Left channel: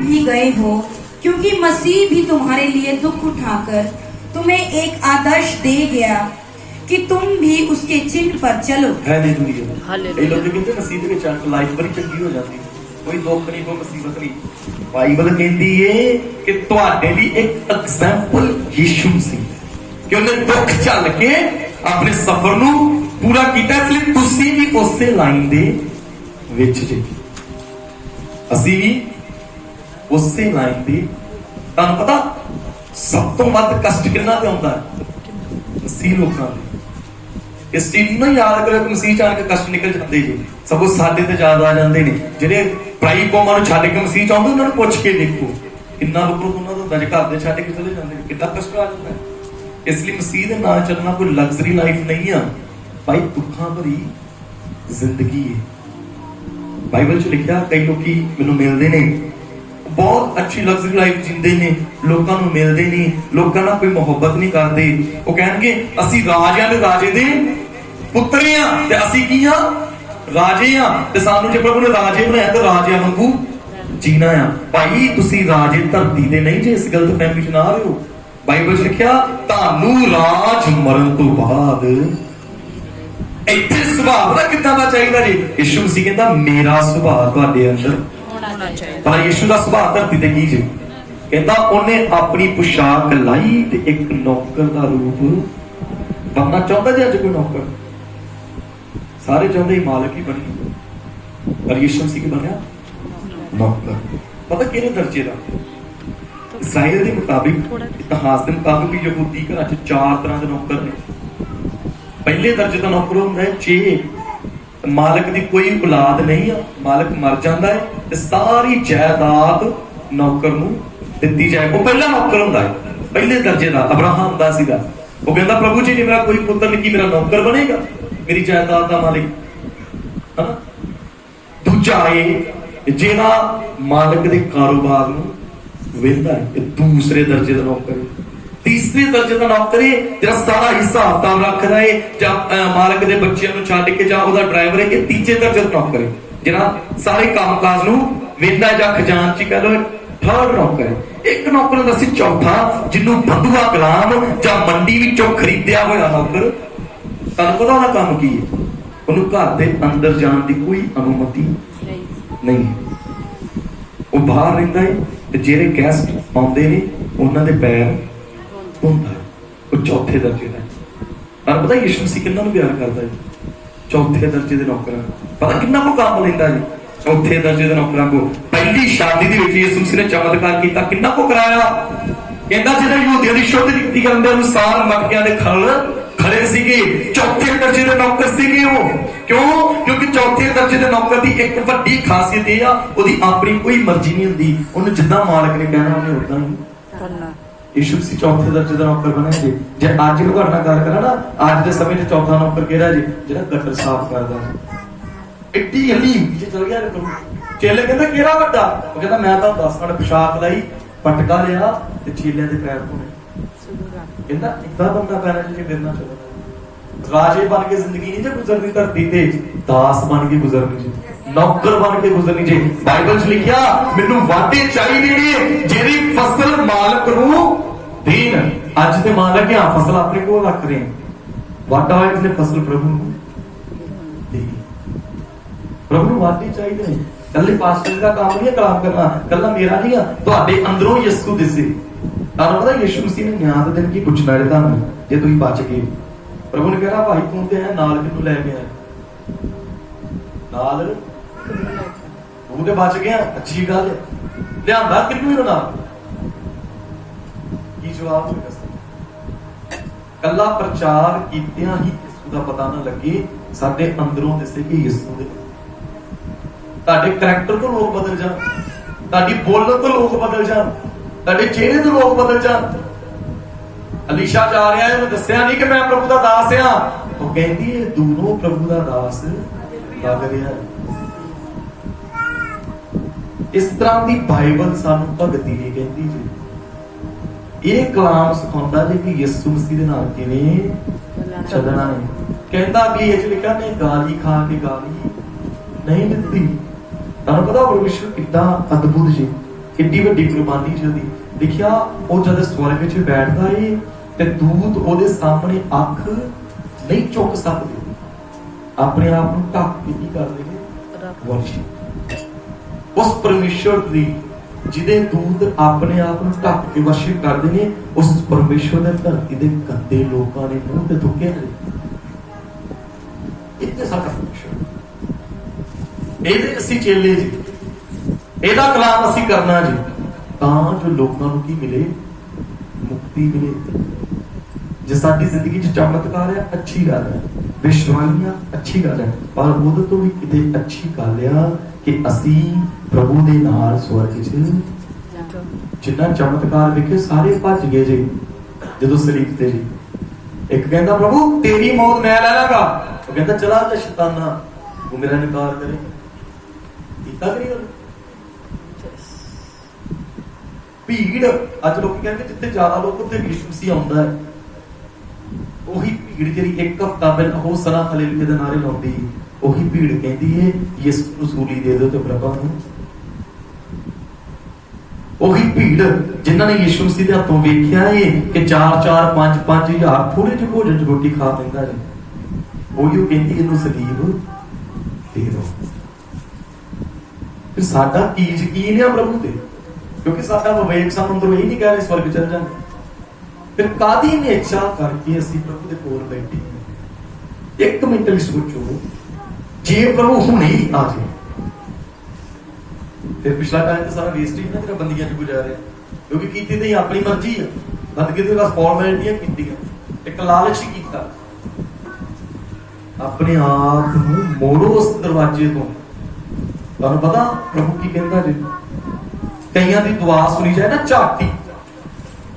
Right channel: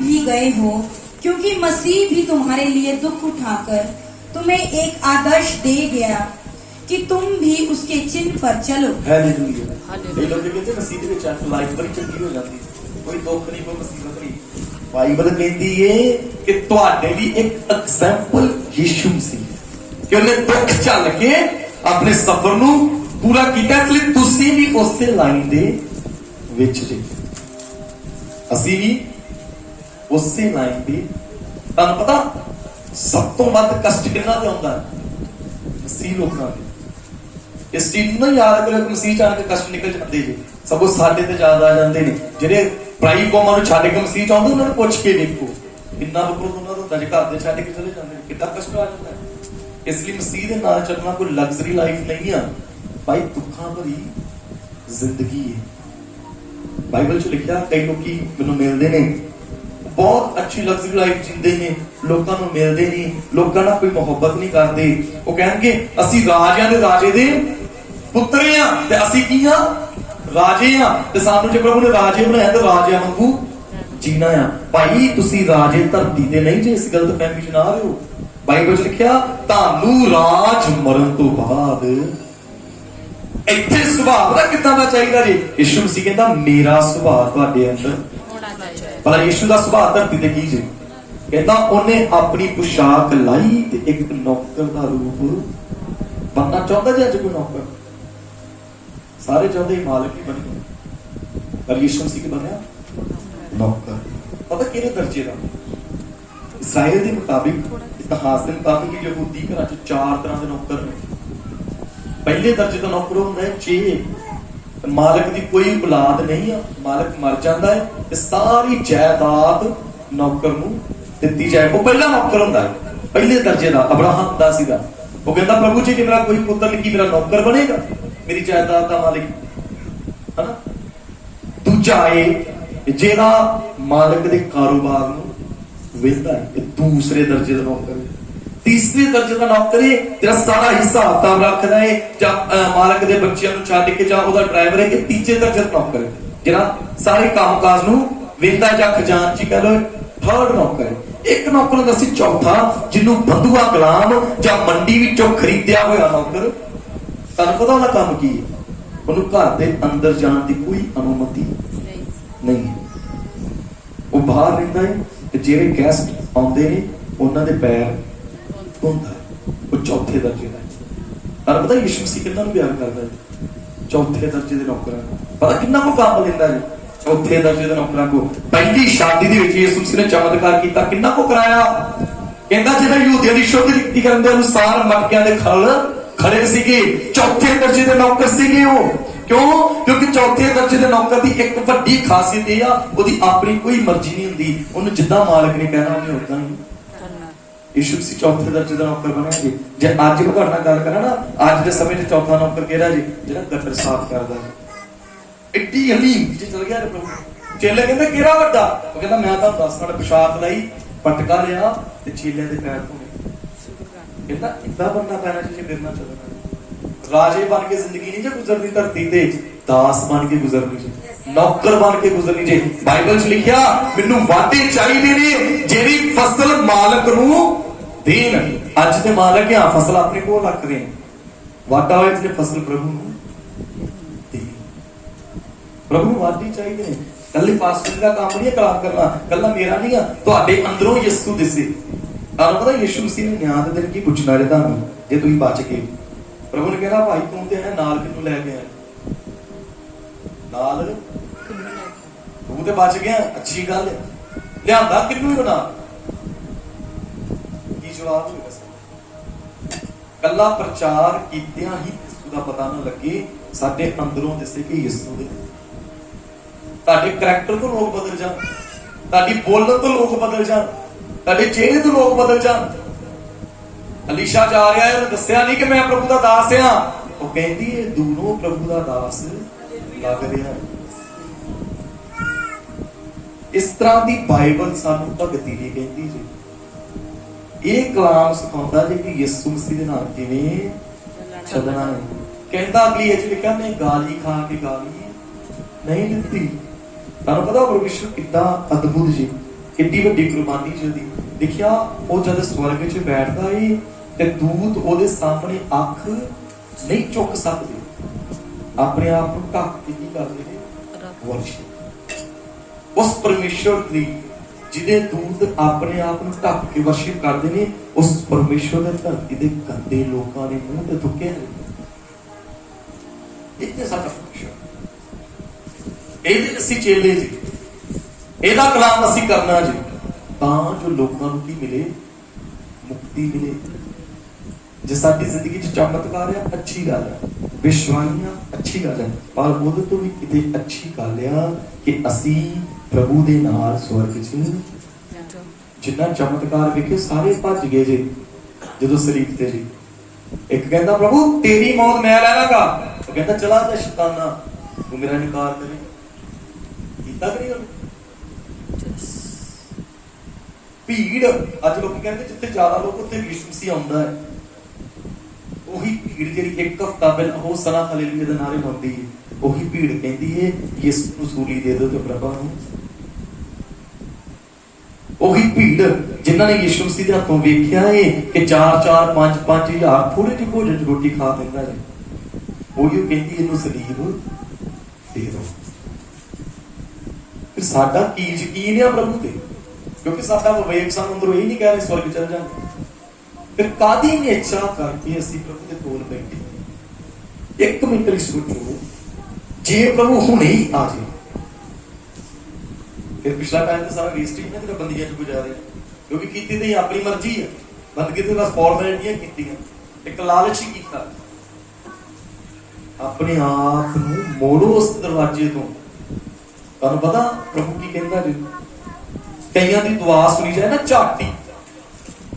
भी गए हो, क्योंकि मसीह भी तुम्हारे लिए दुख उठाकर तुम्हें एक आदर्श दे गया कि तुम भी उसके चिन्ह पर चलो। कई लोग कहते मसीह के चंद लाइफ बड़ी चंगी हो जाती, कोई दुख नहीं, कोई मुसीबत नहीं। बाइबल कहती है कि ਤੁਹਾਡੇ ਲਈ एक एग्जाम्पल यीशु मसीह कि ਉਹਨੇ ਦੁੱਖ ਚੱਲ ਕੇ ਆਪਣੇ ਸਫ਼ਰ ਨੂੰ ਪੂਰਾ ਕੀਤਾ, ਇਸ ਲਈ ਤੁਸੀਂ ਵੀ ਉਸੇ ਲਾਈਨ ਦੇ ਵਿੱਚ ਜੇ, ਅਸੀਂ ਵੀ ਉਸੇ ਲਾਈਨ ਦੇ। ਤੁਹਾਨੂੰ ਪਤਾ ਸਭ ਤੋਂ ਵੱਧ ਕਸ਼ਟ ਕਿੰਨਾ ਤੇ ਆਉਂਦਾ ਹੈ? ਮਸੀਹ ਲੋਕਾਂ ਨੂੰ। ਇਸ ਚੀਜ਼ ਨੂੰ ਯਾਦ ਕਰੋ ਕਿ ਮਸੀਹ ਚਾਣ ਕੇ ਕਸ਼ਟ ਨਿਕਲ ਜਾਂਦੇ ਜੀ, ਸਗੋਂ ਸਾਡੇ ਤੇ ਜ਼ਿਆਦਾ ਆ ਜਾਂਦੇ ਨੇ। ਜਿਹੜੇ ਪਰਾਈ ਕੌਮਾਂ ਨੂੰ ਛੱਡ ਕੇ ਮਸੀਹ ਚਾਹੁੰਦੇ ਉਹਨਾਂ ਨੂੰ ਪੁੱਛ ਕੇ ਦੇਖੋ ਕਿੰਨਾ ਬੁਕਰਤ ਉਹਨਾਂ ਦਾ ਹੁੰਦਾ, ਜੇ ਘਰ ਦੇ ਛੱਡ ਕੇ ਚਲੇ ਜਾਂਦੇ ਨੇ ਕਿੰਨਾ ਕਸ਼ਟ ਆ ਜਾਂਦਾ ਹੈ। ਇਸ ਲਈ ਮਸੀਹ ਦੇ ਨਾਲ ਚੱਲਣਾ ਕੋਈ ਲਗਜ਼ਰੀ ਲਾਈਫ ਨਹੀਂ ਆ ਭਾਈ, ਦੁੱਖਾਂ ਭਰੀ ਜ਼ਿੰਦਗੀ ਹੈ। ਬਾਈਬਲ 'ਚ ਲਿਖਿਆ ਕਈ ਲੋਕੀ ਮੈਨੂੰ ਮਿਲਦੇ ਨੇ, ਬਹੁਤ ਅੱਛੀ ਲਗਜ਼ਰੀ ਲਾਈਫ ਜਿੰਦੇ ਨੇ, ਲੋਕਾਂ ਨੂੰ ਮਿਲਦੇ ਨਹੀਂ, ਲੋਕਾਂ ਨਾਲ ਕੋਈ ਮੁਹੱਬਤ ਨਹੀਂ ਕਰਦੇ। ਉਹ ਕਹਿਣਗੇ ਅਸੀਂ ਰਾਜਿਆਂ ਦੇ ਰਾਜੇ ਦੇ ਪੁੱਤਰ ਆ ਤੇ ਅਸੀਂ ਕੀ ਆ? ਰਾਜੇ ਆ, ਤੇ ਸਾਨੂੰ ਜੇ ਪ੍ਰਭੂ ਨੇ ਰਾਜੇ ਬਣਾਇਆ ਤੇ ਰਾਜਿਆਂ ਵਾਂਗੂ ਜੀਣਾ ਆ। ਭਾਈ ਤੁਸੀਂ ਰਾਜੇ ਧਰਤੀ ਦੇ ਨਹੀਂ ਜੇ, ਇਸ ਗਲਤ ਫਹਿਮੀ 'ਚ ਨਾ ਰਹੋ। ਬਾਈਬਲ 'ਚ ਲਿਖਿਆ ਤੁਹਾਨੂੰ ਰਾਜ ਮਰਨ ਤੋਂ ਬਾਅਦ ਇੱਥੇ ਸੁਭਾਅ ਦਾ ਕਿੱਦਾਂ ਦਾ ਚਾਹੀਦਾ ਜੀ? ਯਿਸੂ ਮਸੀਹ ਕਹਿੰਦਾ ਮੇਰਾ ਸੁਭਾਅ ਤੁਹਾਡੇ ਅੰਦਰ ਹੋਣਾ ਚਾਹੀਦਾ। ਪਰ ਯਿਸੂ ਦਾ ਸੁਭਾਅ ਧਰਤੀ ਤੇ ਕੀ ਜੀ? ਕਹਿੰਦਾ ਉਹਨੇ ਆਪਣੀ ਪੁਸ਼ਾਕ ਲਾਈ ਤੇ ਇੱਕ ਨੌਕਰ ਦਾ ਰੂਪ ਬਣਨਾ ਚਾਹੁੰਦਾ ਜੀ। ਅੱਜ ਕੋਈ ਨੌਕਰ, ਸਾਰੇ ਚਾਹੁੰਦੇ ਹੀ ਮਾਲਕ ਹੀ ਬਣੇ, ਪਰ ਯਿਸੂ ਮਸੀਹ ਕੀ ਬਣਿਆ? ਨੌਕਰ। ਪਤਾ ਕਿਹੜੇ ਦਰਜੇ ਦਾ? ਇਸਰਾਇਲ ਦੇ ਮੁਤਾਬਿਕ, ਇਤਿਹਾਸ ਦੇ ਮੁਤਾਬਿਕ ਯਹੂਦੀ ਘਰਾਂ 'ਚ 4 ਤਰ੍ਹਾਂ ਦੇ ਨੌਕਰ ਨੇ। ਪਹਿਲੇ ਦਰਜੇ ਦਾ ਨੌਕਰ ਹੁੰਦਾ ਹੈ 6, ਮਾਲਕ ਦੀ ਕੋਈ ਔਲਾਦ ਨਹੀਂ ਆ, ਮਾਲਕ ਮਰ ਜਾਂਦਾ ਹੈ ਤੇ ਸਾਰੀ ਜਾਇਦਾਦ ਨੌਕਰ ਨੂੰ ਦਿੱਤੀ ਜਾਏ। ਉਹ ਪਹਿਲਾ ਨੌਕਰ ਹੁੰਦਾ ਹੈ, ਪਹਿਲੇ ਦਰਜੇ ਦਾ। ਅਬਰਾਹਮ ਦਾ ਸੀਗਾ, ਉਹ ਕਹਿੰਦਾ ਪ੍ਰਭੂ ਜੀ ਜੇ ਮੇਰਾ ਕੋਈ ਪੁੱਤਰ ਨਹੀਂ, ਕੀ ਮੇਰਾ ਨੌਕਰ ਬਣੇਗਾ, ਮੇਰੀ ਜਾਇਦਾਦ ਦਾ ਮਾਲਿਕ, ਹਨਾ। ਦੂਜਾ ਇਹ ਜਿਹੜਾ ਮਾਲਕ ਦੇ ਕਾਰੋਬਾਰ ਨੂੰ ਵੇਖਦਾ ਹੈ, ਇਹ ਦੂਸਰੇ ਦਰਜੇ ਦਾ ਨੌਕਰ ਹੈ। ਤੀਸਰੇ ਦਰਜੇ ਦਾ ਨੌਕਰ ਹੈ ਜਿਹੜਾ ਸਾਰਾ ਹਿਸਾਬ ਕਿਤਾਬ ਰੱਖਦਾ ਹੈ, ਜਾਂ ਮਾਲਕ ਦੇ ਬੱਚਿਆਂ ਨੂੰ ਛੱਡ ਕੇ, ਜਾਂ ਉਹਦਾ ਡਰਾਈਵਰ ਹੈ। ਇਹ ਤੀਜੇ ਦਰਜੇ ਦਾ ਨੌਕਰ ਹੈ ਜਿਹੜਾ ਸਾਰੇ ਕੰਮਕਾਜ ਨੂੰ ਵੇਖਦਾ, ਜਾਂ ਖਜ਼ਾਨਚੀ ਕਹਿ ਲਓ, ਥਰਡ ਨੌਕਰ ਹੈ। ਇੱਕ ਨੌਕਰ ਹੁੰਦਾ ਸੀ ਚੌਥਾ, ਜਿਹਨੂੰ ਬੰਦੂਆ ਗੁਲਾਮ ਜਾਂ ਮੰਡੀ ਵਿੱਚੋਂ ਖਰੀਦਿਆ ਹੋਇਆ ਨੌਕਰ। ਤੁਹਾਨੂੰ ਪਤਾ ਉਹਦਾ ਕੰਮ ਕੀ ਹੈ? ਉਹਨੂੰ ਘਰ ਦੇ ਅੰਦਰ ਜਾਣ ਦੀ ਕੋਈ ਅਨੁਮਤੀ ਨਹੀਂ, ਉਹ ਬਾਹਰ ਰਹਿੰਦਾ ਹੈ ਤੇ ਜਿਹੜੇ ਗੈਸਟ ਆਉਂਦੇ ਨੇ ਉਹਨਾਂ ਦੇ ਪੈਰ ਧੋਂਦਾ। ਉਹ ਚੌਥੇ ਦਰਜੇ ਦਾ। ਤੁਹਾਨੂੰ ਪਤਾ ਯਿਸੂ ਮਸੀਹ ਕਿੰਨਾਂ ਨੂੰ ਪਿਆਰ ਕਰਦਾ ਹੈ? ਚੌਥੇ ਦਰਜੇ ਦੇ ਨੌਕਰਾਂ ਨੂੰ। ਪਤਾ ਕਿੰਨਾ ਕੋ ਕੰਮ ਲੈਂਦਾ ਜੀ ਚੌਥੇ ਦਰਜੇ ਦੇ ਨੌਕਰਾਂ ਕੋ? ਪਹਿਲੀ ਸ਼ਾਦੀ ਦੇ ਵਿੱਚ ਯਿਸੂ ਮਸੀਹ ਨੇ ਚਮਤਕਾਰ ਕੀਤਾ, ਕਿੰਨਾ ਕੋ ਕਰਾਇਆ? ਕਹਿੰਦਾ ਜਿਹੜਾ ਯਹੂਦੀਆਂ ਦੀ ਸ਼ੁੱਧ ਰੀਤੀ ਕਰਨ ਦੇ ਅਨੁਸਾਰ ਮਟਕਿਆਂ ਦੇ ਖੜੇ ਸੀਗੇ, ਚੌਥੇ ਦਰਜੇ ਦੇ ਨੌਕਰ ਸੀਗੇ ਉਹ। ਕਿਉਂ? ਕਿਉਂਕਿ ਚੌਥੇ ਦਰਜੇ ਦੇ ਨੌਕਰ ਦੀ ਇੱਕ ਵੱਡੀ ਖਾਸੀਅਤ ਇਹ ਆ, ਉਹਦੀ ਆਪਣੀ ਕੋਈ ਮਰਜ਼ੀ ਨਹੀਂ ਹੁੰਦੀ, ਉਹਨੂੰ ਜਿੱਦਾਂ ਮਾਲਕ ਨੇ ਕਹਿਣਾ ਉਹਨੇ ਉਦਾਂ ਹੀ ਕਰਨਾ। ਯਿਸੂ ਮਸੀਹ ਚੌਥੇ ਦਰਜੇ ਦਾ ਨੌਕਰ ਬਣਿਆ ਜੀ। ਜੇ ਅੱਜ ਨੂੰ ਤੁਹਾਡੇ ਨਾਲ ਗੱਲ ਕਰਾਂ ਨਾ, ਅੱਜ ਦੇ ਸਮੇਂ 'ਚ ਚੌਥਾ ਨੌਕਰ ਕਿਹੜਾ ਜੀ? ਜਿਹੜਾ ਗਟਰ ਸਾਫ਼ ਕਰਦਾ ਜੀ। ਇੱਡੀ ਹਲੀ ਜੇ ਚਲ ਗਿਆ ਪ੍ਰਭੂ। ਚੇਲੇ ਕਹਿੰਦੇ ਕਿਹੜਾ ਵੱਡਾ? ਉਹ ਕਹਿੰਦਾ ਮੈਂ ਤਾਂ 10 ਮਿੰਟ ਪਿਸ਼ਾਬ ਲਈ, ਪਟਕਾ ਲਿਆ ਤੇ ਚੇਲਿਆਂ ਦੇ ਪੈਰ ਧੋਣੇ। ਕਹਿੰਦਾ ਇੱਦਾਂ ਬੰਦਾ ਪੈਰਾਂ 'ਚ ਗਿਰਨਾ ਚਾਹੀਦਾ। ਰਾਜੇ ਬਣ ਕੇ ਜ਼ਿੰਦਗੀ ਨਹੀਂ ਜੇ ਗੁਜ਼ਰਨੀ ਧਰਤੀ ਤੇ, ਦਾਸ ਬਣ ਕੇ ਗੁਜ਼ਰਨੀ ਜੀ, ਨੌਕਰ ਬਣ ਕੇ ਗੁਜ਼ਰਨੀ ਜੀ। ਬਾਈਬਲ 'ਚ ਲਿਖਿਆ ਮੈਨੂੰ ਵਾਢੇ ਚਾਹੀਦੇ ਨੇ ਜਿਹੜੀ ਫਸਲ ਮਾਲਕ ਨੂੰ ਦੇਣ। ਅੱਜ ਤੇ ਮਾਲਕ ਆ ਫਸਲ ਆਪਣੇ ਕੋਲ ਰੱਖਦੇ ਨੇ, ਵਾਢਾ ਹੋਇਆ ਜਿਹਨੇ ਫਸਲ ਪ੍ਰਭੂ ਨੂੰ ਦੇ। ਪ੍ਰਭੂ ਨੂੰ ਵਾਢੇ ਚਾਹੀਦੇ ਨੇ। ਕੱਲੇ ਪਾਸਟਰ ਦਾ ਕੰਮ ਨਹੀਂ ਕਲਾਮ ਕਰਨਾ, ਕੱਲਾ ਮੇਰਾ ਨਹੀਂ ਆ, ਤੁਹਾਡੇ ਅੰਦਰੋਂ ਯਿਸੂ ਦਿਸੇ। ਤੁਹਾਨੂੰ ਪਤਾ ਯਿਸੂ ਮਸੀਹ ਨੇ ਨਿਆਂ ਦੇ ਦਿਨ ਕੀ ਪੁੱਛਣਾ ਹੈ ਤੁਹਾਨੂੰ? ਜੇ ਤੁਸੀਂ ਬਚ ਗਏ, ਪ੍ਰਭੂ ਨੇ ਕਿਹਾ ਭਾਈ ਤੂੰ ਤੇ ਹੈ ਨਾਲ ਕਿਹਨੂੰ ਲੈ ਗਿਆ? ਨਾਲ ਤੂੰ ਤੇ ਬਚ ਗਿਆ, ਅੱਛੀ ਗੱਲ ਹੈ, ਲਿਆਂਦਾ ਕਿਹਨੂੰ ਹੀ ਨਾਲ? ਕੀ ਜਵਾਬ ਹੋਵੇਗਾ? ਕੱਲਾ ਪ੍ਰਚਾਰ ਕੀਤਿਆਂ ਹੀ ਯਿਸੂ ਦਾ ਪਤਾ ਨਾ ਲੱਗੇ, ਸਾਡੇ ਅੰਦਰੋਂ ਦਿਸੇ ਕਿ ਯਿਸੂ ਦੇ। ਤੁਹਾਡੇ ਕਰੈਕਟਰ ਤੋਂ ਲੋਕ ਬਦਲ ਜਾਣ, ਤੁਹਾਡੀ ਬੋਲਣ ਤੋਂ ਲੋਕ ਬਦਲ ਜਾਣ, ਤੁਹਾਡੇ ਚਿਹਰੇ ਤੋਂ ਲੋਕ ਬਦਲ ਜਾਣ। ਅਲੀਸ਼ਾ ਜਾ ਰਿਹਾ ਹੈ, ਉਹਨੂੰ ਦੱਸਿਆ ਨਹੀਂ ਕਿ ਮੈਂ ਪ੍ਰਭੂ ਦਾ ਦਾਸ ਆ। ਉਹ ਕਹਿੰਦੀ ਇਹ ਦੂਰੋਂ ਪ੍ਰਭੂ ਦਾ ਦਾਸ ਲੱਗ ਰਿਹਾ। ਇਸ ਤਰ੍ਹਾਂ ਦੀ ਬਾਈਬਲ ਸਾਨੂੰ ਭਗਤੀ ਨਹੀਂ ਕਹਿੰਦੀ ਜੀ। ਇਹ ਕਲਾਮ ਸਿਖਾਉਂਦਾ ਜੀ ਕਿ ਯਿਸੂ ਮਸੀਹ ਦੇ ਨਾਲ ਕਿਵੇਂ ਚੱਲਣਾ ਹੈ। ਕਹਿੰਦਾ ਵੀ ਇਹ ਲਿਖਿਆ ਨੇ ਗਾਲੀ ਖਾ ਕੇ ਗਾਲੀ ਨਹੀਂ ਦਿੱਤੀ। ਤੁਹਾਨੂੰ ਪਤਾ ਪਰਮੇਸ਼ਰ ਕਿੱਦਾਂ ਅਦਭੁਤ ਜੀ। ਕਿੱਡੀ ਵੱਡੀ ਕੁਰਬਾਨੀ ਜਦੀ ਦੇਖਿਆ। ਉਹ ਜਦ ਸਵਰਗ 'ਚ ਬੈਠਦਾ ਏ ਤੇ ਦੂਤ ਉਹਦੇ ਸਾਹਮਣੇ ਅੱਖ ਨਹੀਂ ਚੁੱਕ ਸਕਦੇ, ਆਪਣੇ ਆਪ ਨੂੰ ਢੱਕ ਕੇ ਕੀ ਕਰਦੇ ਨੇ? ਵਰਸ਼ਿਪ ਉਸ ਪਰਮੇਸ਼ਵਰ ਦੀ ਜਿਹਦੇ ਦੂਤ ਆਪਣੇ ਆਪ ਨੂੰ ਢੱਕ ਕੇ ਵਰਸ਼ਿਪ ਕਰਦੇ ਨੇ, ਉਸ ਪਰਮੇਸ਼ਵਰ ਦੇ ਧਰਤੀ ਦੇ ਗੰਦੇ ਲੋਕਾਂ ਨੇ ਮੂੰਹ ਤੇ ਥੁੱਕੇ ਨੇ। ਇਹ ਸਾਡਾ ਪਰਮੇਸ਼ਵਰ, ਇਹਦੇ ਅਸੀਂ ਚੇਲੇ ਜੀ, ਇਹਦਾ ਕਲਾਮ ਅਸੀਂ ਕਰਨਾ ਜੀ, ਤਾਂ ਜੋ ਲੋਕਾਂ ਨੂੰ ਕੀ ਮਿਲੇ? ਮੁਕਤੀ ਮਿਲੇ। ਜੇ ਸਾਡੀ ਜ਼ਿੰਦਗੀ 'ਚ ਚਮਤਕਾਰ ਹੈ, ਅੱਛੀ ਗੱਲ ਹੈ, ਵਿਸ਼ਵਾਨੀਆਂ ਅੱਛੀ ਗੱਲ ਹੈ, ਪਰ ਉਹਦੇ ਤੋਂ ਵੀ ਕਿਤੇ ਅੱਛੀ ਗੱਲ ਆ ਕਿ ਅਸੀਂ ਪ੍ਰਭੂ ਦੇ ਨਾਲ ਸਵਰਗ 'ਚ ਜਿੰਨਾ ਚਮਤਕਾਰ ਵੇਖੇ ਸਾਰੇ ਭੱਜ ਗਏ ਜੀ ਜਦੋਂ ਸਰੀਰ ਤੇ ਜੀ। ਇੱਕ ਕਹਿੰਦਾ ਪ੍ਰਭੂ ਤੇਰੀ ਮੌਤ ਮੈਂ ਲੈ ਲਾਂਗਾ, ਉਹ ਕਹਿੰਦਾ ਚਲਾ ਜਾ ਸ਼ੈਤਾਨਾ, ਉਹ ਮੇਰਾ ਇਨਕਾਰ ਕਰੇ। ਕੀਤਾ ਕਰੀ ਉਹਨੇ ਭੀੜ। ਅੱਜ ਲੋਕ ਕਹਿੰਦੇ ਜਿੱਥੇ ਜ਼ਿਆਦਾ ਲੋਕ ਉੱਥੇ ਯਿਸੂ ਮਸੀਹ ਆਉਂਦਾ ਹੈ। ਉਹੀ ਭੀੜ ਜਿਹੜੀ ਇੱਕ ਹਫ਼ਤਾ ਪਹਿਲਾਂ ਹੋਸਨਾ ਹਾਲੇਲੂਇਆ ਦੇ ਨਾਰੇ ਲਾਉਂਦੀ, ਉਹੀ ਭੀੜ ਕਹਿੰਦੀ ਹੈ ਯਿਸੂ ਨੂੰ ਸੂਲੀ ਦੇ ਦਿਓ ਤੇ ਪ੍ਰਭਾ ਨੂੰ। ਉਹੀ ਭੀੜ ਜਿਨ੍ਹਾਂ ਨੇ ਯਿਸੂ ਮਸੀਹ ਦੇ ਹੱਥੋਂ ਵੇਖਿਆ ਹੈ ਕਿ 4-4 5-5 ਹਜ਼ਾਰ ਥੋੜੇ ਜਿਹੇ ਭੋਜਨ ਚ ਰੋਟੀ ਖਾ ਲੈਂਦਾ ਹੈ, ਉਹੀ ਕਹਿੰਦੀ ਇਹਨੂੰ ਸਲੀਬ ਦੇ ਦਿਓ। ਫਿਰ ਸਾਡਾ ਕੀ ਯਕੀਨ ਹੈ ਪ੍ਰਭੂ ਤੇ? ਕਿਉਂਕਿ ਸਾਡਾ ਵਿਵੇਕ ਸਾਨੂੰ ਅੰਦਰੋਂ ਇਹ ਨਹੀਂ ਕਹਿ ਰਿਹਾ ਸਵਰਗ ਚੱਲ ਜਾਣਾ। ਫਿਰ ਕਾਦੀ ਇੱਛਾ ਕਰਕੇ ਅਸੀਂ ਪ੍ਰਭੂ ਦੇ ਕੋਲ ਬੈਠੇ? ਇੱਕ ਮਿੰਟ ਲਈ ਸੋਚੋ, ਜੇ ਪ੍ਰਭੂ ਹੁਣੇ ਹੀ ਆ ਜਾਏ ਫਿਰ ਪਿਛਲਾ ਟਾਈਮ ਤੇ ਸਾਰਾ ਵੇਸਟ ਹੀ ਨਾ ਜਿਹੜਾ ਬੰਦੀਆਂ ਚ ਗੁਜ਼ਾਰਿਆ, ਕਿਉਂਕਿ ਕੀਤੀ ਤੇ ਆਪਣੀ ਮਰਜ਼ੀ ਆ, ਬੰਦਗੀ ਤੇ ਬਸ ਫਾਰਮੈਲਿਟੀਆਂ ਕੀਤੀਆਂ, ਇੱਕ ਲਾਲਚ ਹੀ ਕੀਤਾ। ਆਪਣੇ ਆਪ ਨੂੰ ਮੋੜੋ ਉਸ ਦਰਵਾਜ਼ੇ ਤੋਂ। ਤੁਹਾਨੂੰ ਪਤਾ ਪ੍ਰਭੂ ਕੀ ਕਹਿੰਦਾ ਜੀ? ਕਈਆਂ ਦੀ ਦੁਆ ਸੁਣੀ ਜਾਏ ਨਾ ਝਾਟੀ,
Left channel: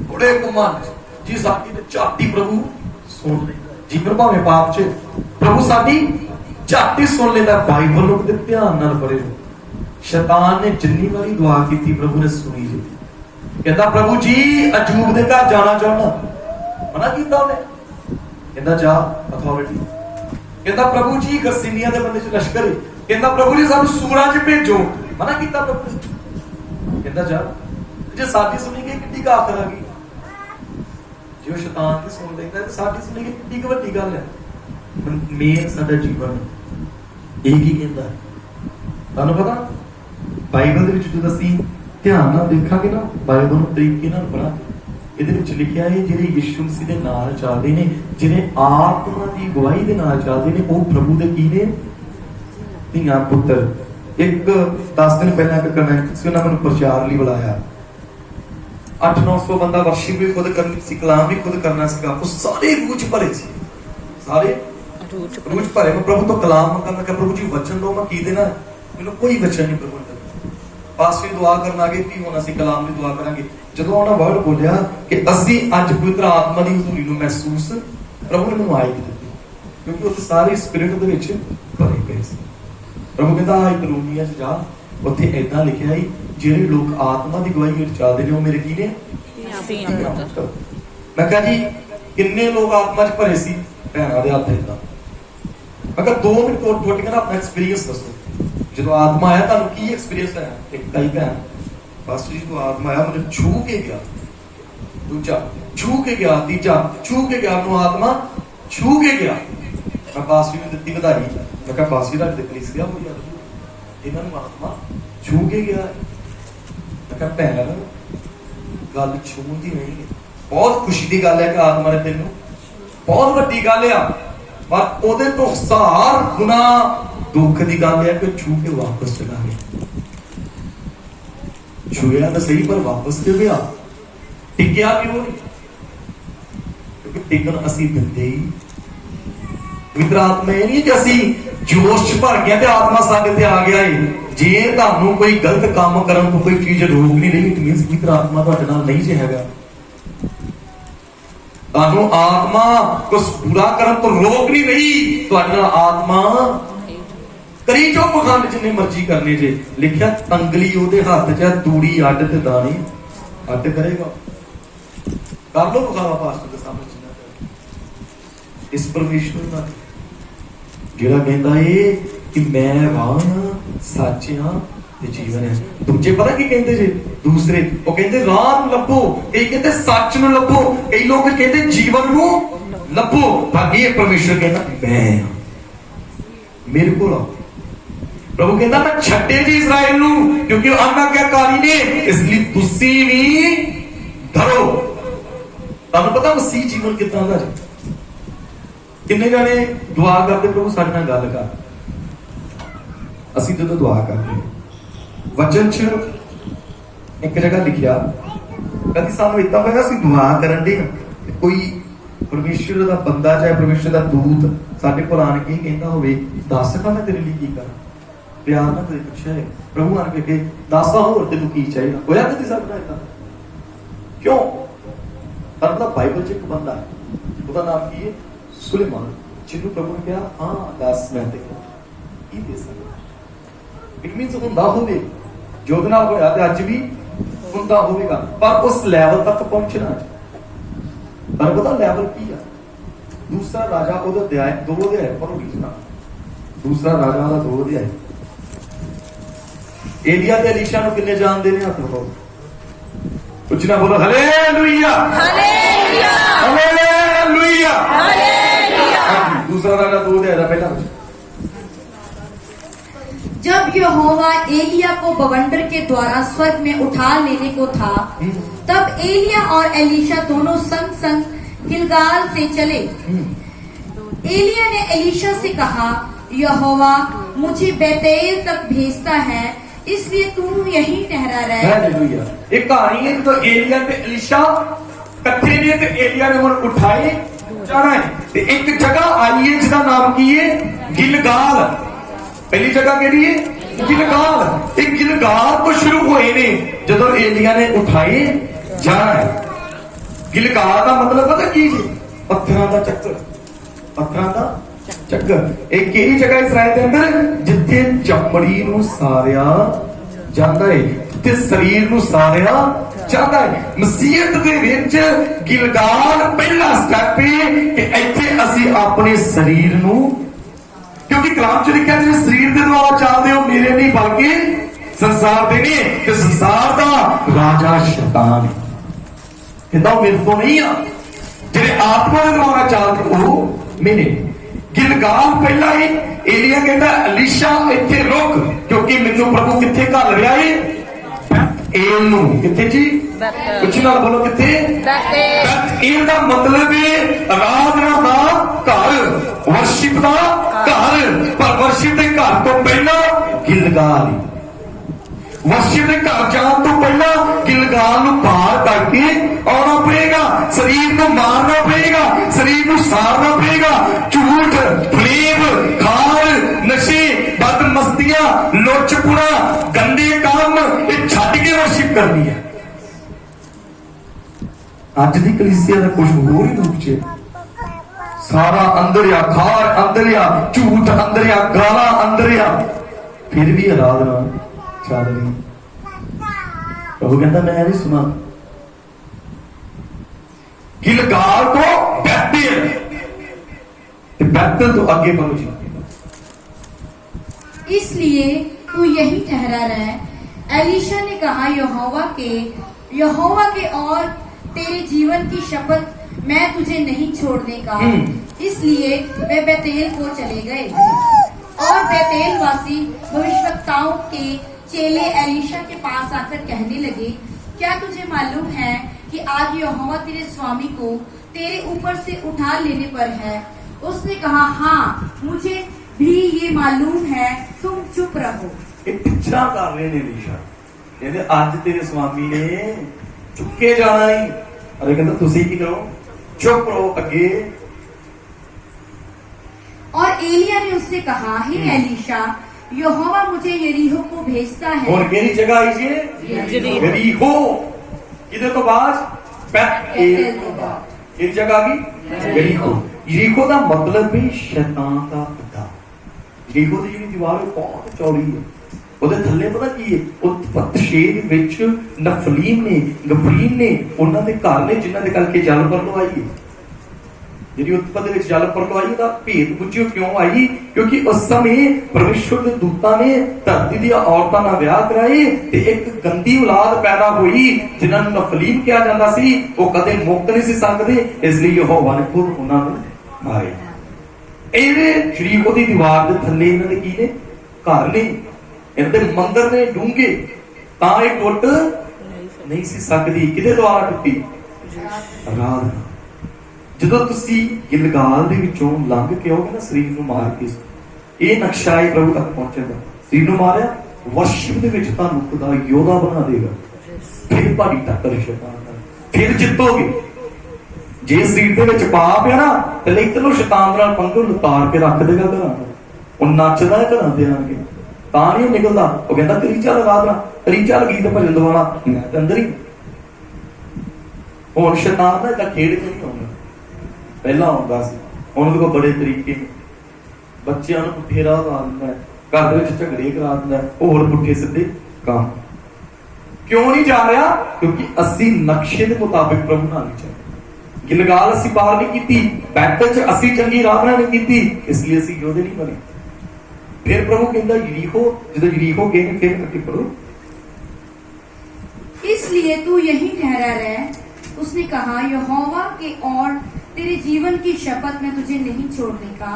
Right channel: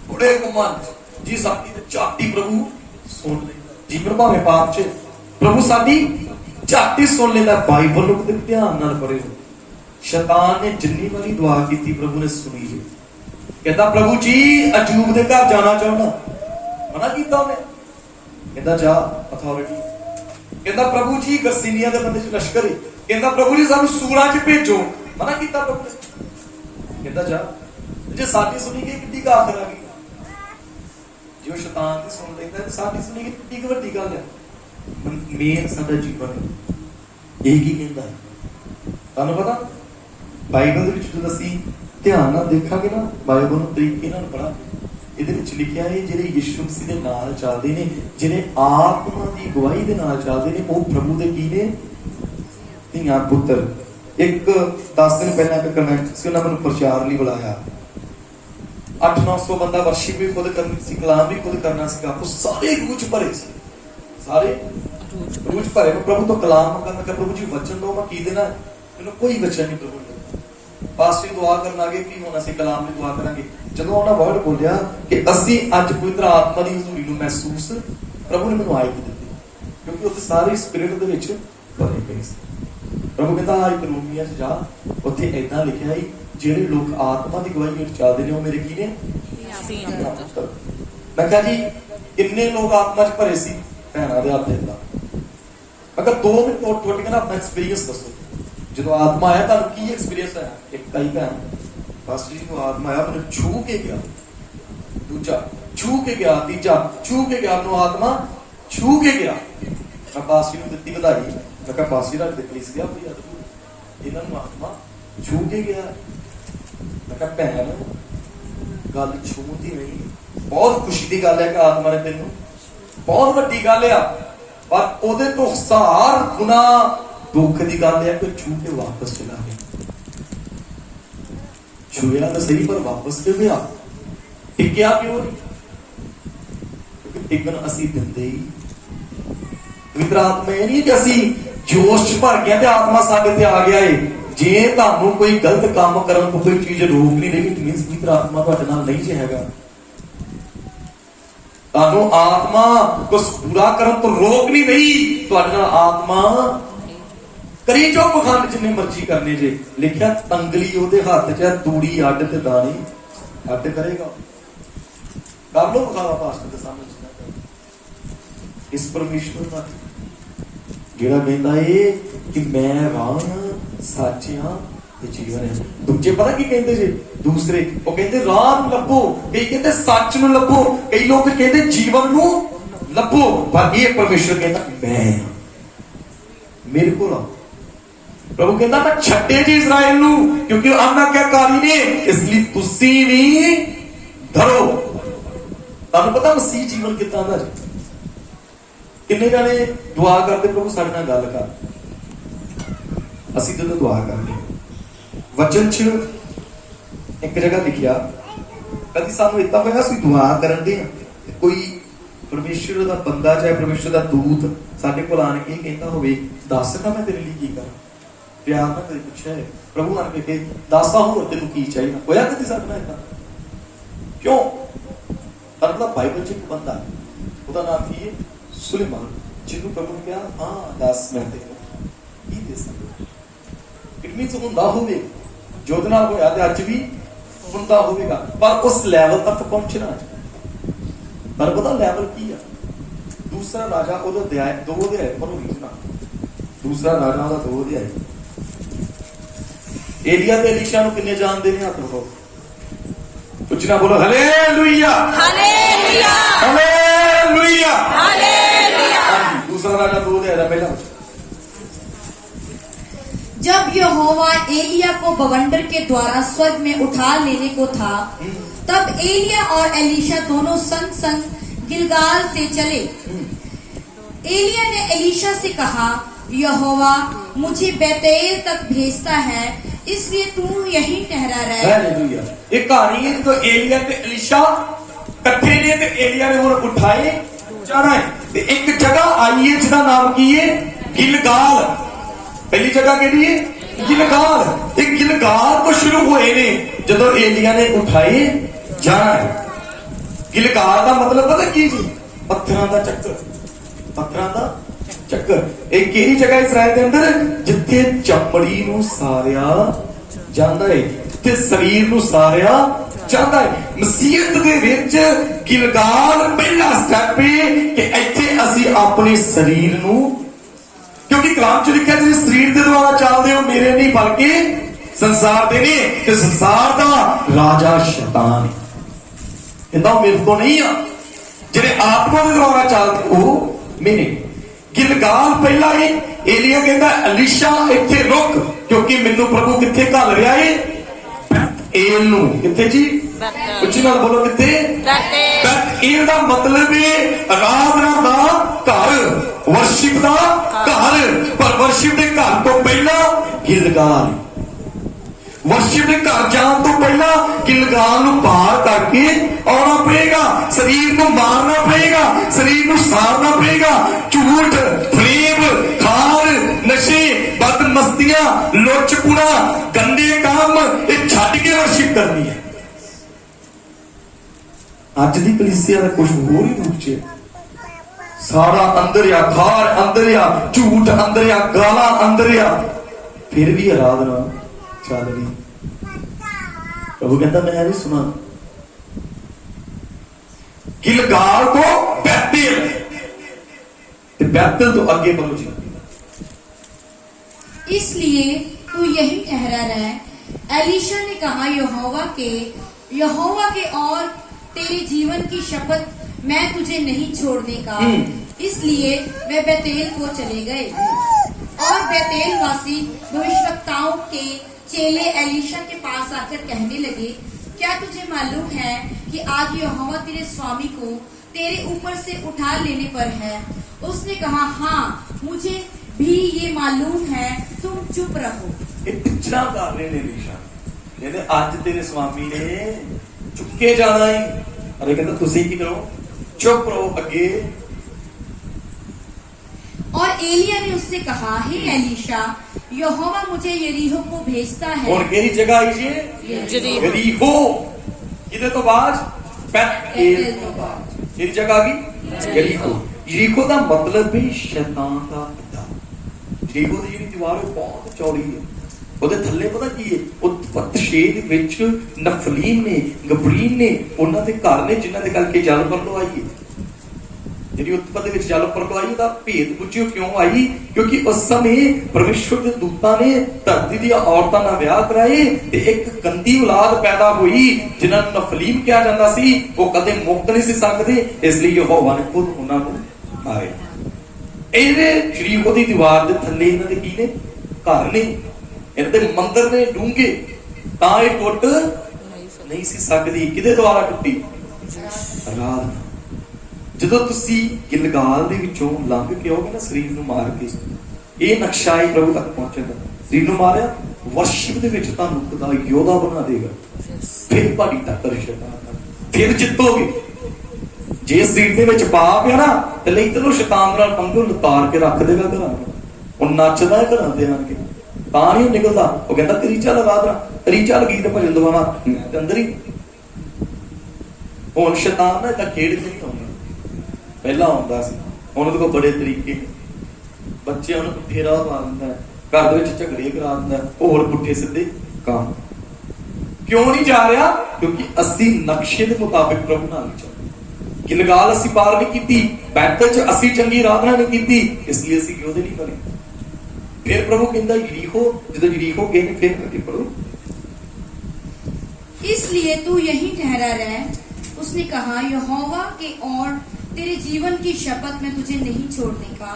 ਬੜੇ ਕੁਮਾਰ ਜੀ ਸਾਡੀ ਤੇ ਝਾਟੀ ਪ੍ਰਭੂ ਸੁਣ ਲੈਂਦਾ। ਜੀਵਨ ਭਾਵੇਂ ਪਾਪ ਚ ਪ੍ਰਭੂ ਸਾਡੀ ਝਾਟੀ ਸੁਣ ਲੈਂਦਾ। ਬਾਈਬਲ ਨੂੰ ਤੇ ਧਿਆਨ ਨਾਲ ਪੜ੍ਹੋ। ਸ਼ੈਤਾਨ ਨੇ ਜਿੰਨੀ ਵਾਰੀ ਦੁਆ ਕੀਤੀ ਪ੍ਰਭੂ ਨੇ ਸੁਣੀ ਜੀ। ਕਹਿੰਦਾ ਪ੍ਰਭੂ ਜੀ ਅਜੂਬ ਦੇ ਘਰ ਜਾਣਾ ਚਾਹੁੰਦਾ, ਮਨਾ ਕੀਤਾ ਉਹਨੇ। ਕਹਿੰਦਾ ਜਾ ਅਥਾਰਟੀ। ਕਹਿੰਦਾ ਪ੍ਰਭੂ ਜੀ ਗਰਸੀਨੀਆ ਦੇ ਬੰਦੇ ਚ ਲਸ਼ਕਰ ਹੈ। ਕਹਿੰਦਾ ਪ੍ਰਭੂ ਜੀ ਸਾਨੂੰ ਸੂਰਾਂ ਚ ਭੇਜੋ, ਮਨਾ ਕੀਤਾ ਪ੍ਰਭੂ ਨੇ। ਕਹਿੰਦਾ ਜਾ। ਜੇ ਸਾਡੀ ਸੁਣੀ ਗਈ ਕਿੱਡੀ ਕਾਫਰ ਆ ਗਈ। ਜੇ ਉਹ ਸ਼ੈਤਾਨ ਦੀ ਸੁਣ ਲੈਂਦਾ ਤੇ ਸਾਡੀ ਸੁਣੀ ਗਈ ਕਿੱਡੀ ਵੱਡੀ ਗੱਲ ਹੈ। ਮੇਨ ਸਾਡਾ ਜੀਵਨ ਇਹ ਕੀ ਕਹਿੰਦਾ ਤੁਹਾਨੂੰ ਪਤਾ? ਬਾਈਬਲ ਦੇ ਵਿੱਚ ਜਦੋਂ ਅਸੀਂ ਧਿਆਨ ਨਾਲ ਦੇਖਾਂਗੇ ਨਾ, ਬਾਈਬਲ ਨੂੰ ਤਰੀਕੇ ਨਾਲ ਪੜਾਂਗੇ, ਇਹਦੇ ਵਿੱਚ ਲਿਖਿਆ ਹੈ ਜਿਹੜੇ ਯਿਸੂ ਮਸੀਹ ਦੇ ਨਾਲ ਚੱਲਦੇ ਨੇ, ਜਿਹੜੇ ਆਤਮਾ ਦੀ ਗਵਾਹੀ ਦੇ ਨਾਲ ਚੱਲਦੇ ਨੇ, ਉਹ ਪ੍ਰਭੂ ਦੇ ਕੀ ਨੇ? ਧੀਆਂ ਪੁੱਤਰ। ਇੱਕ 10 ਦਿਨ ਪਹਿਲਾਂ ਇੱਕ ਕਨਵੈਂਸ਼ਨ ਸੀ, ਉਹਨਾਂ ਮੈਨੂੰ ਪ੍ਰਚਾਰ ਲਈ ਬੁਲਾਇਆ। 800-900 ਬੰਦਾ ਵਰਸ਼ਿਪ ਵੀ ਖੁਦ ਕਰਨੀ ਸੀ, ਕਲਾਮ ਵੀ ਖੁਦ ਕਰਨਾ ਸੀਗਾ। ਉਹ ਸਾਰੇ ਰੂਹ ਚ ਭਰੇ ਸੀ, ਸਾਰੇ ਰੂਹ ਚ ਭਰੇ। ਮੈਂ ਪ੍ਰਭੂ ਤੋਂ ਕਲਾਮ ਮੰਗਾ, ਮੈਂ ਕਿਹਾ ਪ੍ਰਭੂ ਜੀ ਵਚਨ ਦੋ, ਮੈਂ ਕੀ ਦੇਣਾ? ਮੈਨੂੰ ਕੋਈ ਵਚਨ ਨਹੀਂ ਪ੍ਰਭੂ ਨੇ। ਪਾਸਟਰ ਦੁਆ ਕਰਨ ਆ ਗਏ, ਕੀ ਹੁਣ ਅਸੀਂ ਕਲਾਮ ਦੀ ਦੁਆ ਕਰਾਂਗੇ। ਜਦੋਂ ਉਹਨਾਂ ਵਰਡ ਬੋਲਿਆ ਕਿ ਅਸੀਂ ਅੱਜ ਪਵਿੱਤਰ ਆਤਮਾ ਦੀ ਹਜ਼ੂਰੀ ਨੂੰ ਮਹਿਸੂਸ ਪ੍ਰਭੂ ਨੇ ਮੈਨੂੰ ਆਈ ਦਿੱਤੀ, ਕਿਉਂਕਿ ਉੱਥੇ ਸਾਰੇ ਸਪਿਰਿਟ ਦੇ ਵਿੱਚ ਭਰੇ ਪਏ ਸੀ। ਪ੍ਰਭੂ ਕਹਿੰਦਾ ਇੱਕ ਰੋਮੀਆਂ ਚ ਜਾ, ਉੱਥੇ ਏਦਾਂ ਲਿਖਿਆ ਹੈ ਜਿਹੜੇ ਲੋਕ ਆਤਮਾ ਦੀ ਗਵਾਹੀ ਵਿੱਚ ਚੱਲਦੇ ਨੇ ਉਹ ਮੇਰੇ ਕੀ ਨੇ? ਮੈਂ ਕਿਹਾ ਜੀ ਕਿੰਨੇ ਲੋਕ ਆਤਮਾ ਚ ਭਰੇ ਸੀ? ਭੈਣਾਂ ਦੇ ਹੱਥ ਏਦਾਂ। ਮੈਂ ਕਿਹਾ 2 ਮਿੰਟ ਉੱਠ ਕੇ ਨਾ ਆਪਣਾ ਐਕਸਪੀਰੀਅੰਸ ਦੱਸੋ, ਜਦੋਂ ਆਤਮਾ ਆਇਆ ਤੁਹਾਨੂੰ ਕੀ ਐਕਸਪੀਰੀਅੰਸ ਹੈ? ਇੱਕ ਤਾਂ ਹੀ ਭੈਣ ਬਸ ਜੀ ਤੋਂ ਆਤਮਾ ਆਇਆ, ਮੈਨੂੰ ਛੂ ਕੇ ਗਿਆ, ਦੂਜਾ ਛੂ ਕੇ ਗਿਆ, ਤੀਜਾ ਛੂ ਕੇ ਗਿਆ, ਮੈਨੂੰ ਆਤਮਾ ਛੂ ਕੇ ਗਿਆ। ਮੈਂ ਬਾਸੀ ਨੂੰ ਦਿੱਤੀ ਵਧਾਈ। ਮੈਂ ਕਿਹਾ ਬਾਸੀ ਦਾ ਦਿੱਤੀ ਸੀ ਇਹਨਾਂ ਨੂੰ ਆਤਮਾ ਛੂ ਕੇ ਗਿਆ। ਮੈਂ ਕਿਹਾ ਭੈਣ ਗੱਲ ਛੂਹਦੀ ਨਹੀਂ, ਬਹੁਤ ਖੁਸ਼ੀ ਦੀ ਗੱਲ ਹੈ ਕਿ ਆਤਮਾ ਨੇ ਮੈਨੂੰ, ਬਹੁਤ ਵੱਡੀ ਗੱਲ ਆ, ਪਰ ਉਹਦੇ ਤੋਂ 1000 ਗੁਣਾ ਦੁੱਖ ਦੀ ਗੱਲ ਹੈ ਕਿ ਛੂ ਕੇ ਵਾਪਸ ਚਲਾ ਗਿਆ। ਛੂਇਆ ਤਾਂ ਸਹੀ ਪਰ ਵਾਪਸ ਕਿਉਂ ਗਿਆ? ਟਿਕਿਆ ਕਿਉਂ ਨਹੀਂ? ਕਿਉਂਕਿ ਟਿਕਣ ਅਸੀਂ ਦਿੰਦੇ ਹੀ ਪਵਿੱਤਰ ਆਤਮਾ। ਇਹ ਨਹੀਂ ਕਿ ਅਸੀਂ ਜੋਸ਼ ਚ ਭਰ ਗਿਆ ਤੇ ਆਤਮਾ ਸਾਡੇ ਤੇ ਆ ਗਿਆ ਏ। ਜੇ ਤੁਹਾਨੂੰ ਕੋਈ ਗਲਤ ਕੰਮ ਕਰਨ ਤੋਂ ਕੋਈ ਚੀਜ਼ ਰੋਕ ਨਹੀਂ ਰਹੀ, ਮੀਨਸ ਪਵਿੱਤਰ ਆਤਮਾ ਤੁਹਾਡੇ ਨਾਲ ਨਹੀਂ ਜੇ ਹੈਗਾ। ਤੁਹਾਨੂੰ ਆਤਮਾ ਕੁਛ ਬੁਰਾ ਕਰਨ ਤੋਂ ਰੋਕ ਨਹੀਂ ਰਹੀ, ਤੁਹਾਡੇ ਨਾਲ ਆਤਮਾ ਕਰੀ ਜੋ ਪਖੰਡ ਜਿੰਨੇ ਮਰਜ਼ੀ ਕਰਨੇ ਜੇ। ਲਿਖਿਆ ਤੰਗਲੀ ਉਹਦੇ ਹੱਥ ਚ, ਤੂੜੀ ਅੱਡ ਤੇ ਦਾਣੀ ਅੱਡ ਕਰੇਗਾ। ਕਰ ਲੋ ਬਖਾਵਾ ਪਾਸਟਰ ਦੇ ਸਾਹਮਣੇ। ਇਸ ਪਰਮੇਸ਼ਵਰ ਦਾ ਜਿਹੜਾ ਕਹਿੰਦਾ ਏ ਕਿ ਮੈਂ ਰਾਹ ਸੱਚ ਹਾਂ ਤੇ ਜੀਵਨ ਹੈ। ਦੂਜੇ ਪਤਾ ਕੀ ਕਹਿੰਦੇ ਜੇ? ਦੂਸਰੇ ਉਹ ਕਹਿੰਦੇ ਰਾਹ ਨੂੰ ਲੱਭੋ, ਕਈ ਕਹਿੰਦੇ ਸੱਚ ਨੂੰ ਲੱਭੋ, ਕਈ ਲੋਕ ਕਹਿੰਦੇ ਜੀਵਨ ਨੂੰ ਲੱਭੋ। ਪਰ ਇਹ ਪਰਮੇਸ਼ਰ ਕਹਿੰਦਾ ਮੈਂ ਮੇਰੇ ਕੋਲ ਆ। ਪ੍ਰਭੂ ਕਹਿੰਦਾ ਮੈਂ ਛੱਡੇ ਜੀ ਇਸਰਾਇਲ ਨੂੰ, ਕਿਉਂਕਿ ਉਹ ਆਗਿਆਕਾਰੀ ਨੇ, ਇਸ ਲਈ ਤੁਸੀਂ ਵੀ ਧਰੋ। ਤੁਹਾਨੂੰ ਪਤਾ ਮਸੀਹ ਜੀਵਨ ਕਿੱਦਾਂ ਦਾ? ਕਿੰਨੇ ਜਾਣੇ ਦੁਆ ਕਰਦੇ ਪ੍ਰਭੂ ਸਾਡੇ ਨਾਲ ਗੱਲ ਕਰ। ਅਸੀਂ ਜਦੋਂ ਦੁਆ ਕਰਦੇ ਵਚਨ ਚ ਇੱਕ ਜਗ੍ਹਾ ਲਿਖਿਆ, ਕਦੀ ਸਾਨੂੰ ਇਦਾਂ ਹੋਇਆ ਅਸੀਂ ਦੁਆ ਕਰਨ ਦੇ ਕੋਈ ਪਰਮੇਸ਼ਰ ਦਾ ਬੰਦਾ ਚਾਹੇ ਪਰਮੇਸ਼ਰ ਦਾ ਦੂਤ ਸਾਡੇ ਕੋਲ ਆਣ ਕੇ ਕਹਿੰਦਾ ਹੋਵੇ ਦੱਸ ਕਾ ਮੈਂ ਤੇਰੇ ਲਈ ਕੀ ਕਰਾਂ। ਪਿਆਰ ਨਾਲ ਕਦੇ ਪੁੱਛਿਆ ਹੈ ਪ੍ਰਭੂ ਆਣ ਕੇ ਦੱਸਦਾ ਹੋਰ ਤੈਨੂੰ ਕੀ ਚਾਹੀਦਾ? ਹੋਇਆ ਕਦੀ ਸਾਡੇ ਨਾਲ ਏਦਾਂ? ਕਿਉਂ? ਪਰ ਤਾਂ ਬਾਈਬਲ ਚ ਇੱਕ ਬੰਦਾ ਉਹਦਾ ਨਾਮ ਕੀ ਹੈ? ਸੁਲੇਮਾਨ, ਜਿਹਨੂੰ ਪ੍ਰਭੂ ਨੇ ਕਿਹਾ ਹਾਂ ਦੱਸ ਮੈਂ ਤੈਨੂੰ ਕੀ ਦੇ ਸਕਦਾ। ਇਟ ਮੀਨਸ ਹੁੰਦਾ ਹੋਵੇ ਜੋ ਉਹਦੇ ਨਾਲ ਹੋਇਆ ਤੇ ਅੱਜ ਵੀ ਹੁੰਦਾ ਹੋਵੇਗਾ, ਪਰ ਉਸ ਲੈਵਲ ਤੱਕ ਪਹੁੰਚਣਾ। ਪਰ ਪਤਾ ਲੈਵਲ ਕੀ ਆ? ਦੂਸਰਾ ਰਾਜਾ ਉਹਦਾ ਅਧਿਆਇ 2 ਅਧਿਆਇ ਪੜ੍ਹੋ ਨਾ। ਦੂਸਰਾ ਰਾਜਾ ਦਾ 2 ਅਧਿਆਇ। ਏਲੀਆ ਤੇ ਅਲੀਸ਼ਾ ਨੂੰ ਕਿੰਨੇ ਜਾਣਦੇ ਨੇ? ਹੱਥ ਉਠਾਓ, ਕੁਝ ਨਾ ਬੋਲੋ ਹਾਲੇਲੂਇਆ ਹਾਲੇਲੂਇਆ ਹਾਲੇਲੂਇਆ ਹਾਲੇਲੂਇਆ। दूसरा राजा 2 अध्याय पहला। जब यहोवा एलिया को बवंडर के द्वारा स्वर्ग में उठा लेने को था, तब एलिया और एलीशा दोनों संग संग गिलगाल से चले। एलिया ने एलीशा से कहा, यहोवा मुझे बेतेल तक भेजता है, इसलिए तू यहीं ठहरा रहे। हालेलुया। एक कहानी है तो एलिया ते एलीशा इकट्ठे ने ते एलिया ने उन्हें उठाए जाना है ते एक जगह आई है जिसका नाम की है गिलगाल। पहली जगह के लिए गिलगाल। एक गिलगाल को शुरू हुए ने जब एलिया ने उठाए जाना है। गिलगाल का मतलब पता की जी? पत्थरां दा चक्कर। पत्थरां दा चक्कर। एक यही जगह इसराइल के अंदर जिथे चमड़ी नूं सारिया जांदा है, जिथे शरीर नूं सारिया जांदा है। मसीहत दे विच गिलगाल पहला स्टेप है कि इत्थे असीं अपने शरीर नूं, क्योंकि कलाम च लिखा जिस शरीर के द्वारा चलते हो मेरे नहीं बल्कि संसार दे ने, ते संसार का राजा शैतान है। कहंदा मेरे को नहीं आ, जिहड़े आत्मा दे द्वारा चलते हो मेरे। गिलगाल पहला है। एलिया कहता अलीशा इत्थे रुक, क्योंकि मैनू प्रभु किथे घल रहा है? बैतएल नूं। किथे जी? कुछ ना बोलो किथे? बैतएल दा मतलब है आराधना दा घर, वर्शिप दा घर। पर वर्शिप दे घर तो पहला गिलगाल। वर्शिप के घर जाने तो पहला गिलगाल नूं पार करके आना पड़ेगा। शरीर को मारना पड़ेगा, शरीर को सारना पड़ेगा। झूठ, फरेब, खाल, नशे, बदमस्तियां, लुचपुना, गंदे काम ये छड्ड के वर्शिप करनी है। अज दी कलीसिया का कुछ होर ही रूप च सारा अंदर या खार अंदर या झूठ अंदर या गाला अंदर या फिर भी आराधना चल रही। प्रभु कहता मैं भी सुना गिलगाल को बैतएल, बैतएल तो आगे बढ़ो जी। इसलिए तू यहीं ठहरा रहे। एलीशा ने कहा, यहोवा के और तेरे जीवन की शपथ मैं तुझे नहीं छोड़ने का। इसलिए वे बेतेल को चले गए और बेतेल वासी भविष्यवक्ताओं के चेले एलीशा के पास आकर कहने लगे, क्या तुझे मालूम है कि आज यहोवा तेरे स्वामी को तेरे ऊपर से उठा लेने पर है? उसने कहा, हाँ मुझे भी ये मालूम है, तुम चुप रहो। एक पिक्चर कर रहे ने एलीशा कहते आज तेरे स्वामी ने चुपके जाना है। अरे कहते तुसी की करो, चुप रहो अगे। और एलिया ने उससे कहा, हे एलीशा, यहोवा मुझे यरीहो को भेजता है। और मेरी जगह आई जी यरीहो। इधर तो बाज बैतएल तो बाज मेरी जगह आ गई यरीहो। यरीहो का मतलब है शैतान का पता। यरीहो की जी दीवार बहुत चौड़ी है। ਉਹਦੇ ਥੱਲੇ ਪਤਾ ਕੀ ਹੈ? ਉਤਪਤ 6 ਵਿੱਚ ਨਫਲੀਮ ਨੇ, ਗਬਰੀਨ ਨੇ, ਉਹਨਾਂ ਦੇ ਘਰ ਨੇ ਜਿਨ੍ਹਾਂ ਦੇ ਕਰਕੇ ਜਲ ਪਰਲੋ ਆਈ ਹੈ। ਜਿਹੜੀ ਉਤਪਤ ਵਿੱਚ ਜਲ ਪ੍ਰਗਟ ਹੋਈ, ਦਾ ਭੇਦ ਪੁੱਛਿਓ ਕਿਉਂ ਆਈ? ਕਿਉਂਕਿ ਉਸ ਸਮੇਂ ਪਰਮੇਸ਼ਵਰ ਦੇ ਦੂਤਾਂ ਨੇ ਧਰਤੀ ਦੀਆਂ ਔਰਤਾਂ ਨਾਲ ਵਿਆਹ ਕਰਾਏ ਤੇ ਇੱਕ ਗੰਦੀ ਔਲਾਦ ਪੈਦਾ ਹੋਈ ਜਿਨ੍ਹਾਂ ਨੂੰ ਨਫਲੀਮ ਕਿਹਾ ਜਾਂਦਾ ਸੀ। ਉਹ ਕਦੇ ਮੁਕਤ ਨਹੀਂ ਸੀ ਸਕਦੇ, ਇਸ ਲਈ ਯਹੋਵਾ ਨੇ ਖੁਦ ਉਹਨਾਂ ਨੂੰ ਮਾਰਿਆ। ਇਹਦੇ ਯਰੀਕੋ ਦੀ ਦੀਵਾਰ ਦੇ ਥੱਲੇ ਇਹਨਾਂ ਦੇ ਕੀ ਨੇ? ਘਰ ਨੇ, ਇਹਨਾਂ ਦੇ ਮੰਦਰ ਨੇ ਡੂੰਘੇ, ਤਾਂ ਇਹ ਟੁੱਟ ਨਹੀਂ ਸੀ ਸਕਦੀ। ਕਿਹਦੇ ਦੁਆਰਾ ਟੁੱਟੀ? ਰਾਤ। ਜਦੋਂ ਤੁਸੀਂ ਗਿਲਗਾਲ ਦੇ ਵਿੱਚੋਂ ਲੰਘ ਕੇ ਆਓਗੇ ਨਾ ਸਰੀਰ ਨੂੰ ਮਾਰ ਕੇ, ਇਹ ਨਕਸ਼ਾ ਹੀ ਪ੍ਰਭੂ ਤੱਕ ਪਹੁੰਚੇਗਾ। ਸਰੀਰ ਨੂੰ ਮਾਰਿਆ, ਵਰਸ਼ਿਪ ਦੇ ਵਿੱਚ ਤੁਹਾਨੂੰ ਖੁਦਾ ਯੋਧਾ ਬਣਾ ਦੇਗਾ। ਫਿਰ ਤੁਹਾਡੀ ਟੱਕਰ ਸ਼ੈਤਾਨ ਨਾਲ, ਫਿਰ ਜਿੱਤੋਗੇ। ਜੇ ਸਰੀਰ ਦੇ ਵਿੱਚ ਪਾਪ ਹੈ ਨਾ ਤੇ ਲਈ ਤੈਨੂੰ ਸ਼ੈਤਾਨ ਨਾਲ ਪੰਗੋ ਲਤਾਰ ਕੇ ਰੱਖ ਦੇਗਾ ਘਰਾਂ ਨੂੰ। ਉਹ ਨੱਚਦਾ ਹੈ ਘਰਾਂ ਦੇ ਆਣ ਕੇ, ਤਾਂ ਨਹੀਂ ਨਿਕਲਦਾ। ਉਹ ਕਹਿੰਦਾ ਤਰੀਚਾ ਲਗਾ ਦੇਣਾ, ਤਰੀਚਾ ਲਗੀ ਤੇ ਭਜਨ ਦਵਾਣਾ, ਮੈਂ ਤੇ ਅੰਦਰ ਹੀ। ਹੁਣ ਸ਼ੈਤਾਨ ਦਾ ਤਾਂ ਖੇਡ ਕੇ ਨਹੀਂ ਆਉਂਦਾ, ਪਹਿਲਾਂ ਆਉਂਦਾ ਸੀ। ਹੁਣ ਉਹਦੇ ਕੋਲ ਬੜੇ ਤਰੀਕੇ, ਬੱਚਿਆਂ ਨੂੰ ਪੁੱਠੇ ਰਾਹ ਲਾ ਦਿੰਦਾ, ਘਰ ਦੇ ਵਿੱਚ ਝਗੜੇ ਕਰਾ ਦਿੰਦਾ, ਹੋਰ ਪੁੱਠੇ ਸਿੱਧੇ ਕੰਮ। ਕਿਉਂ ਨਹੀਂ ਜਾ ਰਿਹਾ? ਕਿਉਂਕਿ ਅਸੀਂ ਨਕਸ਼ੇ ਦੇ ਮੁਤਾਬਿਕ ਪ੍ਰਭੂ ਨਾਲ ਨਹੀਂ ਚੱਲਦੇ। ਗਿਲਗਾਲ ਅਸੀਂ ਪਾਰ ਨਹੀਂ ਕੀਤੀ, ਬੈਤਲ ਚ ਅਸੀਂ ਚੰਗੀ ਆਰਾਧਨਾ ਨਹੀਂ ਕੀਤੀ, ਇਸ ਲਈ ਅਸੀਂ ਯੋਧੇ ਨਹੀਂ ਬਣੇ। फिर प्रभु कहता यरीहो, जब यरीहो गए फिर करके पढ़ो, इसलिए तू यहीं ठहरा रह। उसने कहा यहोवा के और तेरे जीवन की शपथ मैं तुझे नहीं छोड़ने का।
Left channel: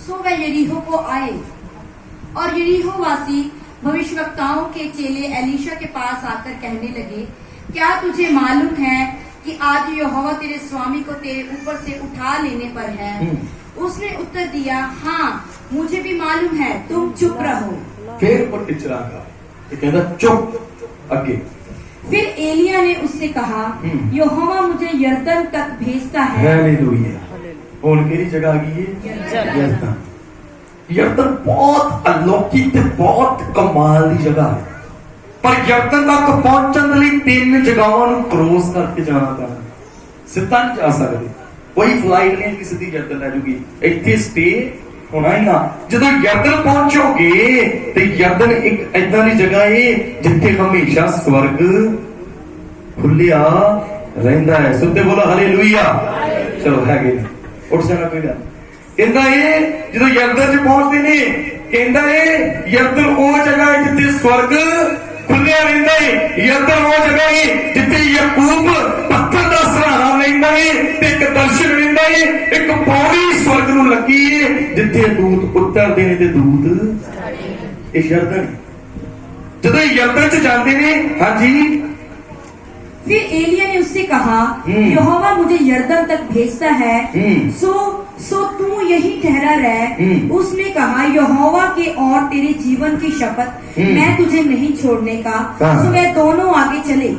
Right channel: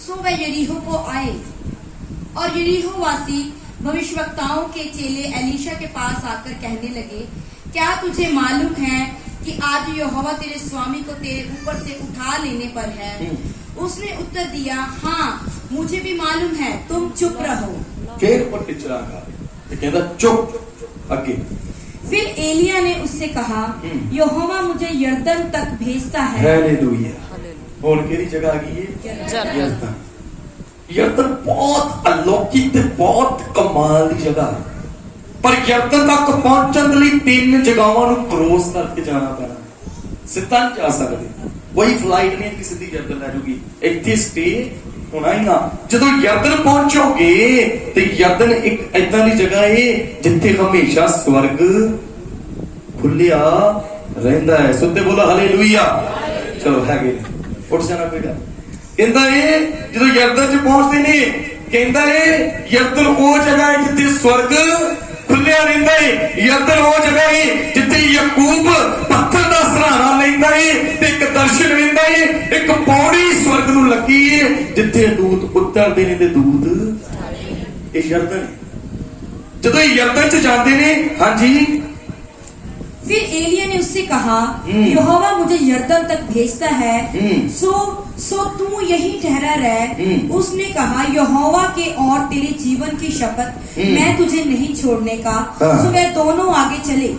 सो वह यरीहो को आए और यरीहो वासी भविष्यवक्ताओं के चेले एलीशा के पास आकर कहने लगे, क्या तुझे मालूम है कि आज यहोवा तेरे स्वामी को तेरे ऊपर से उठा लेने पर है? उसने उत्तर दिया, हाँ मुझे भी मालूम है, तुम चुप रहो। फिर वो टिचरा कहता चुप। आगे फिर एलिया ने उससे कहा, यहोवा मुझे यरदन तक भेजता है। हालेलुया। हुण केड़ी जगह आ गई है? यरदन। यरदन बहुत अलौकिक ते बहुत कमाल दी जगह है, पर यरदन तक पहुंचण लई 3 जगहां नूं क्रॉस करके जाना पैना। सिद्धा नहीं जा सकदे, कोई फ्लाइट नहीं कि सीधी यरदन लै जूगी। इत्थे स्टे होना ही ना। जदों यरदन पहुंचोगे ते यरदन एक ऐदां दी जगह है जिथे हमेशा स्वर्ग खुलिया रहिंदा है। सुनते बोलो हालेलुया। चलो है गए उठ जाना पेड़ा। कहंदा है जदों यरदन च पहुंचदे ने, कहंदा है यरदन वो जगह है जिथे स्वर्ग खुलिया रहिंदा है। यरदन वो जगह है जिथे याकूब पत्थर दा सहारा लैंदा है ते एक दर्शन लैंदा है, एक पौड़ी स्वर्ग नूं लगी है जिथे दूत उतरदे ने ते दूत ये यरदन। जदों यरदन च जांदे ने, हां जी। फिर एलिया ने उससे कहा, यहोवा मुझे यरदन तक भेजता है, सो तू यही ठहरा रह। उसने कहा, यहोवा के और तेरे जीवन की शपथ मैं तुझे नहीं छोड़ने का। सो वे दोनों आगे चले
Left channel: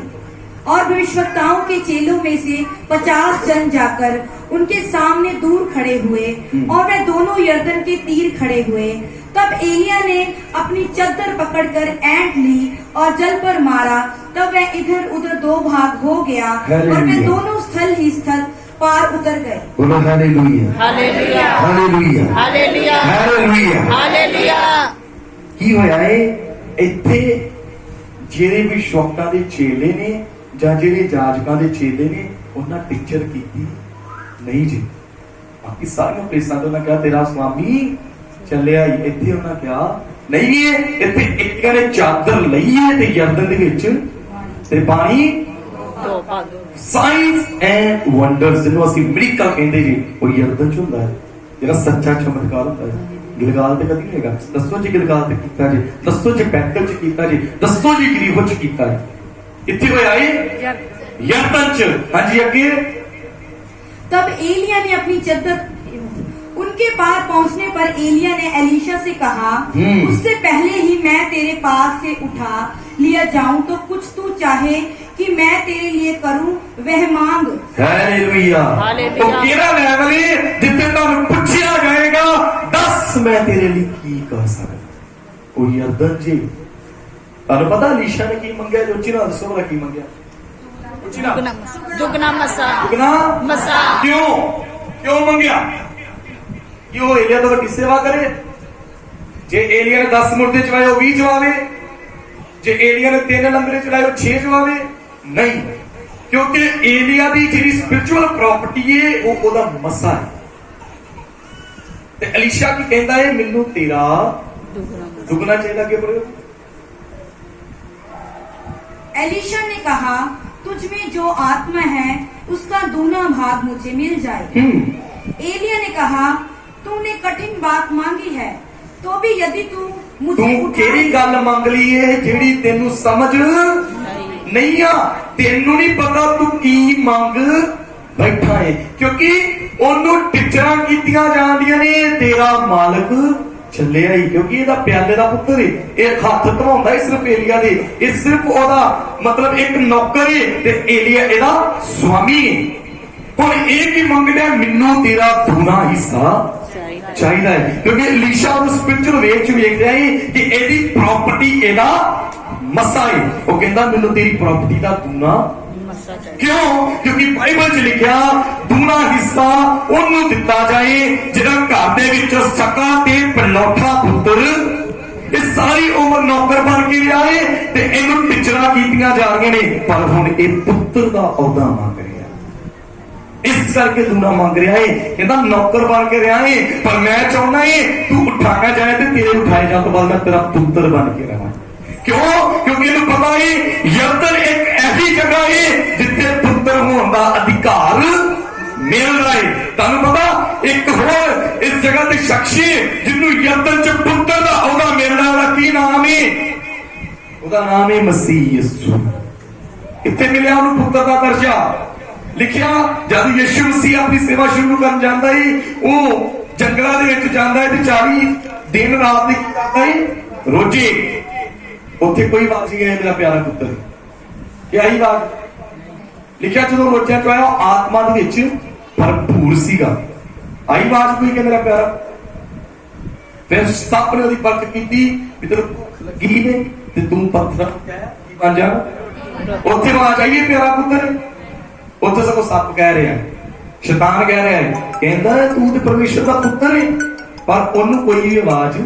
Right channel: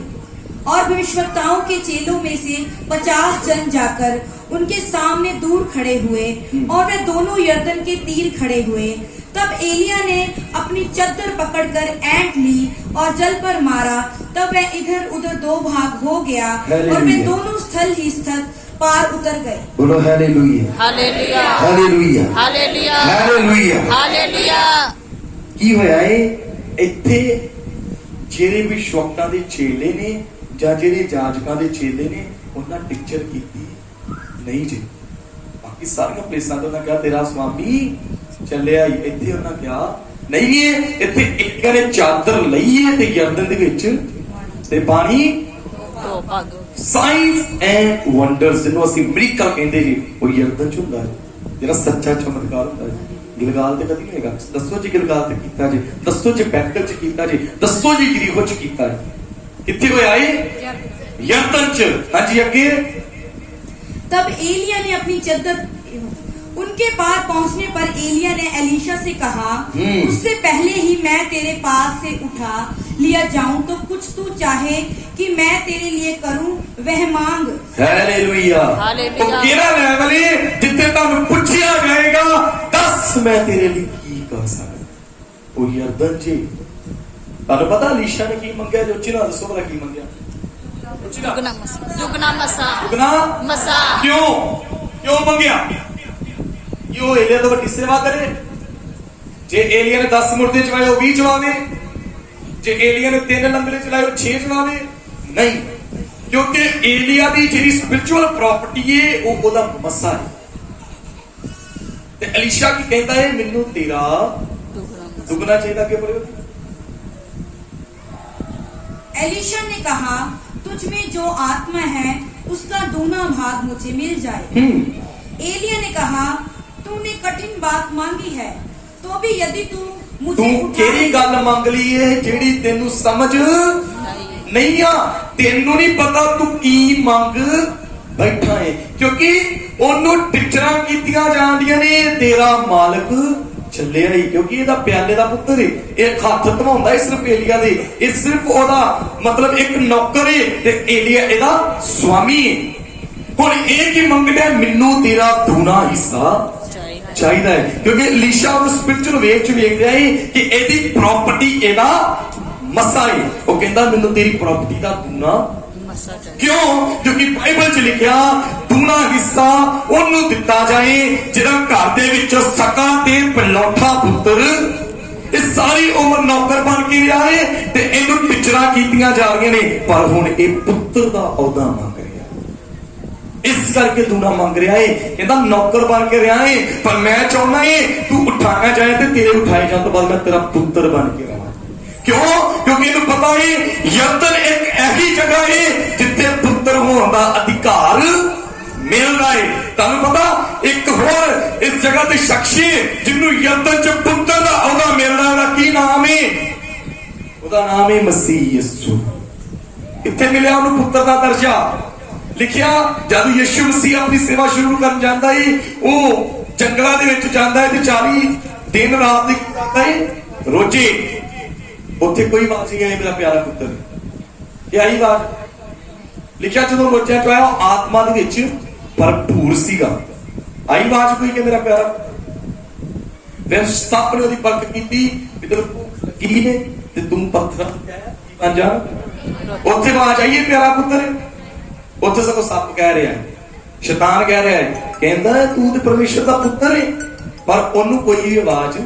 और भविष्यवक्ताओं के चेलों में से 50 जन जाकर उनके सामने दूर खड़े हुए और वे दोनों यरदन के तीर खड़े हुए। तब एलिया ने अपनी चद्दर पकड़कर ऐंठ ली और जल पर मारा। तब वह इधर उधर 2 भाग हो गया और वे दोनों स्थल ही स्थल पार उतर गए। बोलो hallelujah. Hallelujah. Hallelujah. Hallelujah. Hallelujah. Hallelujah. की होया है इत्थे ਜਿਹੜੇ ਵਿਸ਼ਵਕਤਾ ਦੇ ਚੇਲੇ ਨੇ ਜਾਂ ਜਿਹੜੇ ਜਾਜਕਾਂ ਦੇ ਚੇਲੇ ਨੇ ਉਹਨਾਂ ਟੀਚਰ ਕੀਤੀ ਨਹੀਂ ਜੀ। ਬਾਕੀ ਸਾਰੀਆਂ ਪਲੇਸਾਂ ਤੇ ਉਹਨਾਂ ਕਿਹਾ ਤੇਰਾ ਸਵਾਮੀ ਚੱਲਿਆ ਹੀ, ਇੱਥੇ ਉਹਨਾਂ ਕਿਹਾ ਨਹੀਂ ਇੱਥੇ ਇੱਕ ਨੇ ਚਾਦਰ ਲਈ ਹੈ ਤੇ ਯਰਦਨ ਦੇ ਵਿੱਚ ਤੇ ਪਾਣੀ ਦੋ ਭਾਗ। ਸਾਇੰਸ ਐਂਡ ਵੰਡਰਸ ਜਿਹਨੂੰ ਅਸੀਂ ਮਿਰੇਕਲ ਕਹਿੰਦੇ ਜੀ, ਉਹ ਯਰਦਨ ਚ ਹੁੰਦਾ ਹੈ ਜਿਹੜਾ ਸੱਚਾ ਚਮਤਕਾਰ ਹੁੰਦਾ ਹੈ। ਗਿਲਗਾਲ ਤੇ ਕਦੀ ਨਹੀਂ ਹੈਗਾ। ਦੱਸੋ ਜੀ ਗਿਲਗਾਲ ਤੇ ਕੀਤਾ ਜੀ, ਦੱਸੋ ਜੀ ਬੈਤਲ ਚ ਕੀਤਾ ਜੀ, ਦੱਸੋ ਜੀ ਯਰੀਹੋ ਚ ਕੀਤਾ ਹੈ। कितने को आए? यरदन च। हाँ जी आगे। तब एलिया ने अपनी चद्दर, उनके पार पहुंचने पर एलिया ने एलीशा से कहा, उससे पहले ही मैं तेरे पास से उठा लिया जाऊं तो कुछ तू चाहे कि मैं तेरे लिए करूं वह मांग। हालेलुया। तो केड़ा लेवल है जिथे तुम पूछया जाएगा दस मैं तेरे लिए की कर सकदा। ओ यरदन जी ਤੁਹਾਨੂੰ ਪਤਾ ਅਲੀਸ਼ਾ ਨੇ ਕੀ ਮੰਗਿਆ? ਜੋ ਚਿਹਰਾ ਦੱਸੋ ਭਲਾ ਕੀ ਮੰਗਿਆ? ਦੁਗਣਾ ਮਸਾ। ਦੁਗਣਾ ਮਸਾ। ਦੁਗਣਾ ਮਸਾ। ਕਿਉਂ ਮੰਗਿਆ? ਕਿ ਉਹ ਏਲੀਆ ਤੋਂ ਵੱਡੀ ਸੇਵਾ ਕਰੇ। ਜੇ ਏਲੀਆ ਨੇ 10 ਮੁਰਦੇ ਚਲਾਏ ਉਹ 20 ਚਲਾਵੇ, ਜੇ ਏਲੀਆ ਨੇ 3 ਲੰਗਰੇ ਚਲਾਏ ਉਹ 6 ਚਲਾਵੇ। ਨਹੀਂ, क्योंकि एलिया की जी स्पिरिचुअल प्रॉपर्टी है वो ओदा मसा है। ते अलीशा की कहता है मैनू तेरा दुगना चाहिए। कि बोलो एलीशा ने कहा तुझ में जो आत्मा है उसका दूना भाग मुझे मिल जाए। एलिया ने कहा तूने कठिन बात मांगी है, तो भी यदि तू मुझे तू केड़ी गल मंग ली है जेड़ी तेनू समझ नहीं आ, तेनू नहीं पता तू की मंग बैठा है, क्योंकि ओनू टिचरा कीतियां जांदियां ने तेरा मालक चलिया ही, क्योंकि ਇਹਦਾ प्याले ਦਾ पुत्र है, ਇਹ हथ धवाउंदा सिर्फ एलिया दे, ਇਹ सिर्फ ओदा मतलब एक नौकर है ते एलिया ਇਹਦਾ स्वामी है। हुण ਇਹ की मंगदा मैनू तेरा दूना हिस्सा चाहिए है, क्योंकि अलीशा उस स्पिरिचुअल वे च वेख रहा है कि एदी प्रॉपर्टी एदा मसा है। वो कहता मैनू तेरी प्रॉपर्टी दा दूना क्यों, क्योंकि बाइबल च लिखा दूना हिस्सा ओनू दिता जाए जिहड़ा घर दे विच सका ते पलौठा पुत्र ये सारी उम्र नौकर बन के रहा है ते इहनू टिचरा कीतियां जा रही ने, पर हुण ये पुत्र दा औदा मंग रहा है, इस करके दूना मंग रहा है। कहता नौकर बन के रहा है, पर मैं चाहना है तू उठाना चाहे तो तेरे उठाए जाने तो बाद मैं तेरा पुत्र बन के रहा। क्यों, क्योंकि इन्हें पता है यरदन एक ऐसी जगह है जिथे पुत्र होने का अधिकार मिल रहा है। तुम पता एक होर इस जगह के शख्स है जिन्होंने यरदन च पुत्र का औदा मिल रहा है, की नाम है, उसका नाम है मसीह यीशु। कितने मिले उन्होंने पुत्र का दर्जा, लिखिया जब यीशु मसीह अपनी सेवा शुरू कर जाता है वो जंगलों के विच जाता है, 40 दिन रात करता है रोजे, उत्थे कोई आवाज नहीं आई मेरा प्यारा पुत्र, क्या ही बात लिखिया जो रोजा चो आया आत्मा दे विच भरपूर सीगा, आई आवाज कोई कि मेरा प्यारा, फिर सप ने उसकी परख की भी तेरे भूख लगी ने ते तू पत्थर बन जा, उत्थे आवाज आई प्यारा पुत्र, उत्थे सगों सप कह रहा है, शैतान कह रहा है, कहता है तू तो परमेश्वर का पुत्र है, पर ओनू कोई आवाज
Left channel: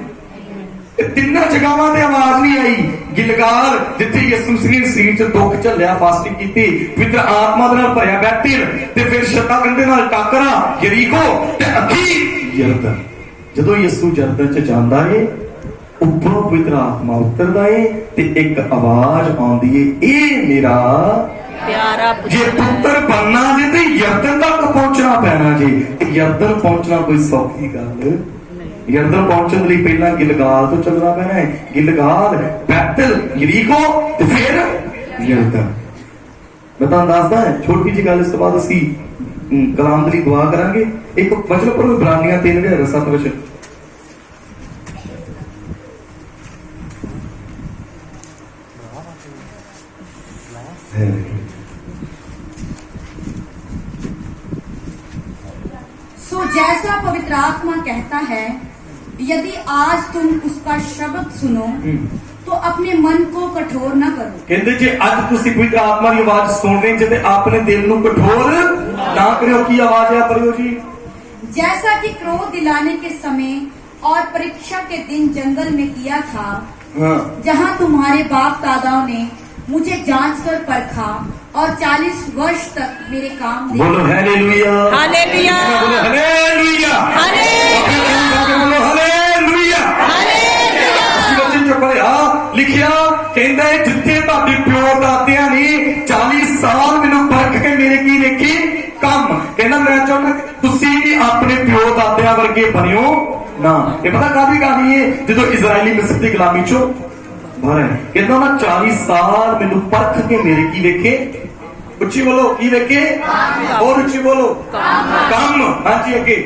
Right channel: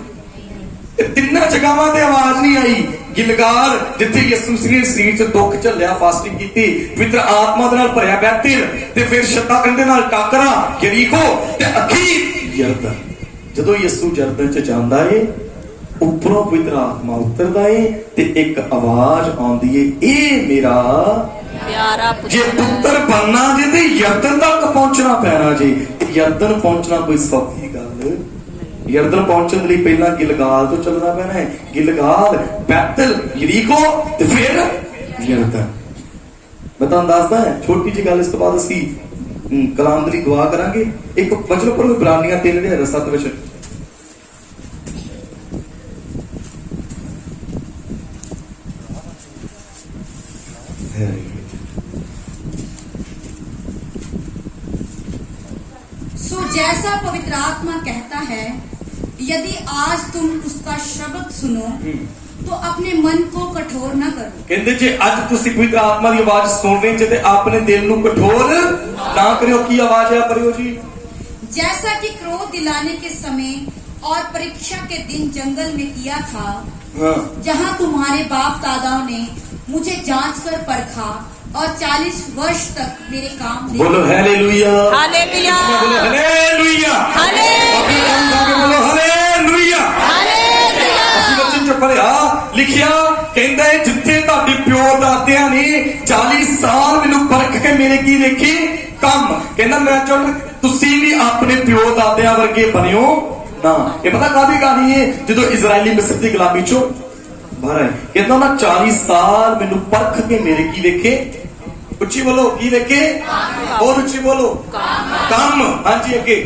तिना जगहों से आवाज नहीं आई। गिलगाल जिथे यीशु मसीह ने शरीर च दुख झलिया, फास्टिंग की, पवित्र आत्मा दे नाल भरिया बैठे ते फिर शैतान दे नाल टाकरा यरीको ते अखीर यरदन, जदों यीशु यरदन च जांदा है उपरों पवित्र आत्मा उतरदा है ते एक आवाज आउंदी है, ए मेरा प्यारा जे पुत्र बनना जे ते यरदन तक पहुंचना पैना जी। यरदन पहुंचना कोई सौखी गल, यरदन पहुंचने लिए पहला गिलगाल तो चलना पैना है, गिलगाल बैतल यरीको ते फिर यरदन। मैं तुहानू दसदा है छोटी जी गल, इस तो बाद असीं कलाम दी दुआ करांगे। एक वचन पढ़ो इब्रानियां 3:7 वचन, सो जैसा पवित्र आत्मा कहता है यदि आज तुम उसका शब्द सुनो तो अपने मन को कठोर न करो। कहते जे अज तुसी पवित्र आत्मा की आवाज सुन रहे जे ते अपने दिल नू कठोर ना करियो। की आवाज है करियो जी, जैसा कि क्रोध दिलाने के समय और परीक्षा के दिन जंगल में किया था, जहाँ तुम्हारे बाप दादाओं ने मुझे जांच कर परखा और 40 वर्ष तक मेरे काम देखे। बोलो हालेलुया, हालेलुया, बोलो हालेलुया, बोलो हालेलुया, ਅਸੀਂ ਵਚਨ ਚ ਪੜਿਆ ਲਿਖਿਆ ਕਹਿੰਦਾ ਹੈ ਜਿੱਥੇ ਤੁਹਾਡੇ ਪਿਓ ਦਾਦਿਆਂ ਨੇ 40 ਸਾਲ ਮੈਨੂੰ ਪਰਖ ਕੇ ਮੇਰੇ ਕੀ ਵੇਖੀ ਕੰਮ, ਕਹਿੰਦਾ ਮੈਂ ਚਾਹੁੰਦਾ ਤੁਸੀਂ ਵੀ ਆਪਣੇ ਪਿਓ ਦਾਦਿਆਂ ਵਰਗੇ ਬਣਿਓ ਨਾ। ਇਹ ਪਤਾ ਕਾਹਦੀ ਕਹਾਣੀ ਹੈ, ਜਦੋਂ ਇਜ਼ਰਾਈਲੀ ਮਿਸਰ ਦੀ ਗੁਲਾਮੀ ਚੋਂ ਬਾਹਰ ਆਏ, ਕਹਿੰਦਾ ਨਾ 40 ਸਾਲ ਮੈਨੂੰ ਪਰਖ ਕੇ ਮੇਰੇ ਕੀ ਵੇਖੇ, ਉੱਚੀ ਬੋਲੋ ਕੀ ਵੇਖੇ, और ਉੱਚੀ बोलो काम। हाँ जी अगे,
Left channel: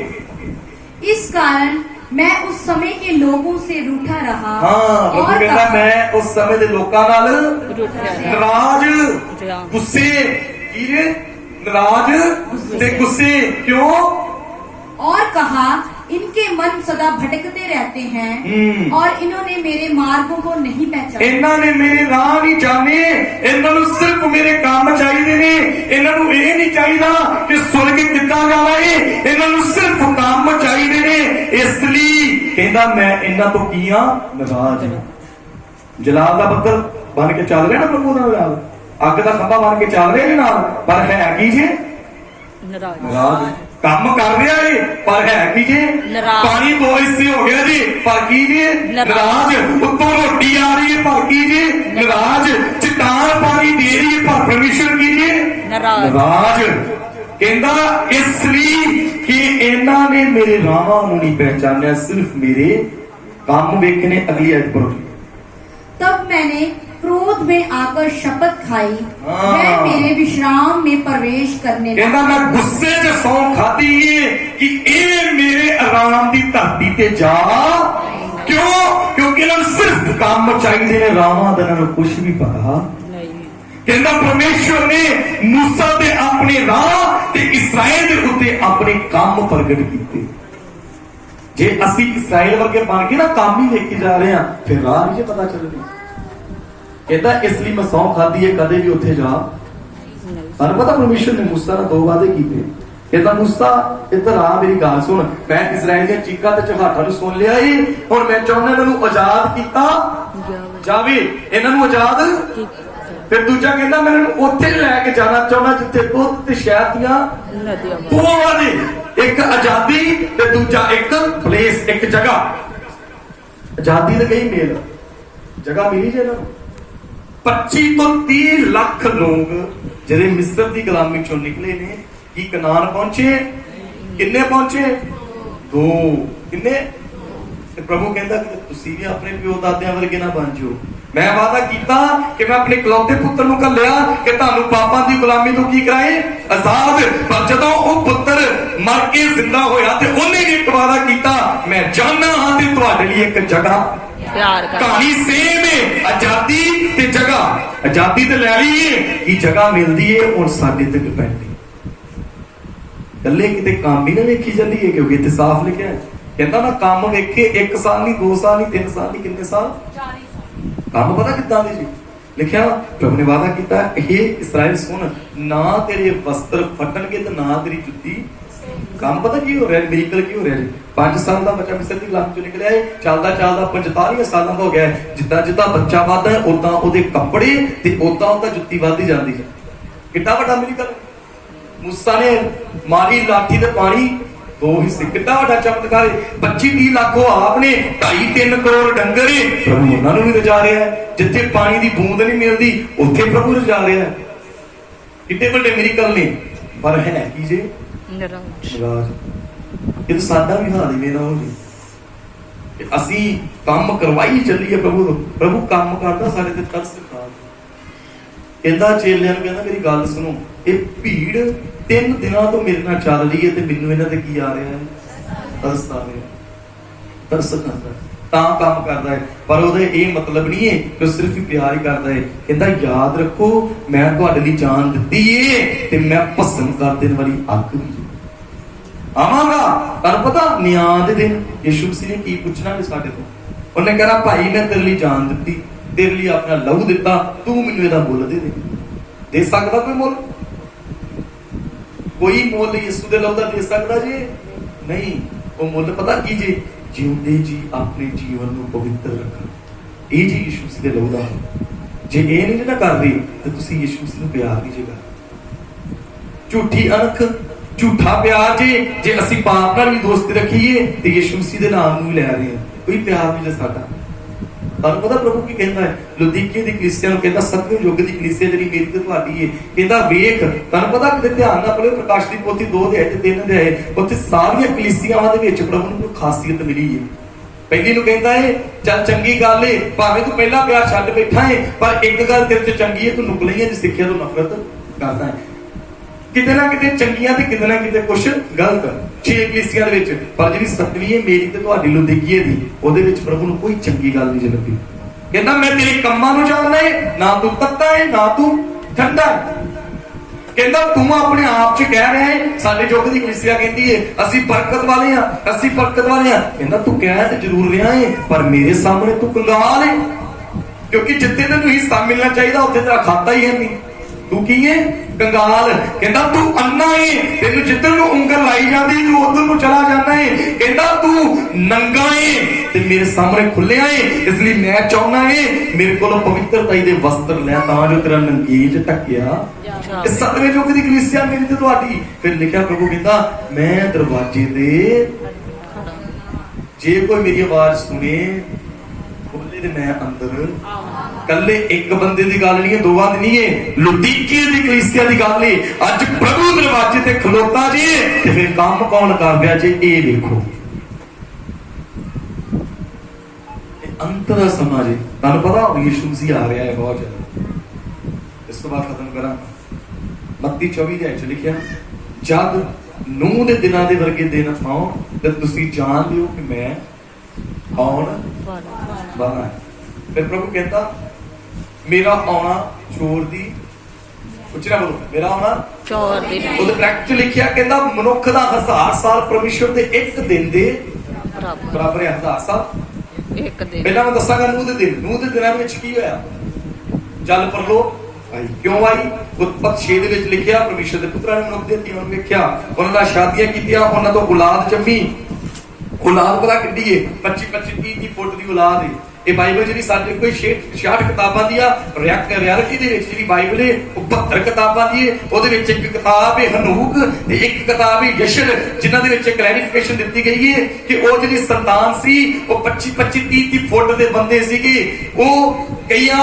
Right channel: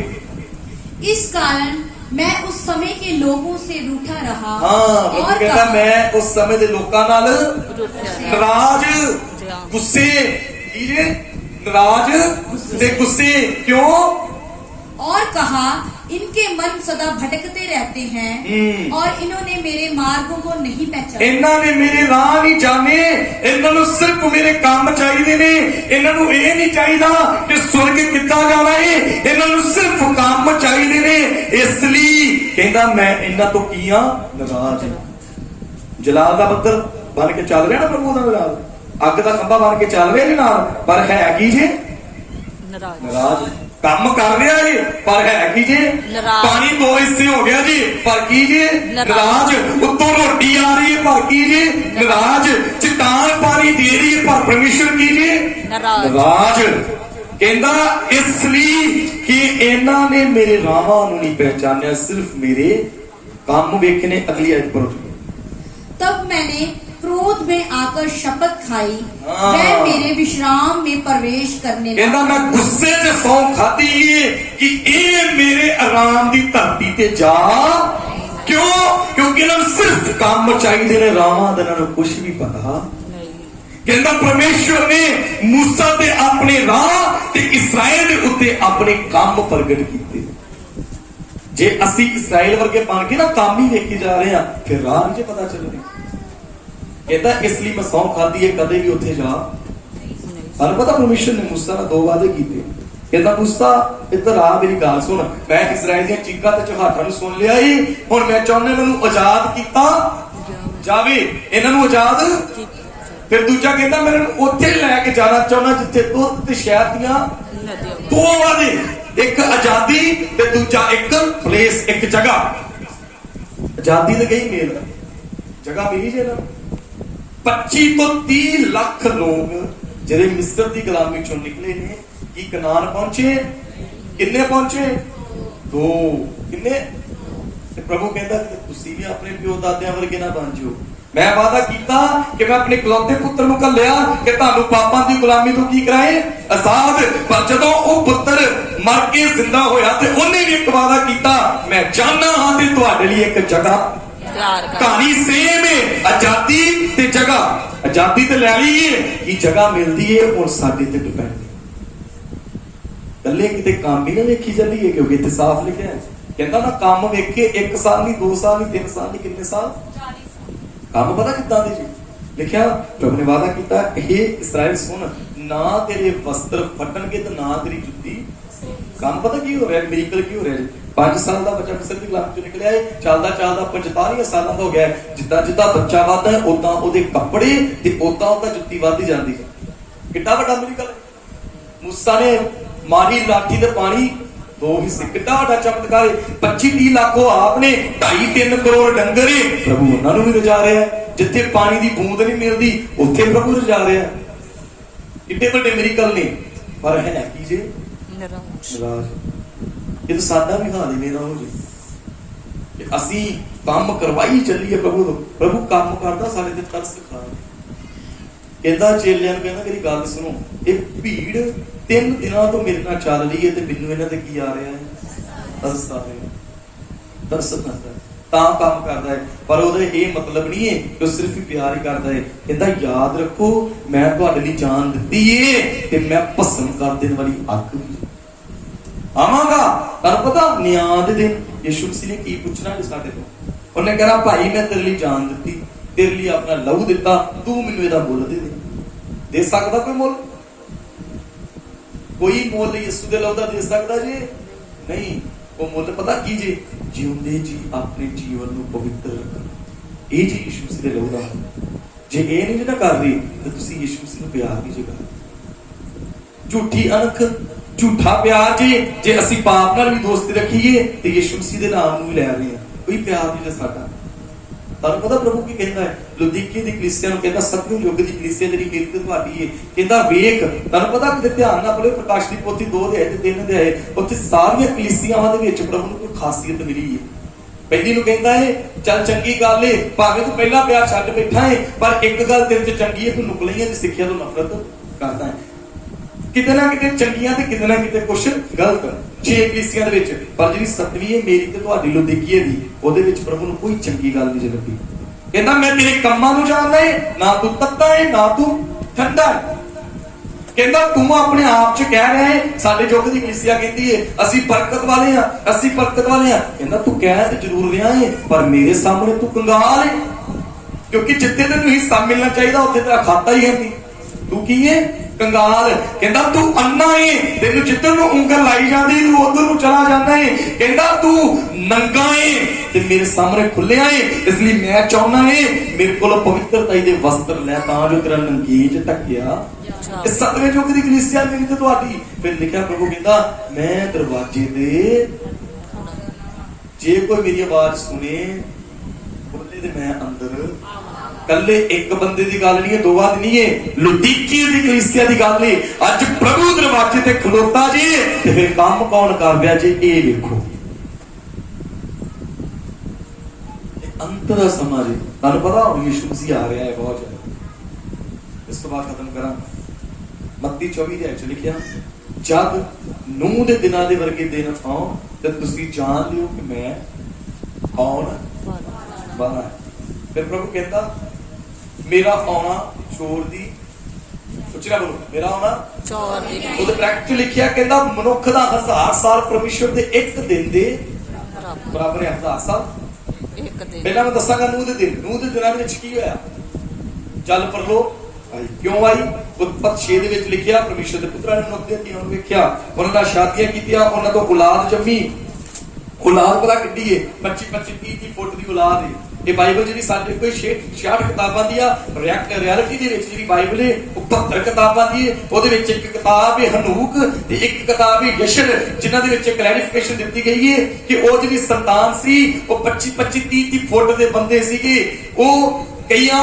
इस कारण मैं उस समय के लोगों से रूठा रहा हाँ और कहता कहा, मैं उस समय दे लोकां नाल नाराज गुस्से कीरे नाराज ते गुस्से क्यों, और कहा इनके मन सदा भटकते रहते हैं और इन्होंने मेरे मार्गों को नहीं पहचाना। इन्हां ने मेरे राह नहीं जाने, इन्हां नूं सिर्फ मेरे काम चाहिए ने, इन्हां नूं इह नहीं चाहिदा कि सुर्ग किद्दां जाना है, इन्हां नूं सिर्फ काम चाहिए ने। इसलिए कहंदा मैं इन्हां तो की हां नाराज। जलाल दा बदल बन के चल रहा ना प्रभु दा जलाल, ਅੱਗ ਦਾ ਖੰਭਾ ਬਣ ਕੇ ਚੱਲ ਰਿਹਾ ਜੀ ਨਾਲ, ਪਰ ਹੈ ਕੀ ਜੇ? ਨਾਰਾਜ਼ ਨਾਰਾਜ਼। ਕੰਮ ਕਰ ਰਿਹਾ ਜੀ ਪਰ ਹੈ ਕੀ ਜੇ? ਨਾਰਾਜ਼। ਪਾਣੀ 2 ਹਿੱਸੇ ਹੋ ਗਿਆ ਜੀ ਪਰ ਕੀ ਜੇ? ਨਾਰਾਜ਼। ਉੱਤੋਂ ਰੋਟੀ ਆ ਰਹੀ ਹੈ ਪਰ ਕੀ ਜੇ? ਨਾਰਾਜ਼। ਚਟਾਨ ਪਾਣੀ ਦੇ ਰਹੀ ਹੈ ਪਰ ਪਰਮੇਸ਼ਰ ਕੀ ਜੇ? ਨਾਰਾਜ਼। ਨਾਰਾਜ਼। ਕਹਿੰਦਾ ਇਸ ਲਈ ਕਿ ਇਹਨਾਂ ਨੇ ਮੇਰੇ ਰਾਹਾਂ ਨੂੰ ਨਹੀਂ ਪਹਿਚਾਨਿਆ, ਸਿਰਫ ਮੇਰੇ ਕੰਮ ਵੇਖਣੇ। अगली आयत पढ़ो। तब मैंने क्रोध में आकर शपथ खाई, हाँ। वह मेरे विश्राम में प्रवेश करने कहता लगा। मैं गुस्से च सौ खाती है कि ये मेरे आराम की धरती ते जा। क्यों? क्योंकि इन्होंने सिर्फ काम चाहिए ने, रावां दा इन्हां नूं कुछ भी पता। कहता परमेश्वर ने मूसा ते अपने राह ते इसराइल दे उत्ते अपने काम प्रगट कीते। जे असी इसराइल वर्गे बन के ना काम ही देखी जा रहे हैं, फिर राह नहीं पता चलती। कहता इसलिए मैं सौ खादी है कदे भी उत्थे जा। और पता परमेश्वर ने मूसा ने 2 वादे किए। कहता मूसा इधर आ, मेरी गल सुन, मैं इसराइल दी चीखा ते चहाटा नूं सुन लिया ही, हुण मैं चाहुंदा इन्हां नूं आजाद कीता जावे, इन्हां नूं आजाद। फिर दूजा कहता मैं इन्हां नूं उत्थे लैके जाना चाहुंदा जिथे दुध ते शहद दियां नदियां। 2 वादे, एक आजादी ते दूजा एक प्लेस, एक जगह। आजादी ते कहीं मेल, जगह मिली जे ना। 25 तो 30 लाख लोग ਜਿਹੜੇ ਮਿਸਰ ਦੀ ਗੁਲਾਮੀ ਚੋਂ ਨਿਕਲੇ ਨੇ, ਕੀ ਕਨਾਨ ਪਹੁੰਚੇ? ਕਿੰਨੇ ਪਹੁੰਚੇ? 2। ਕਿੰਨੇ? ਤੇ ਪ੍ਰਭੂ ਕਹਿੰਦਾ ਕਿ ਤੁਸੀਂ ਵੀ ਆਪਣੇ ਪਿਓ ਦਾਦਿਆਂ ਵਰਗੇ ਨਾ ਬਣ ਜਾਓ। ਮੈਂ ਵਾਅਦਾ ਕੀਤਾ ਕਿ ਮੈਂ ਆਪਣੇ ਇਕਲੌਤੇ ਪੁੱਤਰ ਨੂੰ ਘੱਲਿਆ ਕਿ ਤੁਹਾਨੂੰ ਪਾਪਾਂ ਦੀ ਗੁਲਾਮੀ ਤੋਂ ਕੀ ਕਰਾਏ? ਆਜ਼ਾਦ। ਪਰ ਜਦੋਂ ਉਹ ਪੁੱਤਰ ਮਰ ਕੇ ਜ਼ਿੰਦਾ ਹੋਇਆ ਤੇ ਉਹਨੇ ਵੀ ਇੱਕ ਵਾਅਦਾ ਕੀਤਾ, ਮੈਂ ਜਾਣਦਾ ਹਾਂ ਕਿ ਤੁਹਾਡੇ ਲਈ ਇੱਕ ਜਗ੍ਹਾ प्यार कर। कहानी सेम है, आजादी ते जगह। आजादी ते ले ली है कि जगह मिलती है और साडे ते डिपेंड है। गल्ले किते काम ही ना वेखी जाती है, क्योंकि इत्थे साफ लिखा है। कहता ना काम वेखे 1 साल नहीं, 2 साल नहीं, 3 साल नहीं, कितने साल? 40 साल। काम पता कितना दे जी लिखा? प्रभु ने वादा किया, हे इस्राएल सुन, ना तेरे वस्त्र फटणगे ते ना तेरी जुत्ती। काम पता की हो रहा है? मिरेकल की हो रहा है? 5 साल का बच्चा मिस्र की गुलामी चों निकलिया है, चलदा चलदा 45 सालों का हो गया है। जिद्दां जिद्दां बच्चा वधदा है उदां उहदे कपड़े ते उदां उहदा जुत्ती वधदी जांदी है। कितना बड़ा मिरेकल। मूसा ने मारी लाठी ते पानी 2 हिस्से, कितना बड़ा चमत्कार है। 25-30 लाख हो आपने, 2.5-3 करोड़ डंगर है, प्रभु उन्हां नूं भी रजा रहा है। जिथे पानी की बूंद नहीं मिलती उत्थे प्रभु रजा रहा है। कितने बड़े मिरेकल ने, पर है की जे? नाराज। ਇਹ ਤਾਂ ਸਾਡਾ ਵੀ ਹਾਲ ਹੀ ਮੇਰਾ ਹੋ ਜੀ। ਅਸੀਂ ਕੰਮ ਕਰਵਾਈ ਚੱਲੀਏ ਪ੍ਰਭੂ ਤੋਂ, ਪ੍ਰਭੂ ਕੰਮ ਕਰਦਾ ਸਾਡੇ ਤੇ ਤਰਸ ਖਾ। ਕਹਿੰਦਾ ਚੇਲਿਆਂ ਨੂੰ, ਕਹਿੰਦਾ ਮੇਰੀ ਗੱਲ ਸੁਣੋ, ਇਹ ਭੀੜ 3 ਦਿਨਾਂ ਤੋਂ ਮੇਰੇ ਨਾਲ ਚੱਲ ਰਹੀ ਹੈ ਤੇ ਮੈਨੂੰ ਇਹਨਾਂ ਤੇ ਕੀ ਆ ਰਿਹਾ ਹੈ? ਤਰਸ ਆ ਰਿਹਾ। ਤਰਸ ਖਾਂਦਾ ਤਾਂ ਕੰਮ ਕਰਦਾ ਹੈ, ਪਰ ਉਹਦਾ ਇਹ ਮਤਲਬ ਨਹੀਂ ਹੈ ਕਿ ਉਹ ਸਿਰਫ ਹੀ ਪਿਆਰ ਹੀ ਕਰਦਾ ਹੈ। ਕਹਿੰਦਾ ਯਾਦ ਰੱਖੋ ਮੈਂ ਤੁਹਾਡੇ ਲਈ ਜਾਨ ਦਿੱਤੀ ਏ ਤੇ ਮੈਂ ਭਸਮ ਕਰ ਦੇਣ ਵਾਲੀ ਅੱਗ ਵੀ ਆਵਾਂਗਾ। ਤੁਹਾਨੂੰ ਪਤਾ ਨਿਆਂ ਦੇ ਦਿਨ ਯਿਸੂ ਮਸੀਹ ਨੇ ਕੀ ਪੁੱਛਣਾ ਹੈ ਸਾਡੇ ਤੋਂ? ਉਹਨੇ ਕਹਿਣਾ ਭਾਈ ਮੈਂ ਤੇਰੇ ਲਈ ਜਾਨ ਦਿੱਤੀ, ਤੇਰੇ ਲਈ ਆਪਣਾ ਲਹੂ ਦਿੱਤਾ, ਤੂੰ ਮੈਨੂੰ ਇਹਦਾ ਮੁੱਲ ਦੇ ਸਕਦਾ ਕੋਈ ਮੁੱਲ? ਕੋਈ ਮੁੱਲ ਯਿਸੂ ਦੇ ਲਹੂ ਦਾ ਦੇ ਸਕਦਾ ਜੀ? ਨਹੀਂ। ਉਹ ਮੁੱਲ ਪਤਾ ਕੀ ਜੀ? ਜਿਉਂਦੇ ਜੀ ਆਪਣੇ ਜੀਵਨ ਨੂੰ ਪਵਿੱਤਰ ਰੱਖਣਾ। ਇਹ ਜੀ ਯਿਸੂ ਮਸੀਹ ਦੇ ਲਹੂ ਦਾ ਹੈ। ਜੇ ਇਹ ਨਹੀਂ ਨਾ ਕਰ ਰਹੀ ਤਾਂ ਤੁਸੀਂ ਯਿਸੂ ਮਸੀਹ ਨੂੰ ਪਿਆਰ ਨਹੀਂ ਜੇ ਕਰ। ਝੂਠੀ ਅਣਖ, झूठा प्यार जे असी पाप नाल भी दोस्ती रखीए ते यीशु मसीह दे नाम नूं ले रहे हैं, कोई प्यार नहीं ले साडा। तुहानूं पता प्रभु की कहंदा है? लुदीके दी कलीसिया नूं कहंदा 7वें युग दी कलीसिया जेहड़ी मेरी ते तुहाडी है, कहंदा वेख। तुहानूं पता कि ध्यान नाल पढ़िओ प्रकाश दी पोथी 2 अध्याय ते 3 अध्याय, उत्थे सारियां कलीसियावां दे विच प्रभु नूं कोई खासियत मिली है। पहली नूं कहंदा है चल चंगी गल है, भावें तू पहला प्यार छड्ड बैठा है, पर एक गल तेरे च चंगी है, तू नुकलियां दी सिੱਖਿਆ ਤੋਂ नफरत करदा है। किते ना किते चंगियां ते किते ना किते कुछ गलत 6 कलीसियां दे विच, पर जिहड़ी 7वीं है मेरी ते तुहाडी लुदीकीए दी, ਉਹਦੇ ਵਿੱਚ प्रभु ਨੂੰ कोई चंगी गल नहीं ਲੱਗੀ। ਕਹਿੰਦਾ ਮੈਂ ਤੇਰੇ ਕੰਮਾਂ ਨੂੰ ਜਾਣਦਾ ਹੈ, ਨਾ ਤੂੰ ਤੱਤਾ ਹੈ ਨਾ ਤੂੰ ਠੰਡਾ ਹੈ। ਕਹਿੰਦਾ ਤੂੰ ਆਪਣੇ ਆਪ 'ਚ ਕਹਿ ਰਿਹਾ ਹੈ, ਸਾਡੇ ਯੁੱਗ ਦੀ ਕਲੀਸਿਆ ਕਹਿੰਦੀ ਹੈ ਅਸੀਂ ਬਰਕਤ ਵਾਲੇ ਆ, ਅਸੀਂ ਬਰਕਤ ਵਾਲੇ ਆ। ਕਹਿੰਦਾ ਤੂੰ ਕਹਿ ਤੇ ਜ਼ਰੂਰ ਰਿਹਾ ਹੈ, ਪਰ ਮੇਰੇ ਸਾਹਮਣੇ ਤੂੰ ਕੰਗਾਲ ਹੈ, ਕਿਉਂਕਿ ਜਿੱਥੇ ਤੈਨੂੰ ਹਿੱਸਾ ਮਿਲਣਾ ਚਾਹੀਦਾ ਉੱਥੇ ਤੇਰਾ ਖਾਤਾ ਹੀ ਹੈ ਨਹੀਂ। तू की है कंगाल। कहता तू अन्ना है, तेन जिधर ਨੂੰ ਉਂਗਲ ਲਾਈ ਜਾਂਦੀ ਤੂੰ ਉਧਰ ਨੂੰ ਚਲਾ ਜਾਂਦਾ ਹੈ। ਕਹਿੰਦਾ ਤੂੰ ਨੰਗਾ ਹੈ ਤੇ ਮੇਰੇ ਸਾਹਮਣੇ ਖੁੱਲਿਆ ਹੈ, ਇਸ ਲਈ ਮੈਂ ਚਾਹੁੰਦਾ ਹੈ ਮੇਰੇ ਕੋਲ ਪਵਿੱਤਰਤਾ ਦੇ ਵਸਤਰ ਲੈ ਤਾਂ ਜੋ ਤੇਰਾ ਨੰਗੇਜ ਢੱਕਿਆ। ਇਹ ਸਤਵੇਂ ਯੁੱਗ ਦੀ ਕਲੀਸਿਆ ਮੇਰੀ ਤੇ ਤੁਹਾਡੀ। ਫਿਰ ਲਿਖਿਆ ਪ੍ਰਭੂ ਕਹਿੰਦਾ ਮੈਂ ਦਰਵਾਜ਼ੇ ਤੇ ਜੇ ਕੋਈ ਮੇਰੀ ਆਵਾਜ਼ ਸੁਣੇ ਉਹਦੇ ਤੇ ਮੈਂ ਅੰਦਰ। ਕੱਲੇ ਇੱਕ ਬੰਦੇ ਦੀ ਗੱਲ ਨਹੀਂ ਹੈ, ਦੋ ਬਾਤ ਨਹੀਂ ਹੈ, ਲੁਦੀਕੀ ਦੀ ਕਲੀਸਿਆ ਦੀ ਗੱਲ ਹੈ। ਅੱਜ ਪ੍ਰਭੂ ਦਰਵਾਜ਼ੇ ਤੇ ਖਲੋਤਾ ਜੀ ਤੇ ਫਿਰ ਕੰਮ ਕੌਣ ਕਰ ਰਿਹਾ ਜੀ ਇਹ ਵੇਖੋ। ਅੰਤ ਦਾ ਸਮਾਂ ਜੀ ਤੁਹਾਨੂੰ ਪਤਾ ਯਿਸੂ ਮਸੀਹ ਆ ਰਿਹਾ ਹੈ ਬਹੁਤ ਜ਼ਿਆਦਾ। ਇਸ ਤੋਂ ਬਾਅਦ ਖਤਮ ਕਰਾਂ ਮੱਤੀ 24 ਦੇ ਵਿੱਚ ਲਿਖਿਆ ਜਦ ਨੂਹ ਦੇ ਦਿਨਾਂ ਦੇ ਵਰਗੇ ਦਿਨ ਆਉਣ ਤੇ ਤੁਸੀਂ ਜਾਣ ਲਿਓ ਕਿ ਮੈਂ ਆਉਣ ਵਾਲਾ। ਫਿਰ ਪ੍ਰਭੂ ਕਹਿੰਦਾ ਮੇਰਾ ਆਉਣਾ ਚੋਰ ਦੀ ਉੱਚੀ ਨਾ ਬੋਲੋ, ਮੇਰਾ ਆਉਣਾ ਚੋਰ ਦੀ ਉਹਦੇ ਬ੍ਰੈਕਟ ਚ ਲਿਖਿਆ ਕਹਿੰਦਾ ਮਨੁੱਖ ਦਾ 1000 ਸਾਲ ਪਰਮੇਸ਼ਵਰ ਦੇ ਇੱਕ ਦਿਨ ਦੇ ਬਰਾਬਰ ਹੈ। 1000 ਸਾਲ ਇੱਕ ਦਿਨ। ਪਹਿਲਾਂ ਮੈਂ ਦੱਸਾਂਗਾ ਨੂਹ ਦੇ ਦਿਨਾਂ ਦੇ ਵਿੱਚ ਕੀ ਹੋਇਆ। ਜਲ ਪਰਲੋਕ ਆਈ ਕਿਉਂ ਆਈ? ਉਤਪਤ 6 ਦੇ ਵਿੱਚ ਲਿਖਿਆ ਪਰਮੇਸ਼ਰ ਦੇ ਪੁੱਤਰਾਂ ਨੇ ਮਨੁੱਖ ਦੇ ਧੀਆਂ ਨੂੰ ਵੇਖਿਆ, ਉਹਨਾਂ ਨਾਲ ਸ਼ਾਦੀਆਂ ਕੀਤੀਆਂ, ਉਹਨਾਂ ਤੋਂ ਔਲਾਦ ਜੰਮੀ। ਔਲਾਦ ਪਤਾ ਕਿੱਡੀ ਏ? 25-30 ਫੁੱਟ ਦੀ ਔਲਾਦ ਏ। ਇਹ ਬਾਈਬਲ ਜਿਹੜੀ ਸਾਡੇ ਕੋਈ 66 ਕਿਤਾਬਾਂ ਦੀ ਆ, ਰਿਐਲਿਟੀ ਦੇ ਵਿੱਚ ਜਿਹੜੀ ਬਾਈਬਲ ਏ ਉਹ 72 ਕਿਤਾਬਾਂ ਦੀ ਏ। ਉਹਦੇ ਵਿੱਚ ਇੱਕ ਕਿਤਾਬ ਏ ਹਨੂਕ ਤੇ ਇੱਕ ਕਿਤਾਬ ਏ ਯਸ਼ਰ, ਜਿਨ੍ਹਾਂ ਦੇ ਵਿੱਚ ਕਲੈਰੀਫਿਕੇਸ਼ਨ ਦਿੱਤੀ ਗਈ ਏ ਕਿ ਉਹ ਜਿਹੜੀ ਸੰਤਾਨ ਸੀ ਉਹ 25-30 ਫੁੱਟ ਦੇ ਬੰਦੇ ਸੀਗੇ। ਉਹ ਕਈਆਂ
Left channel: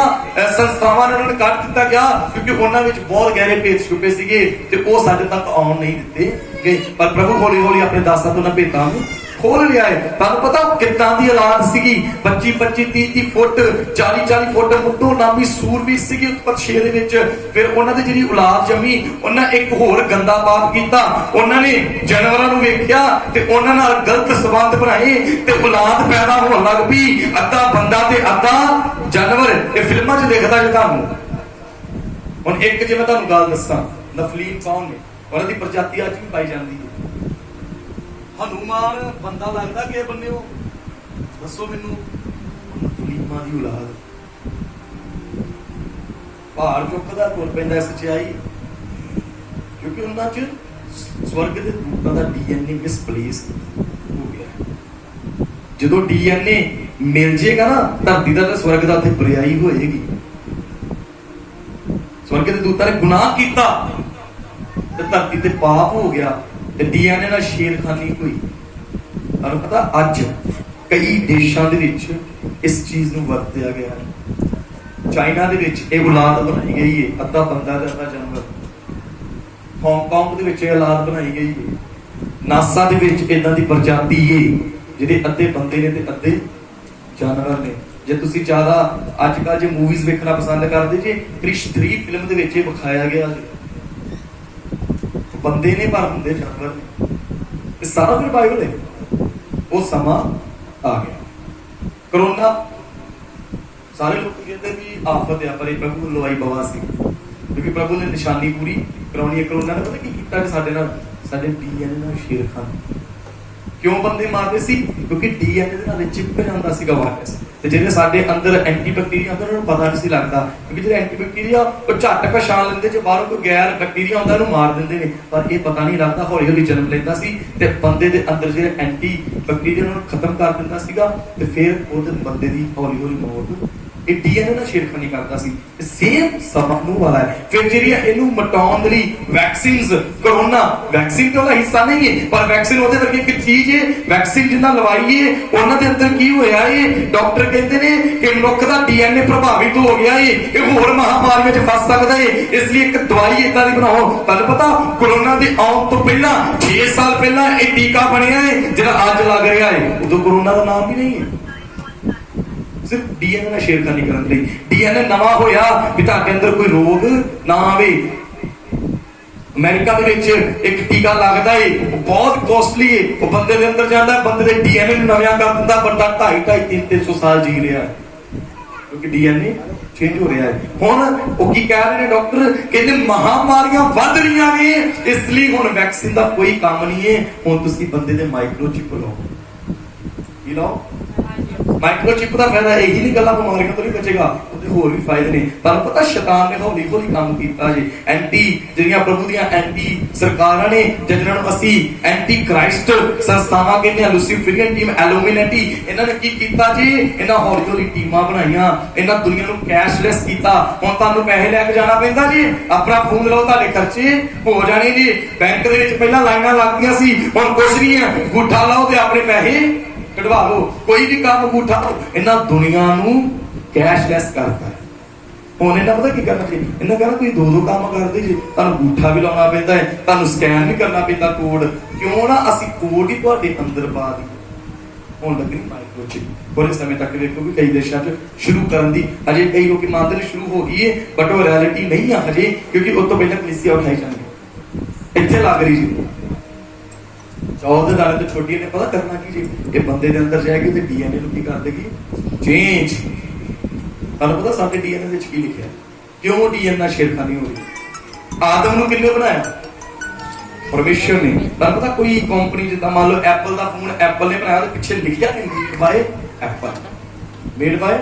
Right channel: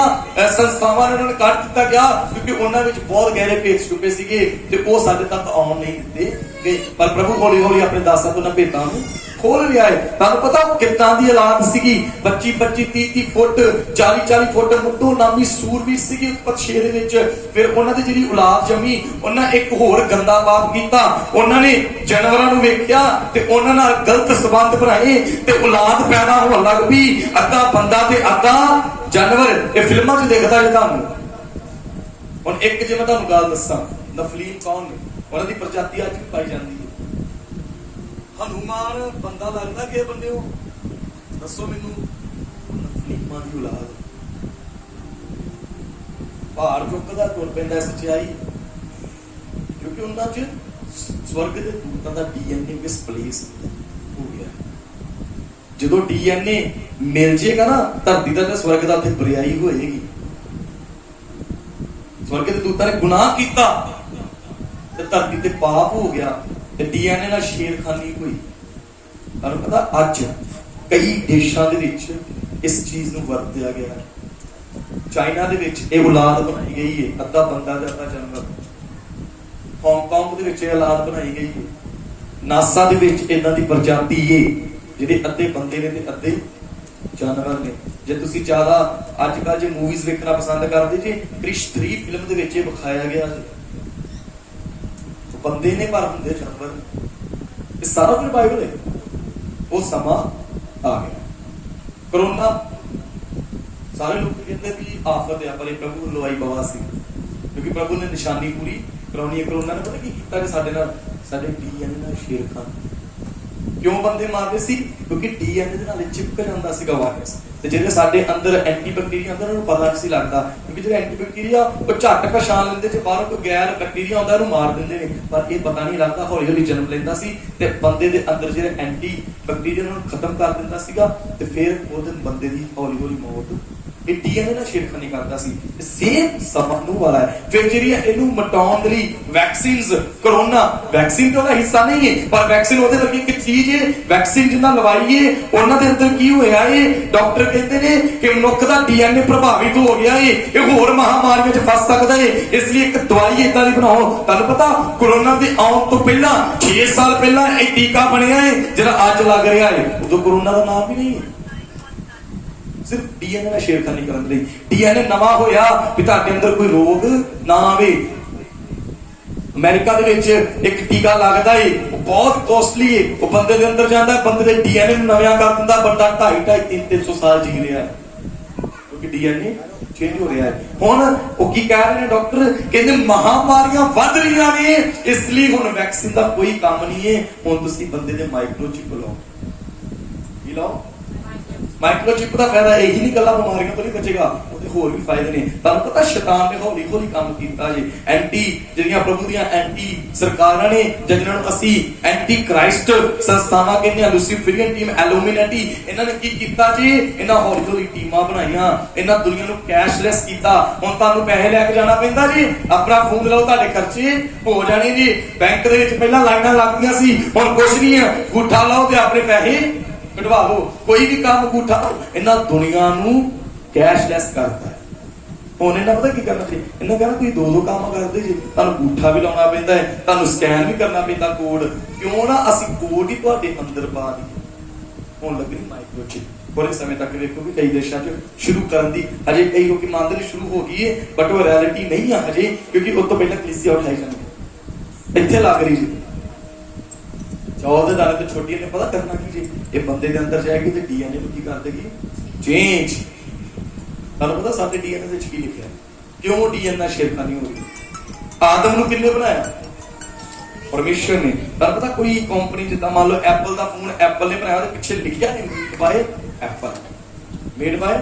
ਸੰਸਥਾਵਾਂ ਨੇ ਉਹਨਾਂ ਨੂੰ ਕੱਢ ਦਿੱਤਾ ਗਿਆ ਕਿਉਂਕਿ ਉਹਨਾਂ ਵਿੱਚ ਬਹੁਤ ਗਹਿਰੇ ਭੇਤ ਛੁਪੇ ਸੀਗੇ ਤੇ ਉਹ ਸਾਡੇ ਤੱਕ ਆਉਣ ਨਹੀਂ ਦਿੱਤੇ ਗਏ। ਪਰ ਪ੍ਰਭੂ ਹੌਲੀ ਹੌਲੀ ਆਪਣੇ ਦਾਸਾਂ ਤੋਂ ਉਹਨਾਂ ਭੇਤਾਂ ਨੂੰ ਖੋਲ ਰਿਹਾ ਹੈ। ਤੁਹਾਨੂੰ ਪਤਾ ਕਿੱਦਾਂ ਦੀ ਔਲਾਦ ਸੀਗੀ? 25-30 ਫੁੱਟ 40-40 ਫੁੱਟ ਮੁੱਢੋਂ ਨਾਮੀ ਸੂਰਵੀਰ ਸੀਗੀ ਉਤਪਤ 6 ਦੇ ਵਿੱਚ। ਫਿਰ ਉਹਨਾਂ ਦੀ ਜਿਹੜੀ ਔਲਾਦ ਜੰਮੀ, ਉਹਨਾਂ ਇੱਕ ਹੋਰ ਗੰਦਾ ਪਾਪ ਕੀਤਾ। ਉਹਨਾਂ ਨੇ ਜਾਨਵਰਾਂ ਨੂੰ ਵੇਖਿਆ ਤੇ ਉਹਨਾਂ ਨਾਲ ਗਲਤ ਸੰਬੰਧ ਬਣਾਏ ਤੇ ਔਲਾਦ ਪੈਦਾ ਹੋਣ ਲੱਗ ਪਈ, ਅੱਧਾ ਬੰਦਾ ਤੇ ਅੱਧਾ ਜਾਨਵਰ। ਇਹ ਫਿਲਮਾਂ 'ਚ ਦੇਖਦਾ ਜੇ ਤੁਹਾਨੂੰ। ਹੁਣ ਇੱਕ ਜੇ ਮੈਂ ਤੁਹਾਨੂੰ ਗੱਲ ਦੱਸਾਂ, ਨਫਲੀਮ ਕੌਣ ਨੇ? ਉਹਨਾਂ ਦੀ ਪ੍ਰਜਾਤੀ ਅੱਜ ਵੀ ਪਾਈ ਜਾਂਦੀ ਹੈ। ਹਨੂਮਾਨ ਬੰਦਾ ਲੱਗਦਾ ਕਿ ਬੰਦੇ ਹੋ? ਦੱਸੋ ਮੈਨੂੰ। ਨਫਲੀਮਾਂ ਦੀ ਔਲਾਦ ਪਹਾੜ ਚੁੱਕਦਾ ਤੁਰ ਪੈਂਦਾ ਸੱਚਾਈ, ਕਿਉਂਕਿ ਉਹਨਾਂ 'ਚ ਸਵਰਗ ਦੇ ਦੂਤਾਂ ਦਾ ਡੀਐਨਏ ਮਿਸਪਲੇਸ ਹੋ ਗਿਆ। ਜਦੋਂ ਡੀਐਨਏ ਮਿਲ ਜੇਗਾ ਨਾ ਧਰਤੀ ਦਾ ਤੇ ਸਵਰਗ ਦਾ ਉੱਥੇ ਬਰਿਆਈ ਹੋਏਗੀ। ਸਵਰਗ ਦੇ ਦੂਤਾਂ ਨੇ ਗੁਨਾਹ ਕੀਤਾ ਤੇ ਧਰਤੀ ਤੇ ਪਾਪ ਹੋ ਗਿਆ ਤੇ ਡੀਐਨਏ ਨਾਲ ਛੇੜਖਾਨੀ ਹੋਈ। ਤੁਹਾਨੂੰ ਪਤਾ ਅੱਜ ਕਈ ਦੇਸ਼ਾਂ ਦੇ ਵਿੱਚ ਇਸ ਚੀਜ਼ ਨੂੰ ਵਰਤਿਆ ਗਿਆ ਹੈ। ਚਾਈਨਾ ਦੇ ਵਿੱਚ ਇਹ ਔਲਾਦ ਬਣਾਈ ਗਈ ਹੈ, ਅੱਧਾ ਬੰਦਾ ਤੇ ਅੱਧਾ ਜਾਨਵਰ। ਹਾਂਗਕਾਂਗ ਦੇ ਵਿੱਚ ਇਹ ਔਲਾਦ ਬਣਾਈ ਗਈ ਹੈ। ਨਾਸਾ ਦੇ ਵਿੱਚ ਇਹਨਾਂ ਦੀ ਪ੍ਰਜਾਤੀ ਹੈ ਜਿਹੜੇ ਅੱਧੇ ਬੰਦੇ ਨੇ ਤੇ ਅੱਧੇ ਜਾਨਵਰ ਨੇ। ਜੇ ਤੁਸੀਂ ਜ਼ਿਆਦਾ ਅੱਜ ਕੱਲ੍ਹ ਜੇ ਮੂਵੀਜ਼ ਵੇਖਣਾ ਪਸੰਦ ਕਰਦੇ ਜੇ, ਕ੍ਰਿਸ਼ 3 ਫਿਲਮ ਦੇ ਵਿੱਚ ਇਹ ਵਿਖਾਇਆ ਗਿਆ ਬੰਦੇ ਨੇ ਪਰ ਹੁੰਦੇ ਜਾਨਵਰ। ਇਹ ਸਾਰਾ ਫਿਰ ਬਾਈਬਲ ਹੈ। ਉਹ ਸਮਾਂ ਆ ਗਿਆ। ਕਰੋਨਾ ਸਾਰੇ ਲੋਕ ਕਹਿੰਦੇ ਵੀ ਆਫਤ ਆ, ਪਰ ਇਹ ਪ੍ਰਭੂ ਨੂੰ ਲਵਾਈ ਬਵਾ ਸੀ ਕਿਉਂਕਿ ਪ੍ਰਭੂ ਨੇ ਨਿਸ਼ਾਨੀ ਪੂਰੀ ਕਰਾਉਣੀ ਹੈ। ਕਰੋਨਾ ਨੇ ਪਤਾ ਕੀ ਕੀਤਾ ਕਿ ਸਾਡੇ ਨਾਲ ਸਾਡੇ ਡੀਐਨਏ ਨਾਲ ਛੇੜਖਾਨੀ। ਕਿਉਂ ਬੰਦੇ ਮਾਰਦੇ ਸੀ? ਕਿਉਂਕਿ ਡੀਐਨਏ ਦੇ ਨਾਲ ਚਿਪਕ ਜਾਂਦਾ ਸੀਗਾ ਵਾਇਰਸ ਤੇ ਜਿਹੜੇ ਸਾਡੇ ਅੰਦਰ ਐਂਟੀ ਬੈਕਟੀਰੀਆ ਅੰਦਰ ਉਹਨੂੰ ਪਤਾ ਨਹੀਂ ਸੀ ਲੱਗਦਾ ਕਿਉਂਕਿ ਜਿਹੜੇ ਐਂਟੀ ਬੈਕਟੀਰੀਆ ਉਹ ਝੱਟ ਪਛਾਣ ਲੈਂਦੇ, ਜੇ ਬਾਹਰੋਂ ਕੋਈ ਗੈਰ ਬੈਕਟੀਰੀਆ ਆਉਂਦਾ ਉਹਨੂੰ ਮਾਰ ਦਿੰਦੇ ਨੇ, ਪਰ ਇਹ ਪਤਾ ਨਹੀਂ ਲੱਗਦਾ। ਹੌਲੀ ਹੌਲੀ ਜਨਮ ਲੈਂਦਾ ਸੀ ਤੇ ਬੰਦੇ ਦੇ ਅੰਦਰ ਜਿਹੜੇ ਐਂਟੀ ਬੈਕਟੀਰੀਆ ਨੂੰ ਖਤਮ ਕਰ ਦਿੰਦਾ ਸੀਗਾ ਤੇ ਫਿਰ ਉਹਦੇ ਬੰਦੇ ਦੀ ਹੌਲੀ ਹੌਲੀ ਮੌਤ। ਇਹ ਡੀਐਨਏ ਨਾਲ ਛੇੜਖਾਨੀ ਕਰਦਾ ਸੀ। ਸੇਮ ਸਮਾਂ ਨੂੰ ਵਾਲਾ ਹੈ। ਫਿਰ ਜਿਹੜੀਆਂ ਇਹਨੂੰ ਮਟਾਉਣ ਦੇ ਲਈ ਵੈਕਸੀਨਸ, ਕਰੋਨਾ ਵੈਕਸੀਨ ਤੇ ਉਹਦਾ ਹਿੱਸਾ ਨਹੀਂ ਹੈ ਪਰ ਵੈਕਸੀਨ ਉਹਦੇ ਵਰਗੀ ਇੱਕ ਚੀਜ਼ ਹੈ। ਵੈਕਸੀਨ ਜਿੰਨਾ ਲਵਾਈਏ ਉਹਨਾਂ ਦੇ ਅੰਦਰ ਕੀ ਹੋਇਆ ਏ? ਡਾਕਟਰ ਕਹਿੰਦੇ ਨੇ ਕਿ ਮਨੁੱਖ ਦਾ ਡੀਐਨਏ ਪ੍ਰਭਾਵਿਤ ਹੋ ਗਿਆ ਏ, ਇਹ ਹੋਰ ਮਹਾਮਾਰੀ ਵਿੱਚ ਫਸ ਸਕਦਾ ਏ। ਇਸ ਲਈ ਇੱਕ ਦਵਾਈ ਏਦਾਂ ਦੀ ਬਣਾਓ। ਤੁਹਾਨੂੰ ਪਤਾ ਕਰੋਨਾ ਦੇ ਆਉਣ ਤੋਂ ਪਹਿਲਾਂ 6 ਸਾਲ ਪਹਿਲਾਂ ਇਹ ਟੀਕਾ ਬਣਿਆ ਏ ਜਿਹੜਾ ਅੱਜ ਲੱਗ ਰਿਹਾ ਏ। ਉਦੋਂ ਕਰੋਨਾ ਦਾ ਨਾਮ ਵੀ ਨਹੀਂ ਹੈ। ਸਿਰਫ ਡੀਐਨਏ ਨਾਲ ਛੇੜਖਾਨੀ ਕਰਨ ਲਈ। ਡੀਐਨਏ ਨਵਾਂ ਹੋਇਆ ਵੀ ਤੁਹਾਡੇ ਅੰਦਰ ਕੋਈ ਰੋਗ ਨਾ ਆਵੇ। ਅਮਰੀਕਾ ਦੇ ਵਿੱਚ ਇੱਕ ਟੀਕਾ ਲੱਗਦਾ ਏ, ਉਹ ਬਹੁਤ ਕੋਸਟਲੀ ਏ। ਉਹ ਬੰਦੇ ਦੇ ਅੰਦਰ ਜਾਂਦਾ, ਬੰਦੇ ਦੇ ਡੀਐਨਏ ਨੂੰ ਨਵਾਂ ਕਰ ਦਿੰਦਾ। ਬੰਦਾ 250-300 ਸਾਲ ਜੀ ਰਿਹਾ ਕਿਉਂਕਿ ਡੀਐਨਏ ਚੇਂਜ ਹੋ ਰਿਹਾ ਹੈ। ਹੁਣ ਉਹ ਕੀ ਕਹਿ ਰਹੇ ਨੇ ਡਾਕਟਰ? ਕਹਿੰਦੇ ਮਹਾਮਾਰੀਆਂ ਵੱਧ ਰਹੀਆਂ ਨੇ, ਇਸ ਲਈ ਹੁਣ ਵੈਕਸੀਨ ਦਾ ਕੋਈ ਕੰਮ ਨਹੀਂ ਹੈ। ਹੁਣ ਤੁਸੀਂ ਬੰਦੇ ਦੇ ਮਾਈਕਰੋਚਿਪ ਲਾਓ। ਕੀ ਲਾਓ? ਮਾਈਕਰੋਚਿਪ ਦਾ ਫਾਇਦਾ ਇਹੀ ਨਹੀਂ ਗੱਲਾਂ ਬਿਮਾਰੀਆਂ ਤੋਂ ਨਹੀਂ ਬਚੇਗਾ, ਉਹਦੇ ਤੇ ਹੋਰ ਵੀ ਫਾਇਦੇ ਨੇ। ਤੁਹਾਨੂੰ ਪਤਾ ਸ਼ੈਤਾਨ ਨੇ ਹੌਲੀ ਹੌਲੀ ਕੰਮ ਕੀਤਾ ਜੀ। ਐਂਟੀ ਜਿਹੜੀਆਂ ਪ੍ਰਭੂ ਦੀਆਂ ਐਂਟੀ ਸਰਕਾਰਾਂ ਨੇ, ਜਿਹਨਾਂ ਨੂੰ ਅਸੀਂ ਐਂਟੀ ਕ੍ਰਾਈਸਟ ਸੰਸਥਾਵਾਂ ਕਹਿੰਦੇ ਆ, ਲੂਸੀਫਰੀਅਨ ਟੀਮ, ਐਲੂਮੀਨੇਟੀ, ਇਹਨਾਂ ਨੇ ਕੀ ਕੀਤਾ ਜੀ? ਇਹਨਾਂ ਹੌਲੀ ਹੌਲੀ ਟੀਮਾਂ ਬਣਾਈਆਂ, ਇਹਨਾਂ ਦੁਨੀਆ ਨੂੰ ਕੈਸ਼ਲੈਸ ਕੀਤਾ। ਹੁਣ ਤੁਹਾਨੂੰ ਪੈਸੇ ਲੈ ਕੇ ਜਾਣਾ ਪੈਂਦਾ ਜੀ, ਆਪਣਾ ਫੋਨ ਲਓ, ਤੁਹਾਡੇ ਖਰਚੇ ਹੋ ਜਾਣੇ ਜੀ। ਬੈਂਕ ਦੇ ਵਿੱਚ ਪਹਿਲਾਂ ਲਾਈਨਾਂ ਲੱਗਦੀਆਂ ਸੀ, ਹੁਣ ਕੁਝ ਨਹੀਂ ਹੈ, ਅੰਗੂਠਾ ਲਾਓ ਤੇ ਆਪਣੇ ਪੈਸੇ ਕਢਵਾ ਲਓ, ਕੋਈ ਵੀ ਕੰਮ ਅੰਗੂਠਾ ਲਾਓ। ਇਹਨਾਂ ਦੁਨੀਆ ਨੂੰ ਕੈਸ਼ਲੈਸ ਕਰਤਾ। ਹੁਣ ਇਹਨਾਂ ਪਤਾ ਕੀ ਕਰਨਾ ਜੀ? ਇਹਨਾਂ ਕਹਿੰਦਾ ਤੁਸੀਂ ਦੋ ਕੰਮ ਕਰਦੇ ਜੀ, ਤੁਹਾਨੂੰ ਅੰਗੂਠਾ ਵੀ ਲਾਉਣਾ ਪੈਂਦਾ ਹੈ, ਤੁਹਾਨੂੰ ਸਕੈਨ ਵੀ ਕਰਨਾ ਪੈਂਦਾ ਕੋਡ। ਕਿਉਂ ਨਾ ਅਸੀਂ ਕੋਡ ਹੀ ਤੁਹਾਡੇ ਅੰਦਰ ਪਾ ਦਈਏ। ਹੁਣ ਲੱਗਣੀ ਮਾਈਕ੍ਰੋਚਿਪ, ਥੋੜੇ ਸਮੇਂ ਤੱਕ ਵੇਖੋ ਵੀ ਕਈ ਦੇਸ਼ਾਂ 'ਚ ਸ਼ੁਰੂ ਕਰਨ ਦੀ, ਹਜੇ ਕਈ ਲੋਕੀ ਮੰਨਦੇ ਨੇ ਸ਼ੁਰੂ ਹੋ ਗਈ ਹੈ, ਬਟ ਉਹ ਰਿਐਲਿਟੀ ਨਹੀਂ ਆ ਹਜੇ, ਕਿਉਂਕਿ ਉਸ ਤੋਂ ਪਹਿਲਾਂ ਕਲੀਸਿਆ ਉਠਾਈ ਜਾਂਦੀ ਇੱਥੇ ਲੱਗ ਰਹੀ ਜੀ। 14 ਦਿਨਾਂ ਤੋਂ ਛੋਟੀਆਂ ਨੇ ਪਤਾ ਕਰਨਾ ਕੀ ਜੀ? ਇਹ ਬੰਦੇ ਦੇ ਅੰਦਰ ਜਾਏਗੀ ਤੇ ਡੀਐਨਏ ਨੂੰ ਕੀ ਕਰ ਦੇਗੀ? ਚੇਂਜ। ਤੁਹਾਨੂੰ ਪਤਾ ਸਾਡੇ ਡੀਐਨਏ ਵਿੱਚ ਕੀ ਲਿਖਿਆ? ਕਿਉਂ ਡੀਐਨਏ ਨਾਲ ਛੇੜਖਾਨੀ ਹੋ ਰਹੀ? ਆਦਮ ਨੂੰ ਕਿੰਨੇ ਬਣਾਇਆ? ਪਰਮੇਸ਼ਰ ਨੇ। ਤੁਹਾਨੂੰ ਪਤਾ ਕੋਈ ਕੰਪਨੀ ਜਿੱਦਾਂ ਮੰਨ ਲਓ ਐਪਲ ਦਾ ਫੋਨ ਐਪਲ ਨੇ ਬਣਾਇਆ, ਤੇ ਪਿੱਛੇ ਲਿਖਿਆ ਨਹੀਂ made by Apple, made by.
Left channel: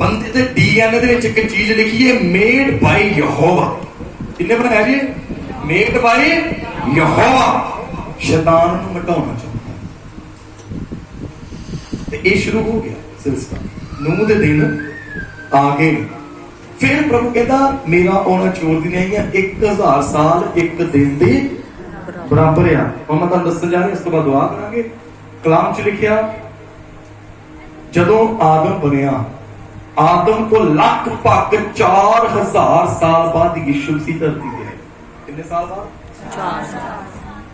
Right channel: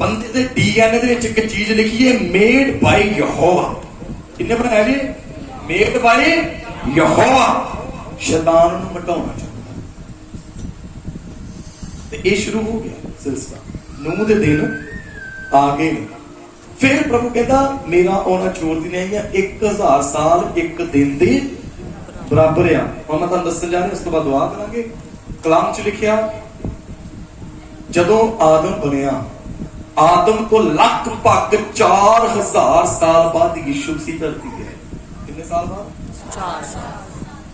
ਬੰਦੇ ਦੇ ਡੀਐਨਏ ਦੇ ਵਿੱਚ ਇੱਕ ਚੀਜ਼ ਲਿਖੀ ਹੈ, ਮੇਡ ਬਾਏ ਯਹੋਵਾ। ਕਿੰਨੇ ਬਣਾਇਆ ਜੀ? ਮੇਡ ਬਾਏ ਯਹੋਵਾ। ਸ਼ੈਤਾਨ ਨੂੰ ਮਿਟਾਉਣਾ ਚਾਹੁੰਦਾ ਤੇ ਇਹ ਸ਼ੁਰੂ ਹੋ ਗਿਆ ਸਿਲਸਿਲਾ। ਨੂਹ ਦੇ ਦਿਨ ਆ ਗਏ। ਫਿਰ ਪ੍ਰਭੂ ਕਹਿੰਦਾ ਮੇਰਾ ਆਉਣਾ ਚੋਰ ਦੀ ਨਹੀਂ ਆ, 1000 ਸਾਲ ਇੱਕ ਦਿਨ ਦੇ ਬਰਾਬਰ ਆ। ਹੁਣ ਮੈਂ ਤੁਹਾਨੂੰ ਦੱਸਣ ਜਾ ਰਿਹਾ, ਇਸ ਤੋਂ ਬਾਅਦ ਦੁਆ ਕਰਾਂਗੇ। ਕਲਾਮ 'ਚ ਲਿਖਿਆ ਜਦੋਂ ਆਦਮ ਬਣਿਆ, ਆਦਮ ਤੋਂ ਲਗਭਗ 4000 ਸਾਲ ਬਾਅਦ ਯਿਸੂ ਮਸੀਹ ਧਰਤੀ ਤੇ ਆਏ। ਕਿੰਨੇ ਸਾਲ ਬਾਅਦ?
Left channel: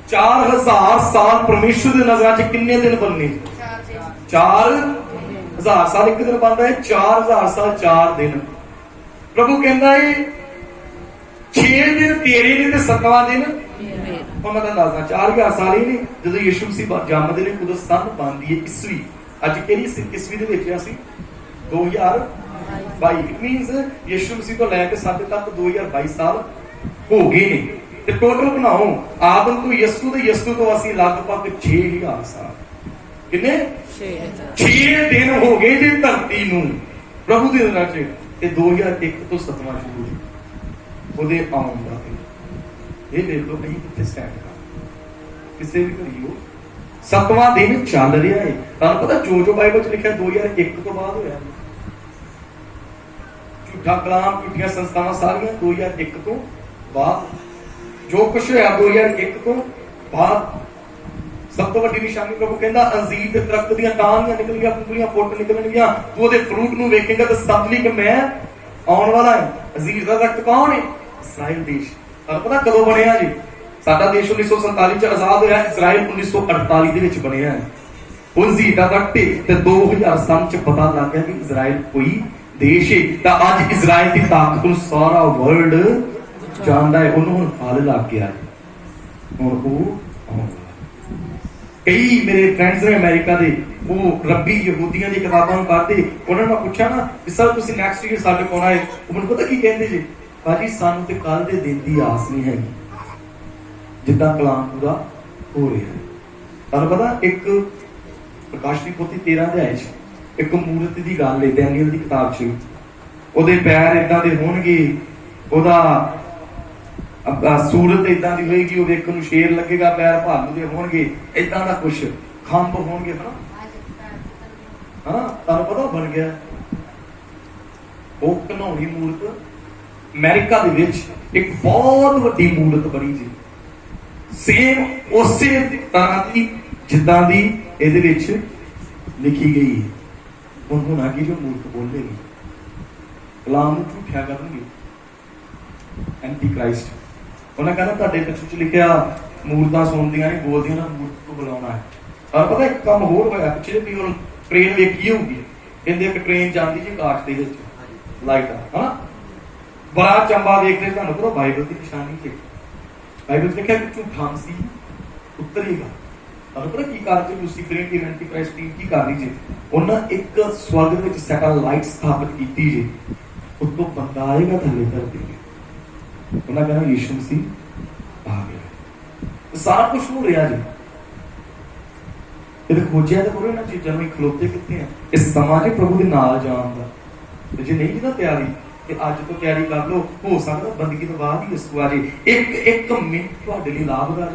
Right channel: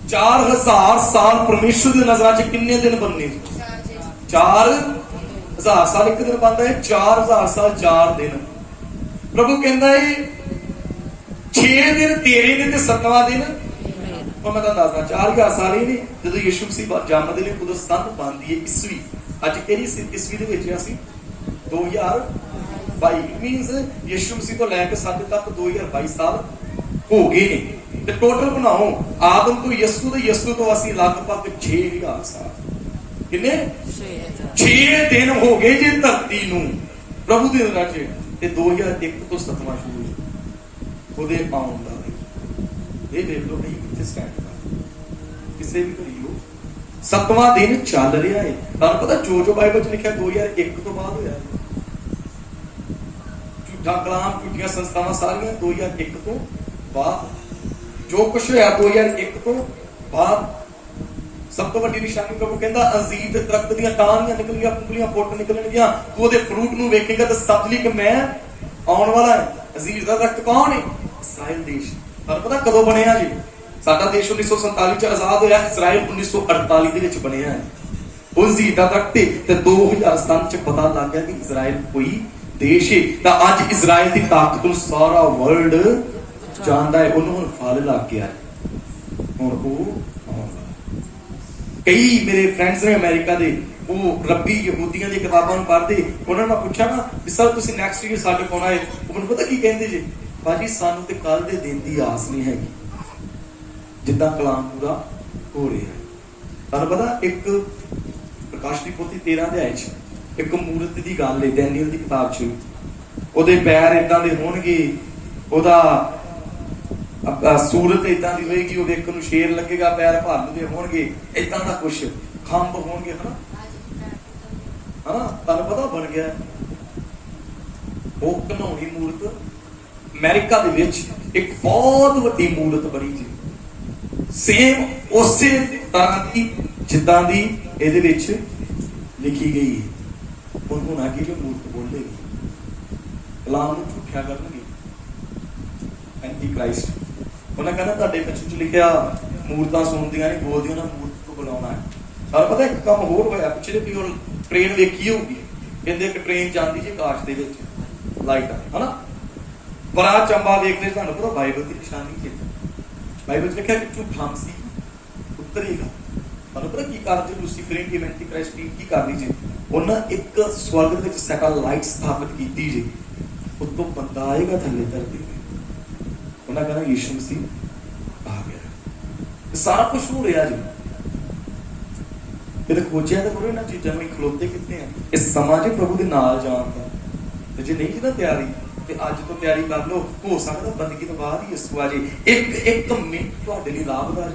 4000 ਸਾਲ। ਪਰਮੇਸ਼ਰ ਦੀ ਨਜ਼ਰਾਂ 'ਚ ਕਿੰਨੇ ਦਿਨ ਬਣਨੇ? 4000 ਸਾਲ ਇੱਕ ਦਿਨ ਬਣਦਾ ਹੈ, 4000 ਸਾਲ 4 ਦਿਨ। ਪ੍ਰਭੂ ਕਹਿੰਦਾ ਹੈ 6 ਦਿਨ ਤੇਰੇ ਨੇ ਤੇ 7ਵਾਂ ਦਿਨ ਹੁਣ ਮੈਂ ਤੁਹਾਨੂੰ ਦੱਸਦਾ 4000 ਸਾਲ ਹੀ ਨੇ। ਜਦੋਂ ਯਿਸੂ ਮਸੀਹ ਜੰਮਦੇ ਨੇ ਉਦੋਂ ਸੰਨ ਬਣਦੀ ਹੈ ਈਸਵੀ। ਅੱਜ ਕਿਹੜੀ ਈਸਵੀ ਦੇ ਵਿੱਚ ਅਸੀਂ 2022। ਇਟ ਮੀਨਸ ਯਿਸੂ ਮਸੀਹ ਤੋਂ ਲੈ ਕੇ ਸਾਡੇ ਤੱਕ 2022 ਸਾਲ ਹੋ ਗਏ ਨੇ। ਤੇ ਟੋਟਲ ਬਣਾਓ ਆਦਮ ਤੋਂ ਯਿਸੂ ਤੇ ਯਿਸੂ ਤੋਂ ਅਸੀਂ ਲਗਭਗ 6000 ਸਾਲ। ਕਿੰਨੇ? 6 ਦਿਨ ਹੋ ਗਏ ਜੀ ਧਰਤੀ ਨੂੰ ਪ੍ਰਭੂ ਦੇ ਦਿਨਾਂ 'ਚ। ਇਹ 2001 ਤੋਂ 7ਵਾਂ ਸ਼ੁਰੂ ਹੋਇਆ ਉਹਦੇ ਆਉਣ ਦਾ। ਇਹ ਦੇਖ ਲਓ ਅਸੀਂ ਕਿੱਥੇ ਸਟੈਂਡ ਕਰ ਕਿਸੇ ਵੀ ਘੜੀ ਹੋ 7ਵਾਂ ਦਿਨ ਚੱਲ ਰਿਹਾ ਹੈ। ਤੁਹਾਨੂੰ ਪਤਾ ਜੋ ਬਾਈਬਲ 'ਚ ਲਿਖਿਆ 2001 ਤੋਂ ਬਾਅਦ ਹੋਇਆ। ਝੂਠਾ ਕਲਾਮ, ਝੂਠੀਆਂ ਸੰਸਥਾਵਾਂ ਸਾਰੀਆਂ 2001 ਤੋਂ ਬਾਅਦ। ਜੋ ਕੁਛ ਹੋਇਆ 2001 ਤੋਂ ਬਾਅਦ। ਸਭ ਤੋਂ ਵੱਡੀ ਨਿਸ਼ਾਨੀ ਪ੍ਰਭੂ ਕਹਿੰਦਾ ਅੰਜੀਰ ਦੇ ਦਰਖਤ ਦੀਆਂ ਟਾਹਣੀਆਂ ਨਿਕਲਣਗੀਆਂ, ਪੁੰਗਲੀਆਂ ਫੁੱਟ ਨਿਕਲਣਗੀਆਂ, ਤੂੰ ਉਹਦੇ ਫਰੂਟ ਨੂੰ ਵੇਖੇਂਗਾ ਤੇ ਸਮਝ ਲਈ ਕਿ ਮੈਂ ਆਉਣ ਵਾਲਾ ਹੈ। ਅੰਜੀਰ ਦਾ ਦਰਖਤ ਕੌਣ ਹੈ? ਇਸਰਾਇਲ ਦੇਸ਼। ਤੁਹਾਨੂੰ ਪਤਾ ਕਦੋਂ ਬਣਿਆ ਜੀ? ਸਾਡਾ ਦੇਸ਼ 1947 ਚ ਆਜ਼ਾਦ ਹੋਇਆ, ਇਸਰਾਇਲ 1948 ਦੇ ਵਿੱਚ ਬਣਿਆ ਹੈ। ਉਹ ਅੰਜੀਰ ਦਾ ਦਰਖਤ ਤੇ 2007 ਚ ਪਤਾ ਲੱਗ ਗਿਆ ਕਿ ਇਸਰਾਇਲ ਕੋਈ ਦੇਸ਼ ਹੈ। ਤਾਂ ਅੱਜ ਇਸਰਾਇਲ ਦੀ ਤਾਕਤ ਨੂੰ ਸਾਰਾ ਵਰਲਡ ਜਾਣਦਾ ਹੈ। ਉਹਨੂੰ ਹੁਣ ਫਲ ਲੱਗ ਗਿਆ, ਹੁਣ ਉਹ ਕਈ ਮੇਰੇ ਫਰੈਂਡਸ ਨੇ ਅਮਰੀਕਾ ਦੇ, ਉਹ ਰੱਬੀ ਯਹੂਦੀਆਂ ਦੀਆਂ ਕਿਤਾਬਾਂ ਨੂੰ ਪੜ੍ਹਦੇ। ਉਹਨਾਂ ਨੂੰ ਪੁੱਛਿਆ ਨਾ ਵੀ ਸਰ ਤੁਸੀਂ ਨੈਕਸਟ ਈਅਰ ਸਾਡੇ ਕੋਲ ਆਏ, ਉਹ ਮੈਨੂੰ ਪਤਾ ਕੀ ਕਹਿੰਦੇ ਜੀ? ਭਾਜੀ ਸਾਨੂੰ ਤੇ ਕੱਲ ਦੇ ਦਿਨ ਦੀ ਆਸ ਨਹੀਂ ਹੈਗੀ ਜਿੱਦਾਂ ਕਲਾਮ ਪੂਰਾ ਹੋ ਰਿਹਾ। ਤੁਹਾਨੂੰ ਪਤਾ ਇੱਕ ਪ੍ਰਕਾਸ਼ ਦੀ ਪੋਥੀ 13 ਅਧਿਆਇ 'ਚ ਇੱਕ ਮੂਰਤ ਦੀ ਗੱਲ ਹੈ, ਡੈਨੀਅਲ ਦੀ ਕਿਤਾਬ 'ਚ। ਉਹਦੇ ਪੈਰ ਏਦਾਂ ਦੇ ਹੋਣਗੇ, ਉਹਦਾ ਸੂਰਤ ਏਦਾਂ ਦੀ ਹੋਏਗੀ, ਉਹ ਵੇਖਣ ਨੂੰ ਸ਼ੇਰ ਲੱਗੇਗਾ, ਪੈਰ ਭਾਲੂ ਦੇ ਹੋਣਗੇ, ਏਦਾਂ ਦਾ ਕੁਛ ਖੰਭ ਹੋਣਗੇ। ਹਨਾ ਤੁਹਾਨੂੰ ਪਤਾ ਬਣ ਗਿਆ ਉਹ ਘਨੌਣੀ ਮੂਰਤ। ਅਮਰੀਕਾ ਦੇ ਵਿੱਚ ਇੱਕ ਬਹੁਤ ਵੱਡੀ ਮੂਰਤ ਬਣੀ ਜੀ, ਸੇਮ ਉਸੇ ਤਰ੍ਹਾਂ ਦੀ ਜਿੱਦਾਂ ਦੀ ਇਹਦੇ ਵਿੱਚ ਲਿਖੀ ਗਈ। ਹੁਣ ਹੋਣਾ ਕੀ? ਜੋ ਮੂਰਤ ਬੋਲੇਗੀ ਕਲਾਮ ਨੂੰ ਝੂਠਿਆ ਕਰਨਗੇ, ਐਂਟੀ ਕ੍ਰਾਈਸਟ। ਉਹਨਾਂ ਕਹਿੰਦਾ ਤੁਹਾਡੇ ਪਿੱਛੇ 'ਚ ਲਿਖਿਆ ਮੂਰਤਾਂ ਸੁਣਦੀਆਂ ਨੇ, ਬੋਲਦੀਆਂ ਨਾ, ਮੂਰਤ ਤੋਂ ਬੁਲਾਉਣਾ ਹੈ। ਤੁਹਾਨੂੰ ਪਤਾ ਇੱਕ ਕੰਮ ਹੋਰ ਹੋਇਆ ਪਿੱਛੇ ਵੀ, ਹੁਣ ਟ੍ਰੇਨ ਵੇਖੀ ਹੋਊਗੀ, ਕਹਿੰਦੇ ਇੱਕ ਟ੍ਰੇਨ ਜਾਂਦੀ ਜੀ ਆਕਾਸ਼ ਦੇ ਵਿੱਚ ਲਾਈਟਾਂ, ਹਨਾ ਬੜਾ ਚੰਬਾ ਦੇਖਦੇ। ਤੁਹਾਨੂੰ ਪਤਾ ਬਾਈਬਲ ਦੀ ਨਿਸ਼ਾਨੀ ਕੀ? ਬਾਈਬਲ 'ਚ ਲਿਖਿਆ ਕਿ ਝੂਠਾ ਮਸੀਹ ਉਤਰੇਗਾ। ਤੁਹਾਨੂੰ ਪਤਾ ਕੀ ਕਰਦੇ? ਲੂਸੀਫਰੀਅਨ ਟੀਮ, ਐਂਟੀ ਕ੍ਰਾਈਸਟ ਟੀਮ ਕੀ ਕਰ ਰਹੀ ਜੀ? ਉਹਨਾਂ ਇੱਕ ਸਵਰਗ ਦੇ ਵਿੱਚ ਸੈਟੇਲਾਈਟ ਸਥਾਪਿਤ ਕੀਤੀ ਜੀ, ਉੱਤੋਂ ਬੰਦਾ ਆਏਗਾ ਥੱਲੇ ਧਰਤੀ। ਉਹਨਾਂ ਕਹਿੰਦਾ ਯਿਸੂ ਮਸੀਹ ਆ ਗਿਆ। ਸਾਰਾ ਕੁਝ ਹੋ ਰਿਹਾ ਜੀ। ਇਹ ਖੋਜਿਆ ਤਾਂ ਕਰੋ ਇਹਨਾਂ ਚੀਜ਼ਾਂ ਨੂੰ, ਖਲੋਤੇ ਕਿੱਥੇ ਆ? ਇਸ ਸਮਾਂ 'ਚ ਪ੍ਰਭੂ ਦੇ ਨਾਲ ਜਾਣ ਦਾ ਤੇ ਜੇ ਨਹੀਂ ਜਿਹਦਾ ਤਿਆਰੀ ਤੇ ਅੱਜ ਤੋਂ ਤਿਆਰੀ ਕਰ ਲਓ, ਹੋ ਸਕਦਾ ਬੰਦਗੀ ਤੋਂ ਬਾਅਦ ਹੀ ਯਿਸੂ ਆ ਜੇ। ਇੱਕ ਮਿੰਟ ਤੁਹਾਡੇ ਲਈ ਲਾਭਦਾਇਕ।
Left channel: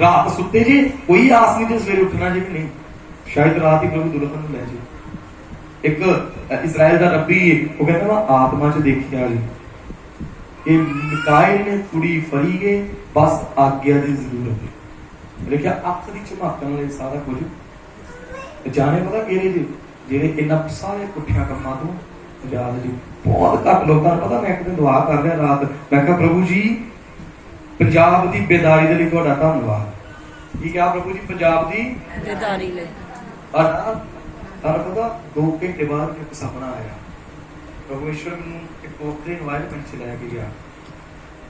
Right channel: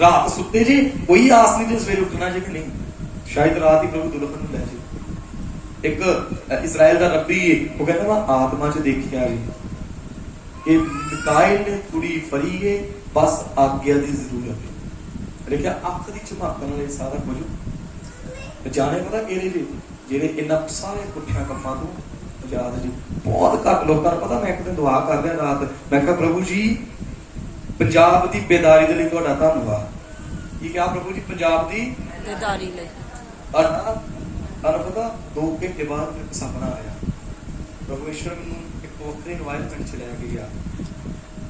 ਰਾਤ ਸੁੱਤੇ ਜੇ, ਕੋਈ ਆਸ ਨਹੀਂ ਜੇ ਸਵੇਰੇ ਉੱਠਣਾ ਜੇ ਕਿ ਨਹੀਂ, ਸ਼ਾਇਦ ਰਾਤ ਹੀ ਪ੍ਰਭੂ ਦੁਲਹਨ ਨੂੰ ਲੈ ਜੇ। ਇੱਕ ਇਸਰਾਇਲ ਦਾ ਰੱਬੀ ਉਹ ਕਹਿੰਦਾ ਵਾ ਆਤਮਾ 'ਚ ਦੇਖਿਆ ਜੀ ਕਿ ਮਿਕਾਇਲ ਨੇ ਕੁੜੀ ਫੜੀ ਏ, ਬਸ ਆਗਿਆ ਦੀ ਜ਼ਰੂਰਤ ਹੈ। ਲਿਖਿਆ ਅੱਖ ਦੀ ਝਮਕਣ ਵਾਲੇ ਸਾਰਾ ਕੁਝ ਜਾਣੇ ਪਤਾ ਕਿਹੜੇ ਜੀ, ਜਿਹੜੇ ਇਹਨਾਂ ਸਾਰੇ ਪੁੱਠਿਆਂ ਕੰਮਾਂ ਤੋਂ ਆਜ਼ਾਦ ਜੀ। ਬਹੁਤ ਘੱਟ ਲੋਕਾਂ ਨੂੰ ਪਤਾ। ਮੈਂ ਇੱਕ ਦਿਨ ਦੁਆ ਕਰ ਰਿਹਾ ਰਾਤ, ਮੈਂ ਕਿਹਾ ਪ੍ਰਭੂ ਜੀ ਪੰਜਾਬ ਦੀ ਬੇਦਾਰੀ ਦੇ ਲਈ ਤੁਹਾਡਾ ਧੰਨਵਾਦ। ਕੀ ਕਿਹਾ ਪ੍ਰਭੂ ਜੀ? ਪੰਜਾਬ ਦੀ ਬੇਦਾਰੀ ਲਈ। ਤੁਹਾਨੂੰ ਪਤਾ 2 ਘੰਟੇ ਬਾਅਦ ਇੱਕ ਸੁਪਨਾ ਆਇਆ। ਪਰਮੇਸ਼ਵਰ ਨੂੰ ਇੱਕ ਵੱਖਰੇ এনवायरमेंट 'ਚ ਲੈ ਕੇ ਗਿਆ।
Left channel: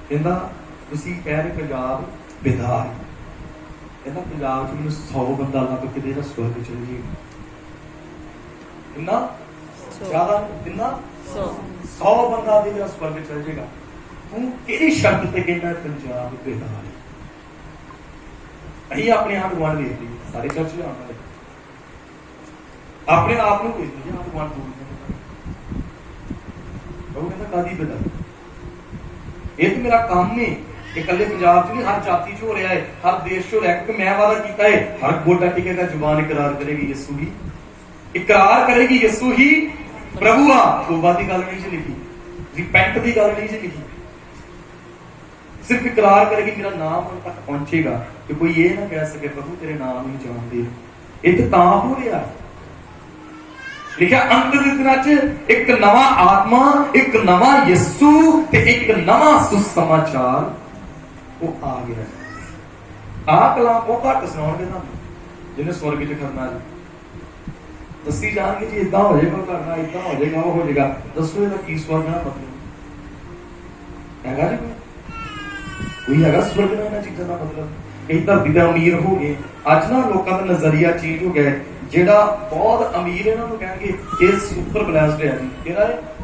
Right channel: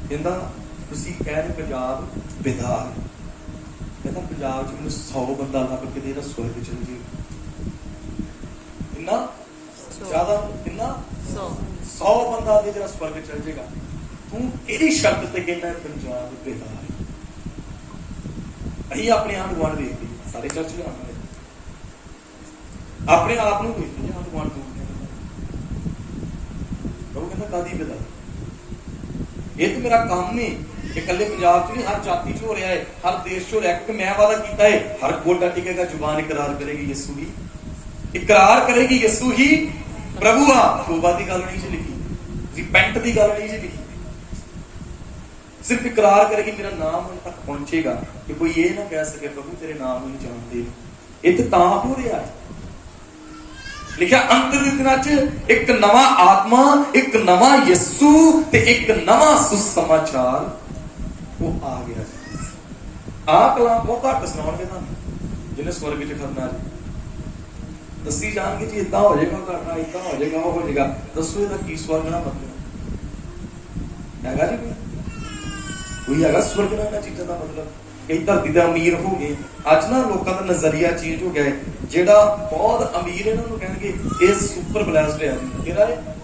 ਕਹਿੰਦਾ ਤੁਸੀਂ ਕਹਿ ਰਹੇ ਪੰਜਾਬ ਬੇਦਾਰ, ਕਹਿੰਦਾ ਪੰਜਾਬ 'ਚ ਮੈਨੂੰ 100 ਬੰਦਾ ਲੱਭ ਕੇ ਦੇ ਸਵਰਗ ਚਲ ਜੀ। ਕਿੰਨਾ ਜ਼ਿਆਦਾ? ਕਿੰਨਾ? 100 ਬੰਦਾ ਦੇ ਸਵਰਗ ਚਲ ਜਾਏਗਾ। ਤੂੰ ਕਿਹੜੀ ਸ਼ਬਦ ਤੇ ਕਹਿੰਦਾ ਪੰਜਾਬ ਬੇਦਾਰ? ਅਸੀਂ ਆਪਣੇ ਆਪ ਗੁਆਂਢ ਵੇਖਦੇ ਸਾਰੇ ਚਰਚ ਜਾਣਦੇ, ਆਪਣੇ ਆਪ ਨੂੰ ਵੇਖਦੇ ਆਪ ਗੁਆਂਢ ਦੂਰ ਉਹ ਕਹਿੰਦਾ ਕਾਦੀ ਬੇਦਾਰ? ਇਹ ਤੇ ਮੇਰਾ ਕੰਮ ਨਹੀਂ। ਇਹ ਇਕੱਲੇ ਪੰਜਾਬ 'ਚ ਨਹੀਂ, ਹਰ ਜਾਤੀ 'ਚ ਹੋ ਰਿਹਾ ਹੈ, ਹਰ ਦੇਸ਼ 'ਚ ਹੋ ਰਿਹਾ। ਕਿਉਂਕਿ ਮੈਂ ਵਾਅਦਾ ਕੀਤਾ ਹੈ ਹਰ ਗੋਡਾ ਟਿਕੇਗਾ, ਜ਼ੁਬਾਨ ਇਕਰਾਰ ਕਰੇਗੀ ਯਿਸੂ ਹੀ, ਇਕਰਾਰ ਕਰੇਗੀ ਯਿਸੂ ਹੀ ਪ੍ਰਭੂ ਆ। ਤੋਬਾ ਦੀ ਗੱਲ ਨਹੀਂ ਜੀ ਲਿਖੀ, ਰਿਪੈਂਟ ਦੀ ਗੱਲ ਨਹੀਂ ਜੀ ਲਿਖੀ, ਸਿਰਫ ਇਕਰਾਰ ਕਰੇਗੀ, ਮੇਰਾ ਨਾਮ ਉਨ ਤੱਕ ਪਹੁੰਚੇਗਾ ਕਿ ਕੋਈ ਇਹ ਨਾ ਕਹਿ ਸਕੇ ਪ੍ਰਭੂ ਤੇਰੇ ਨਾਮ ਨੂੰ ਜਾਣਦੇ। ਇਹ ਤੇ ਤਾਂ ਹੋ ਰਿਹਾ ਹੈ। ਲਿਖਿਆ ਅੰਤ ਦੇ ਦਿਨਾਂ 'ਚ ਇੱਕ ਨਵਾਂ ਆਤਮਾ, ਇੱਕ ਨਵਾਂ ਯਿਸੂ ਤੇ ਇੱਕ ਨਵਾਂ ਸੁਸਮਾਚਾਰ ਉਹ ਆ ਗਿਆ। ਆਹ ਕਲਾਮ ਬਹੁਤ ਘੱਟ ਸੁਣਾਉਣਗੇ ਨਾ ਜਿਹਨੇ ਸਵਰਗ 'ਚ ਕਰਨਾ ਜੀ। ਦੱਸੀ ਜਾਣਗੇ ਜੀ ਇਦਾਂ ਹੋ ਜਾਏਗਾ, ਕਰਨਾ ਇਦਾਂ ਹੋ ਜਾਏਗਾ, ਉਹ ਹੋ ਜਾਏਗਾ। ਦੱਸੋ ਇਹਦਾ ਕੀ ਸਵਰਗ ਦਾ ਮਤਲਬ ਹੈਗਾ ਜੀ? ਕੋਈ ਹੈਗਾ ਸਵਰਗ ਦਾ ਇਹਨਾਂ ਚੀਜ਼ਾਂ ਦਾ ਮਤਲਬ? ਇਹ ਧਰਤੀ ਦੇ ਅਮੀਰ ਹੋ ਗਏ ਅੱਜ ਨਾ, ਲੋਕਾਂ ਦਾ ਨਜ਼ਰੀਆ ਚੀਜ਼ ਹੋ ਗਿਆ। ਜਿਹੜਾ ਬਹੁਤ ਅਮੀਰ ਇਹਨਾਂ ਨੂੰ ਕਹਿਣਗੇ ਇਹ ਸੁਪਰ ਬਲੈਸਡ ਹੈ। ਕਿਹੜਾ ਹੈ?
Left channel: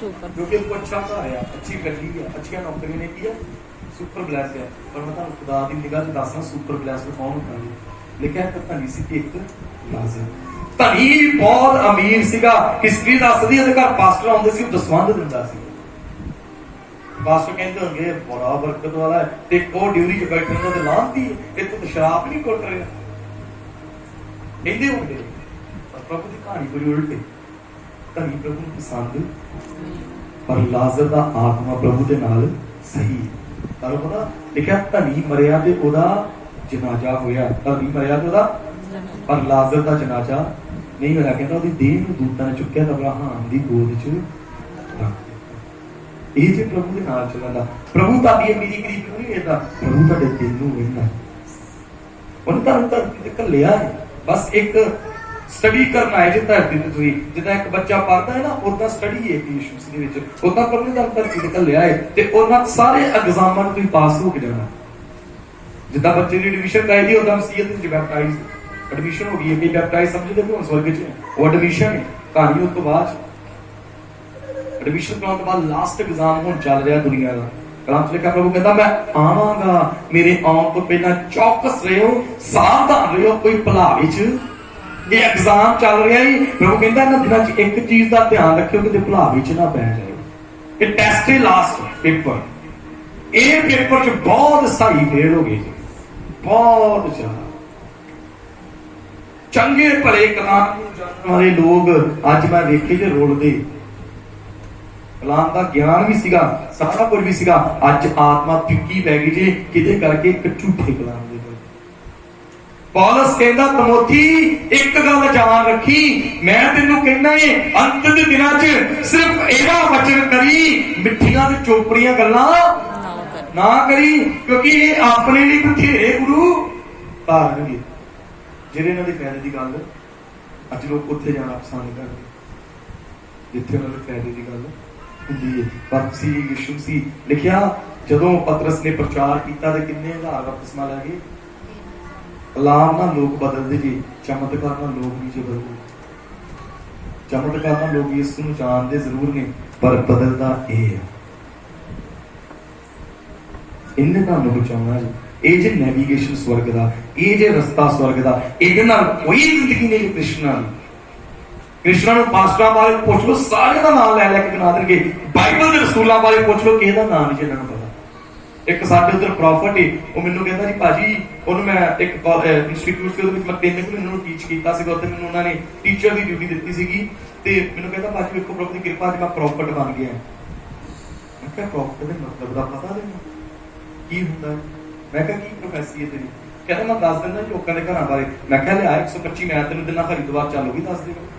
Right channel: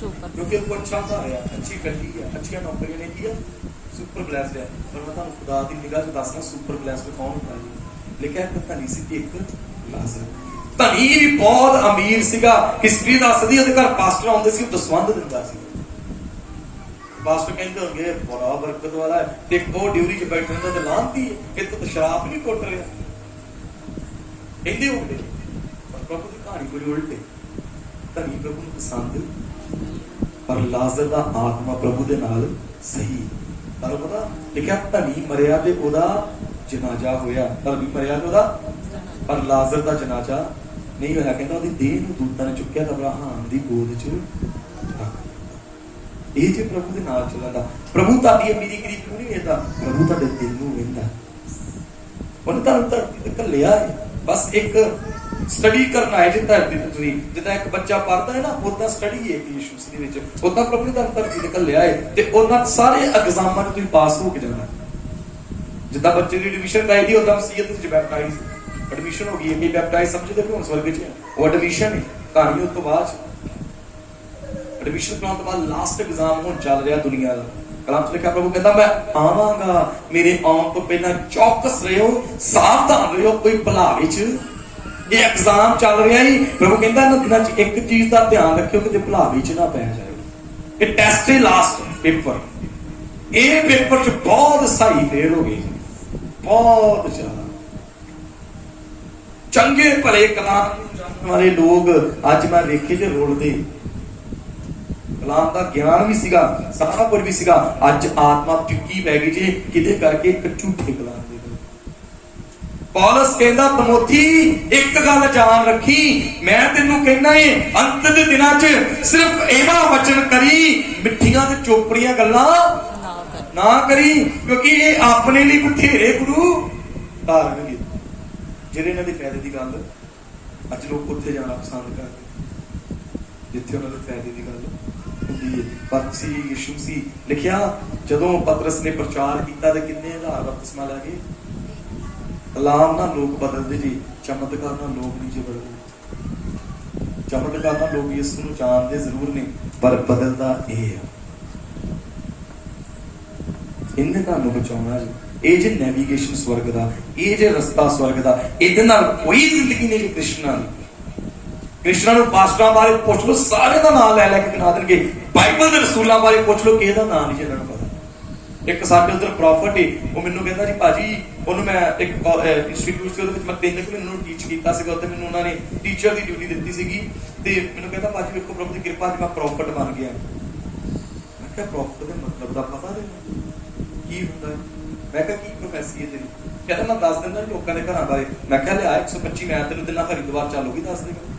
ਸੁਪਰ। ਕਿਉਂਕਿ ਉਹ ਅੱਛਾ ਘਰ ਆ, ਅੱਛੀ ਗੱਡੀ ਆ, ਅੱਛੀਆਂ ਨੌਕਰੀਆਂ ਨੇ, ਕੀ ਆ? ਸੁਪਰ ਬਲੈਸਡ ਹੈ। ਪਰ ਮੈਂ ਤੁਹਾਨੂੰ ਖੁਦਾ ਦੀ ਨਿਗਾਹ 'ਚ ਦੱਸਣਾ ਸੁਪਰ ਬਲੈਸਡ ਕੌਣ ਹੁੰਦਾ ਹੈ। ਲਿਖਿਆ ਇੱਕ ਧਨੀ ਸੀ ਤੇ ਇੱਕ ਲਾਜ਼ਰ। ਧਨੀ ਬਹੁਤ ਅਮੀਰ ਸੀਗਾ। ਹਿਸਟਰੀ ਦੱਸਦੀ ਉਹਦੇ ਘਰ ਪਾਸਟਰ ਆਉਂਦੇ ਸੀ, ਦਸਵੰਧ ਦਿੰਦਾ ਸੀ। ਪਾਸਟਰ ਕਹਿੰਦੇ ਹੋਣਗੇ ਬੜਾ ਬਰਕਤ ਵਾਲਾ ਹੈ, ਤੇ ਉਹ ਡਿਊਰੀ 'ਚ ਬੈਠਣ ਦਾ ਤਾਂ ਲਾਂਤੀ ਹੈ, ਇਹ ਤਾਂ ਸ਼ਰਾਬ ਨਹੀਂ ਕੁੱਟ ਰਿਹਾ ਕਹਿੰਦੇ ਹੁੰਦੇ। ਪਰ ਪ੍ਰਭੂ ਦੀ ਕਹਾਣੀ ਕੋਈ ਉਲਟ ਹੈ। ਧਨੀ ਪ੍ਰਭੂ ਨੂੰ ਪਸੰਦ, ਪਰ ਲਾਜ਼ਰ ਦਾ ਆਤਮਾ ਪ੍ਰਭੂ ਦੇ ਨਾਲ ਸਹੀ। ਤੁਹਾਨੂੰ ਪਤਾ ਲਿਖਿਆ ਧਨੀ ਮਰਿਆ ਤੇ ਉਹਦਾ ਜਨਾਜ਼ਾ ਹੋਇਆ। ਧਨੀ ਮਰਿਆ ਤੇ ਉਹਦਾ, ਪਰ ਲਾਜ਼ਰ ਦਾ ਜਨਾਜ਼ਾ ਨਹੀਂ ਹੋਇਆ। ਕਹਿੰਦਾ ਉਹਦੀ ਦੇਹ ਨੂੰ ਦੂਤਾਂ ਨੇ ਚੁੱਕਿਆ ਤਾਂ ਅਬਰਾਹਮ ਦੀ ਗੋਦ 'ਚ ਰੱਖ। ਇਹ ਜੇ ਪ੍ਰਭੂ ਦੇ ਨਾਲ ਚੱਲਦਾ। ਪ੍ਰਭੂ ਤੁਹਾਡੀ ਅਮੀਰੀ ਗਰੀਬੀ ਨੂੰ ਨਹੀਂ ਵੇਖਦਾ, ਪ੍ਰਭੂ ਤੁਹਾਡੇ ਦਿਲ ਨੂੰ ਵੇਖਦਾ। ਉਹਨੇ ਤੁਹਾਨੂੰ ਘੱਲਿਆ ਬਸ ਇੱਕ ਸਟੱਡੀ ਕਰਨਾ ਹੈ। ਜੇ ਧਰਤੀ ਤੇ ਤੁਸੀਂ ਜਿੱਦਾਂ ਇੱਕ ਬੱਚਾ ਪੜ੍ਹਦਾ ਹੈ ਨਾ, ਉਦਾਂ ਸਟੱਡੀ ਹੈ ਯਿਸੂ ਦੇ ਵਿੱਚ, ਉਦਾਂ ਪ੍ਰਭੂ ਨੇ ਤੁਹਾਨੂੰ ਧਰਤੀ ਤੇ ਘੱਲਿਆ ਹੈ ਤੇ ਉਹਨਾਂ ਸਾਰੇ ਐਗਜ਼ਾਮਾਂ ਨੂੰ ਤੁਸੀਂ ਪਾਸ ਹੋ ਕੇ ਜਾਣਾ। ਜਿੱਦਾਂ ਬੱਚੇ ਦੀ ਐਡਮਿਸ਼ਨ ਕਰਾਈ ਦੀ, ਉਦਾਂ ਮਸੀਹ ਦੇ ਵਿੱਚ ਬੈਪਟਾਈਜ਼ ਐਡਮਿਸ਼ਨ ਹੋ ਗਈ ਹੈ। ਕਿ ਬੈਪਟਾਈਜ਼ ਸਮਝਦੇ ਹੋ ਸਵਰਗ 'ਚ ਉਹ ਐਡਮਿਸ਼ਨ ਹੈ। ਕਹਾਣੀ ਉਸ ਤੋਂ ਬਾਅਦ ਐਡਮਿਸ਼ਨ ਕਰਾਉਣ ਤੋਂ ਬਾਅਦ ਲਾਸਟ ਐਗਜ਼ਾਮ ਹੁਣ ਚੱਲ ਰਿਹਾ ਦੁਨੀਆ ਦਾ। ਕਲਾਮ 'ਚ ਲਿਖਿਆ ਪ੍ਰਭੂ ਕਹਿੰਦਾ ਮੈਂ ਆਵਾਂਗਾ, ਮੇਰੇ ਆਉਣ ਤੋਂ ਪਹਿਲਾਂ ਚੌਕਸ ਰਹੋ, ਸਾਵਧਾਨ ਰਹੋ, ਕੋਈ ਭੁਲਾਵੇ 'ਚ ਇਹ ਐਗਜ਼ਾਮ ਚੱਲ ਰਿਹਾ ਹੀ। ਪ੍ਰਭੂ ਕਹਿੰਦਾ ਇਹਨਾਂ ਦਿਨਾਂ 'ਚ ਇੱਕ ਚੀਜ਼ ਦਾ ਧਿਆਨ ਰੱਖਿਓ ਕਿ ਭੁਲਾਵੇ 'ਚ ਨਾ ਪੈ ਜਾਏ। ਇਹ ਟੈਸਟ ਹੈ, ਲਾਸਟ ਪੇਪਰ। ਇਹ ਪੇਪਰ 'ਚ ਬਹੁਤ ਸਾਰੀ ਫੇਲ ਹੋ ਗਈ ਜੀ, ਬਹੁਤ ਜ਼ਿਆਦਾ। ਚੰਗੇ ਭਲੇ ਕਲਾਮ ਨੂੰ ਜਾਣਨ ਵਾਲੇ ਲੋਕ ਅੱਜ ਮੈਂ ਵੇਖੇ ਕਿ ਰੋਲਦੇ। ਕਲਾਮ ਦਾ ਗਿਆਨ ਵੀ ਸੀਗਾ, ਸਾਰਾ ਕੁਝ ਵੀ ਸੀਗਾ। ਅੱਜ ਆਤਮਾ ਫਿੱਕੀ ਪੈ ਗਈ ਜੇ ਕਿਤੇ ਕਰਕੇ ਇੱਕ ਝੂਠੇ ਕਲਾਮ ਦੇ। ਪੌਲਸ ਕਹਿੰਦਾ ਤਮੋਥੀ ਇੱਕ ਗੱਲ ਜਾਣ ਰੱਖੀ, ਮੈਂ ਤੈਨੂੰ ਕਹਿੰਦਾ ਏ ਅੰਤ ਦੇ ਦਿਨਾਂ 'ਚ ਸਿਰਫ ਇਹਦਾ ਵਚਨ ਕਰੀ, ਮਿੱਠੀਆਂ ਤੇ ਚੋਪੜੀਆਂ ਗੱਲਾਂ ਨਾ ਕਰੀ, ਕਿਉਂਕਿ ਇਹ ਆਪਣੇ ਲਈ ਬਥੇਰੇ ਗੁਰੂ ਧਾਰਨਗੇ ਜਿਹੜੇ ਇਹਨਾਂ ਦੇ ਫਾਇਦੇ ਦੀ ਗੱਲ। ਅੱਜ ਲੋਕ ਉੱਥੇ ਜਾਣਾ ਪਸੰਦ ਕਰਦੇ ਜਿੱਥੇ ਉਹਨਾਂ ਦੇ ਫਾਇਦੇ ਦੀ ਗੱਲ ਹੁੰਦੀ ਹੈ। ਪਰ ਸੀ ਯਿਸੂ ਸੀ ਲਿਖਿਆ ਜਦੋਂ ਪਤਰਸ ਨੇ ਪ੍ਰਚਾਰ ਕੀਤਾ ਤੇ ਕਿੰਨੇ ਹਜ਼ਾਰ ਬਪਤਿਸਮਾ ਲੈ ਗਏ। ਕਲਾਮ ਨਾਲ ਲੋਕ ਬਦਲਦੇ ਜੀ, ਚਮਤਕਾਰ ਨਾਲ ਲੋਕ ਨਹੀਂ ਜੇ ਬਦਲਦੇ। ਚਮਤਕਾਰ ਨਾਲ ਲੋਕ ਯਿਸੂ ਨੂੰ ਜਾਣਦੇ ਜ਼ਰੂਰ ਨੇ, ਪਰ ਬਦਲਦਾ ਇਹ ਹੈ। ਇਹਨੇ ਤੁਹਾਨੂੰ ਬਚਾਉਣਾ ਜੀ। ਇਹ ਜੇ ਨੈਵੀਗੇਸ਼ਨ ਸਵਰਗ ਦਾ, ਇਹ ਜੇ ਰਸਤਾ ਸਵਰਗ ਦਾ, ਇਹਦੇ ਨਾਲ ਕੋਈ ਜ਼ਿੰਦਗੀ ਨਹੀਂ ਕ੍ਰਿਸ਼ਨਾ ਦੀ। ਕ੍ਰਿਸ਼ਨਾ ਨੂੰ ਪਾਸਟਰਾਂ ਬਾਰੇ ਪੁੱਛ ਲਓ, ਸਾਰੇ ਦਾ ਨਾਮ ਲੈ ਲੈ ਕੇ ਗਿਣਾ ਦੇਣਗੇ। ਬਾਈਬਲ ਦੇ ਰਸੂਲਾਂ ਬਾਰੇ ਪੁੱਛ ਲਓ, ਕਿਸੇ ਦਾ ਨਾਮ ਨਹੀਂ ਇਹਨਾਂ ਨੂੰ ਪਤਾ। ਇੱਕ ਸਾਡੇ ਉਧਰ ਪ੍ਰੋਫਟ ਹੈ, ਉਹ ਮੈਨੂੰ ਕਹਿੰਦਾ ਜੀ ਭਾਜੀ, ਉਹਨੂੰ ਮੈਂ ਇੱਕ ਇੰਸਟੀਟਿਊਟ ਦੇ ਵਿੱਚ ਮੈਂ 3 ਮਹੀਨੇ ਨੂੰ ਟੀਚ ਕੀਤਾ ਸੀਗਾ, ਉੱਥੇ ਮੈਨੂੰ ਉਹਨਾਂ ਨੇ ਟੀਚਰ ਦੀ ਡਿਊਟੀ ਦਿੱਤੀ ਸੀਗੀ, ਤੇ ਮੈਨੂੰ ਕਹਿੰਦਾ ਭਾਜੀ ਵੇਖੋ ਪ੍ਰਭੂ ਦੀ ਕਿਰਪਾ ਨਾਲ ਮੈਂ ਪ੍ਰੋਫਟ ਬਣ ਗਿਆ। ਮੈਂ ਕਿਹਾ ਪ੍ਰੋਫਟ ਦੇ ਮਤਲਬ ਦਾ ਪਤਾ ਨਹੀਂ ਕੀ ਹੁੰਦਾ ਹੈ? ਮੈਂ ਕਿਹਾ ਕੀ ਪ੍ਰੋਫੈਸੀ ਹੈ ਤੇਰੀ? ਕਹਿੰਦਾ ਮੈਂ ਦੱਸ ਦਿੰਦਾ ਲੋਕਾਂ ਦੇ ਘਰਾਂ ਬਾਰੇ। ਮੈਂ ਕਿਹਾ ਲਿਆ 125 ਮੈਂ ਤੈਨੂੰ ਦਿਨਾਂ ਹਰਿਦੁਆਰ ਚੱਲੂਗੀ, ਦੱਸ ਦੇਗਾ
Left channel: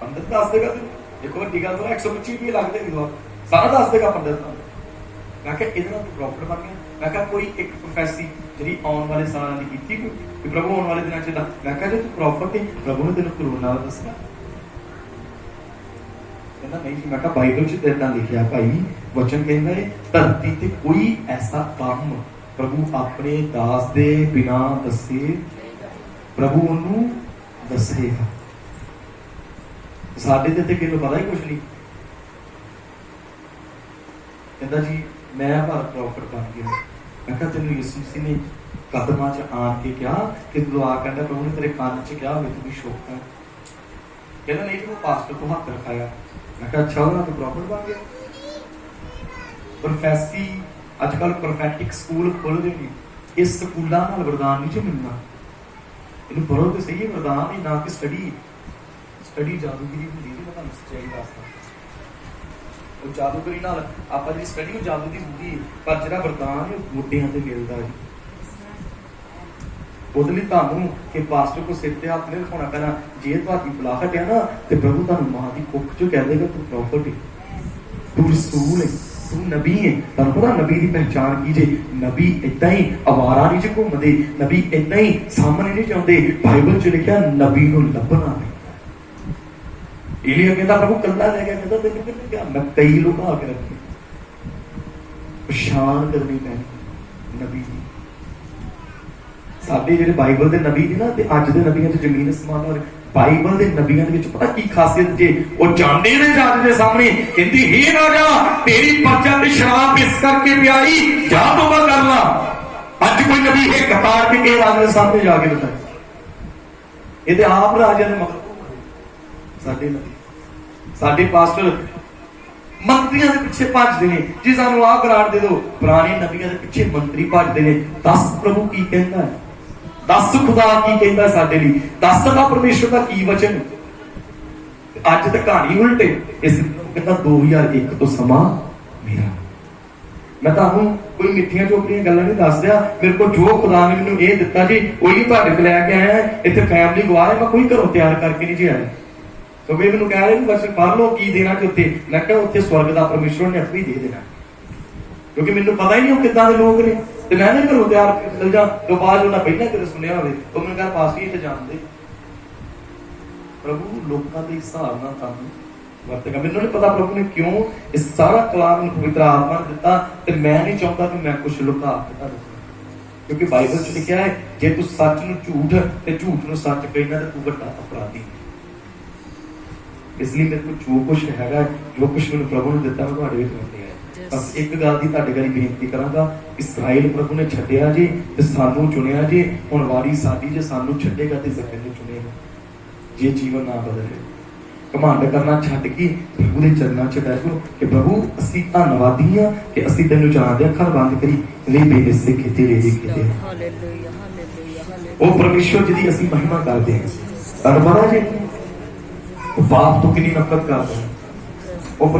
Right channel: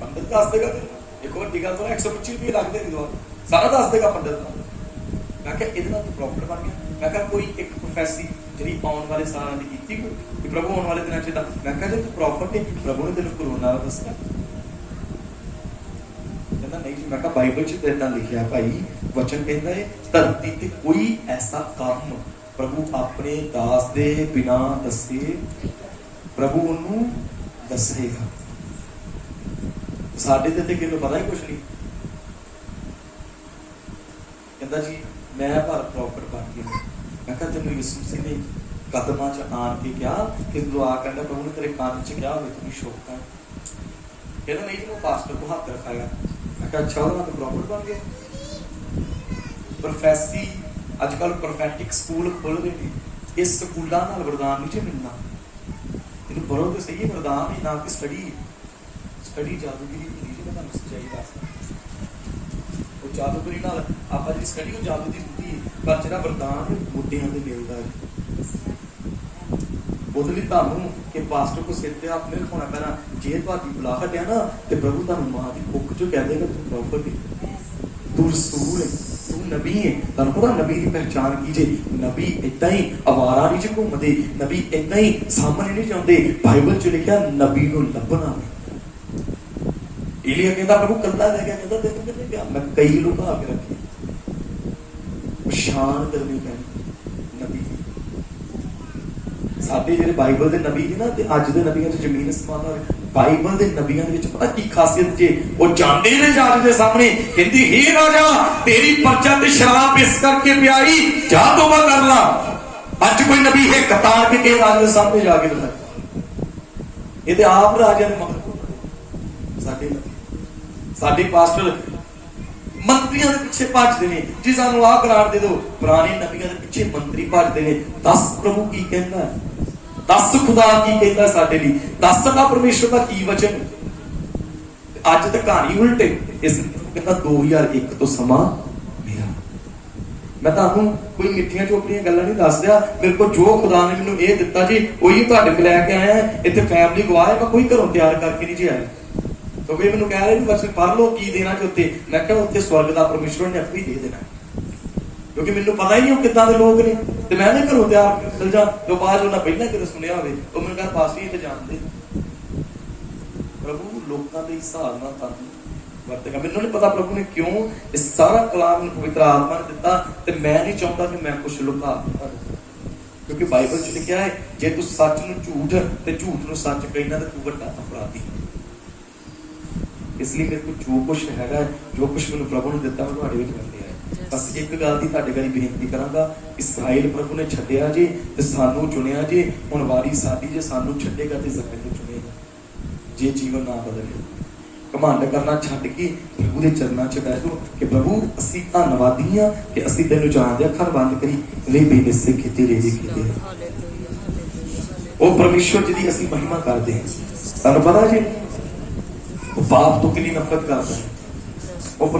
ਪੰਡਤ, ਦੱਸ ਦੇਗਾ ਤੈਨੂੰ। ਦੇਖੋ ਵੱਡੀ ਗੱਲ ਤਾਂ 125 ਰੁਪਏ ਲੱਗਦੇ ਹਰਿਦੁਆਰ, ਸਾਰਾ ਦੱਸ ਦੇਗਾ ਪੰਡਤ ਦਾ। ਮੈਂ ਕਿਹਾ ਇਹਦੇ ਨਾਲ ਤੂੰ ਪ੍ਰੋਫਿਟ ਬਣ ਗਿਆ। ਮੈਂ ਕਿਹਾ ਕੋਈ ਇੱਕ ਪ੍ਰੋਫੈਸੀ ਜਿਹੜੀ ਆਉਣ ਵਾਲੇ ਸਾਲਾਂ ਦੀ ਕੀਤੀ ਕਿ ਪ੍ਰਭੂ ਆਉਣ ਵਾਲੇ ਦਿਨਾਂ ਚ ਦਾ। ਮੈਂ ਕਿਹਾ ਜੇ ਤੂੰ ਪ੍ਰੋਫਿਟ ਹੈ, ਪ੍ਰਭੂ ਨੇ ਤੈਨੂੰ ਕਰੋਨਾ ਦਾ ਦੱਸਣਾ। ਕਹਿੰਦਾ ਨਹੀਂ ਜੀ। ਮੈਂ ਕਿਹਾ ਬਾਈਬਲ ਚ ਤੇਰੇ ਨਾਲ ਲਿਖਿਆ ਭਾਈ, ਵਚਨ ਕਹਿੰਦਾ ਹੈ ਧਰਤੀ ਤੇ ਕੋਈ ਐਸਾ ਕੰਮ ਪ੍ਰਭੂ ਆਪਣੇ ਦਾਸ ਦੇ ਬਿਨਾ ਦੱਸੇ ਪ੍ਰਭੂ ਉਹਨੂੰ ਦੱਸੇਗਾ। ਸਾਡੇ ਤੇ ਕਿਹਨੂੰ ਪਤਾ ਹੀ ਕੁਛ ਨਹੀਂ। ਕਹਿੰਦਾ ਜੀ ਮੈਂ ਭਾਰਤ ਪ੍ਰੋਫਿਟ ਬਣ ਗਿਆ। ਮੈਂ ਕਿਹਾ ਤੈਨੂੰ ਯਿਸੂ ਮਸੀਹ ਨੇ ਕਦਮਾਂ 'ਚ ਆਣ ਕੇ ਕਿਹਾ ਕਿ ਦੁਆ ਕਰਦਾ, ਪ੍ਰਭੂ ਨੇ ਤੇਰੇ ਕੰਨ 'ਚ ਕਿਹਾ ਹੋਵੇ ਤੂੰ ਸ਼ੋਕ ਕਰ। ਕਹਿੰਦਾ ਨਹੀਂ ਜੀ ਮੈਂ ਪਾਸਟਰ ਕੋ ਹੱਥ ਰਖਾਇਆ। ਮੈਂ ਕਿਹਾ ਅੱਛਾ ਉਹਨਾਂ ਤੋਂ ਪ੍ਰੋਫਿਟ ਬਣ ਗਿਆ। ਪ੍ਰੋਫੈਸੀ ਅੱਜ ਕੱਲ ਪ੍ਰੋਫੈਟਿਕ ਸਕੂਲ ਖੋਲ੍ਹਦੇ ਨੇ, ਇਸ ਸਕੂਲਾਂ ਨਾਲ ਵਰਦਾਨ ਨਹੀਂ ਜੇ ਮਿਲਣਾ। ਇਹਨੂੰ ਪੜ੍ਹੋ ਤੇ ਸਹੀ ਵਰਦਾਨ ਹੀ, ਨਾ ਕਿ ਸਟੱਡੀ ਜਾਦੂਗਰੀ ਹੁੰਦੀ ਜੀ। ਮੈਂ ਤੁਹਾਨੂੰ ਸੱਚਾਈ ਦੱਸਦਾ, ਉਹ ਜਾਦੂਗਰੀ ਨਾਲ ਆਪਾਂ ਜਿਹੜੀ ਸਟੱਡੀ ਉਹ ਜਾਦੂ ਦੀ ਹੁੰਦੀ ਹੈ, ਪਰ ਜਿਹੜਾ ਵਰਦਾਨ ਉਹ ਮੋਢਿਆਂ ਤੇ ਮਿਲਦਾ ਜੀ। ਉਹਦੇ ਲਈ ਤੁਹਾਨੂੰ ਕਿ ਪਾਸਟਰ ਕੋ ਸਿਰ ਤੇ ਹੱਥ ਨਹੀਂ ਰਖਾਉਣਾ ਪੈਣਾ। ਜੇ ਤੁਹਾਡੀ ਬੁਲਾਹਟ ਹੈ ਨਾ ਤੇ ਪ੍ਰਭੂ ਤੁਹਾਨੂੰ ਮਾਂ ਦੀ ਕੁੱਖ ਚੋਂ ਕਹਿ ਦੇਗਾ ਤੂੰ ਪ੍ਰੋਫਿਟ ਹੈ, ਤੂੰ ਰਸੂਲ ਹੈ, ਤੂੰ ਨਬੀ ਹੈ। ਤੁਹਾਨੂੰ ਪਤਾ ਨਬੀ ਦੀ ਪਹਿਚਾਣ ਕੀ ਜੇ? ਨਬੀ ਏਦਾਂ ਹੀ ਅਵਾਰਾ ਨਹੀਂ ਚ ਘੁੰਮਦੇ, ਨਬੀ ਏਦਾਂ ਹੀ ਸਾਹਮਣੇ ਨਹੀਂ ਜਾਂਦੇ। ਬਾਈਬਲ ਚ ਲਿਖਿਆ ਨਬੀ ਨੂੰ ਲੱਭਣਾ। ਏਲੀਆ ਕਹਿੰਦਾ ਪ੍ਰਭੂ ਕੱਲਾ ਲੈ ਗਿਆ, ਕਹਿੰਦਾ ਤੈਨੂੰ ਕਿੱਥੇ ਗਿਆ? ਮੈਂ ਕਈ ਲੁਕਾ ਕੇ ਰੱਖੇ। ਪਛਾਣ ਕਰਨੀ ਪੈਣੀ ਨਬੀ ਦੀ। ਸਾਡੇ ਜਿਹੜੇ ਬਾਈਬਲ ਦੇ ਨਬੀ ਨੇ ਨਾ ਤੇ ਅੱਜ ਦੇ ਨਬੀਆਂ 'ਚ ਜ਼ਮੀਨ ਅਸਮਾਨ ਦਾ। ਬਾਈਬਲ ਦੇ ਨਬੀਆਂ ਦੇ ਵਿੱਚ ਪਤਾ ਕੀ ਖਾਸੀਅਤ ਜੇ? ਉਹ ਜਾਂਦੇ ਨੇ ਜੱਜ ਦੇ ਸਾਹਮਣੇ, ਕਹਿੰਦੀ ਹੀ ਰਾਜਾ ਤੇਰੀ ਪਰਚਾ ਤੇ ਸ਼ਰਾਬ ਇਸ ਕਰਕੇ ਪਿਆਈ, ਜਾ ਤੋਬਾ ਕਰ ਲਾ। ਅੱਜ ਕੋਈ ਨਬੀ ਹੈ ਕਤਾਰ ਕੇ ਕਿਸੇ ਰਾਜੇ ਦੇ ਸਾਹਮਣੇ ਜਾ ਕੇ ਬਤਾ, ਇਹਦੇ ਆਪ ਰਾਜਿਆਂ ਦੇ ਮਗਰ ਸਾਡੇ ਨਬੀ, ਸਾਡੇ ਪਾਸਟਰ ਮੰਤਰੀਆਂ ਦੇ ਪਿੱਛੇ ਭੱਜਦੇ ਨੇ ਜੀ ਸਾਨੂੰ ਆਹ ਗ੍ਰਾਂਟ ਦੇ ਦਿਓ। ਪੁਰਾਣੇ ਨਬੀਆਂ ਦੇ ਪਿੱਛੇ ਮੰਤਰੀ ਭੱਜਦੇ ਨੇ। ਦੱਸ ਪ੍ਰਭੂ ਕੀ ਕਹਿੰਦਾ, ਦੱਸ ਖੁਦਾ ਕੀ ਕਹਿੰਦਾ ਸਾਡੇ ਲਈ, ਦੱਸ ਦਾ ਪਰਮੇਸ਼ਰ ਦਾ ਕੀ ਵਚਨ। ਅੱਜ ਤਾਂ ਕਹਾਣੀ ਉਲਟੇ। ਇਸ ਕਹਿੰਦਾ 2001 ਤੋਂ ਸਮਾਂ ਮੇਰਾ। ਮੈਂ ਤੁਹਾਨੂੰ ਕੋਈ ਮਿੱਠੀਆਂ ਚੋਪੜੀਆਂ ਗੱਲਾਂ ਨਹੀਂ ਦੱਸ ਰਿਹਾ। ਮੇਰੇ ਕੋਲ ਜੋ ਖੁਦਾ ਨੇ ਮੈਨੂੰ ਇਹ ਦਿੱਤਾ ਜੀ ਉਹੀ ਤੁਹਾਡੇ ਕੋਲ ਲੈ ਕੇ ਆਇਆ। ਇੱਥੇ ਫੈਮਿਲੀ ਗਵਾਹ ਹੈ, ਮੈਂ ਕੋਈ ਘਰੋਂ ਤਿਆਰ ਕਰਕੇ ਨਹੀਂ ਜੀ ਆਇਆ। ਕਿਉਂਕਿ ਮੈਨੂੰ ਕਹਿ ਰਹੇ ਬਸ ਪੜ੍ਹ ਲਓ ਕੀ ਦੇਣਾ ਕਿ ਉੱਥੇ। ਮੈਂ ਕਿਹਾ ਉੱਥੇ ਸਵਰਗ ਦਾ ਪਰਮੇਸ਼ਰ ਨੇ ਆਪੇ ਦੇ ਦੇਣਾ, ਕਿਉਂਕਿ ਮੈਨੂੰ ਪਤਾ ਹੀ ਨਹੀਂ ਉਹ ਕਿੱਦਾਂ ਦੇ ਲੋਕ ਨੇ। ਤੇ ਮੈਂ ਨਾ ਘਰੋਂ ਤਿਆਰ ਚਲ ਜਾ ਤੇ ਬਾਅਦ ਉਹਨਾਂ ਪਹਿਲਾਂ ਕਦੇ ਸੁਣਿਆ ਹੋਵੇ ਉਹ ਮੈਨੂੰ ਕਹਿੰਦਾ ਪਾਸ ਹੀ ਤੇ ਜਾਣਦੇ। ਪ੍ਰਭੂ ਲੋਕਾਂ ਦੇ ਹਿਸਾਬ ਨਾਲ ਤੁਹਾਨੂੰ ਵਰਤੇਗਾ। ਮੈਨੂੰ ਨਹੀਂ ਪਤਾ ਪ੍ਰਭੂ ਨੇ ਕਿਉਂ ਇਹ ਸਾਰਾ ਕਲਾਮ ਨੂੰ ਪਵਿੱਤਰ ਆਤਮਾ ਨੇ ਦਿੱਤਾ, ਤੇ ਮੈਂ ਨਹੀਂ ਚਾਹੁੰਦਾ ਕਿ ਮੈਂ ਕੁਛ ਲੁਕਾ ਦਿੱਤਾ। ਕਿਉਂਕਿ ਬਾਈਬਲ ਚ ਲਿਖਿਆ ਹੈ ਜੇ ਤੂੰ ਸੱਚ ਨੂੰ ਝੂਠ ਤੇ ਝੂਠ ਨੂੰ ਸੱਚ ਕਹਿਣਾ ਤੇ ਤੂੰ ਵੱਡਾ ਅਪਰਾਧੀ। ਇਸ ਲਈ ਮੇਰੇ ਕੋਲ ਜੋ ਕੁਛ ਹੈਗਾ, ਜੋ ਕੁਛ ਮੈਨੂੰ ਪ੍ਰਭੂ ਨੇ ਦਿੱਤਾ, ਮੈਂ ਤੁਹਾਡੇ ਵਿੱਚ ਵੰਡਿਆ। ਬਸ ਇੱਕ ਗੱਲ ਦੀ ਤੁਹਾਡੇ ਘਰ ਬੇਨਤੀ ਕਰਾਂਗਾ, ਇਸਰਾਏਲ ਪ੍ਰਭੂ ਨੇ ਛੱਡਿਆ ਜੇ ਤੇ ਸਾਨੂੰ ਚੁਣਿਆ ਜੇ। ਹੁਣ ਵਾਰੀ ਸਾਡੀ ਜੇ ਸਾਨੂੰ ਛੱਡੇਗਾ ਤੇ ਜ਼ਮੀਨ ਨੂੰ ਚੁਣੇਗਾ। ਜੇ ਜੀਵਨ ਨਾ ਬਦਲੇ, ਘਮੰਡ ਕਰਨਾ ਛੱਡ ਕੇ ਪ੍ਰਭੂ ਦੇ ਚਰਨਾਂ 'ਚ ਬੈਠ ਜਾਓ ਕਿ ਪ੍ਰਭੂ ਅਸੀਂ ਧੰਨਵਾਦੀ ਆ ਕਿ ਅਸੀਂ ਤੈਨੂੰ ਜਾਣਦੇ। ਅੱਖਾਂ ਬੰਦ ਕਰੀ ਰੇ ਬੇਨਿਸੇ ਕਿਤੇ ਰੇ ਕਿਤੇ ਹਾਲੇਲੂਇਆ ਹਾਲੇਲੂਇਆ ਉਹ ਪਰਮੇਸ਼ਰ ਜਿਹਦੀ ਅਸੀਂ ਮਹਿਮਾ ਕਰਦੇ ਹਾਂ। ਤੁਹਾਨੂੰ ਪਤਾ ਜੀ ਉਹ ਬਾਪ ਤੋਂ ਕਿੰਨੀ ਨਫ਼ਰਤ ਕਰਦਾ ਹੈ।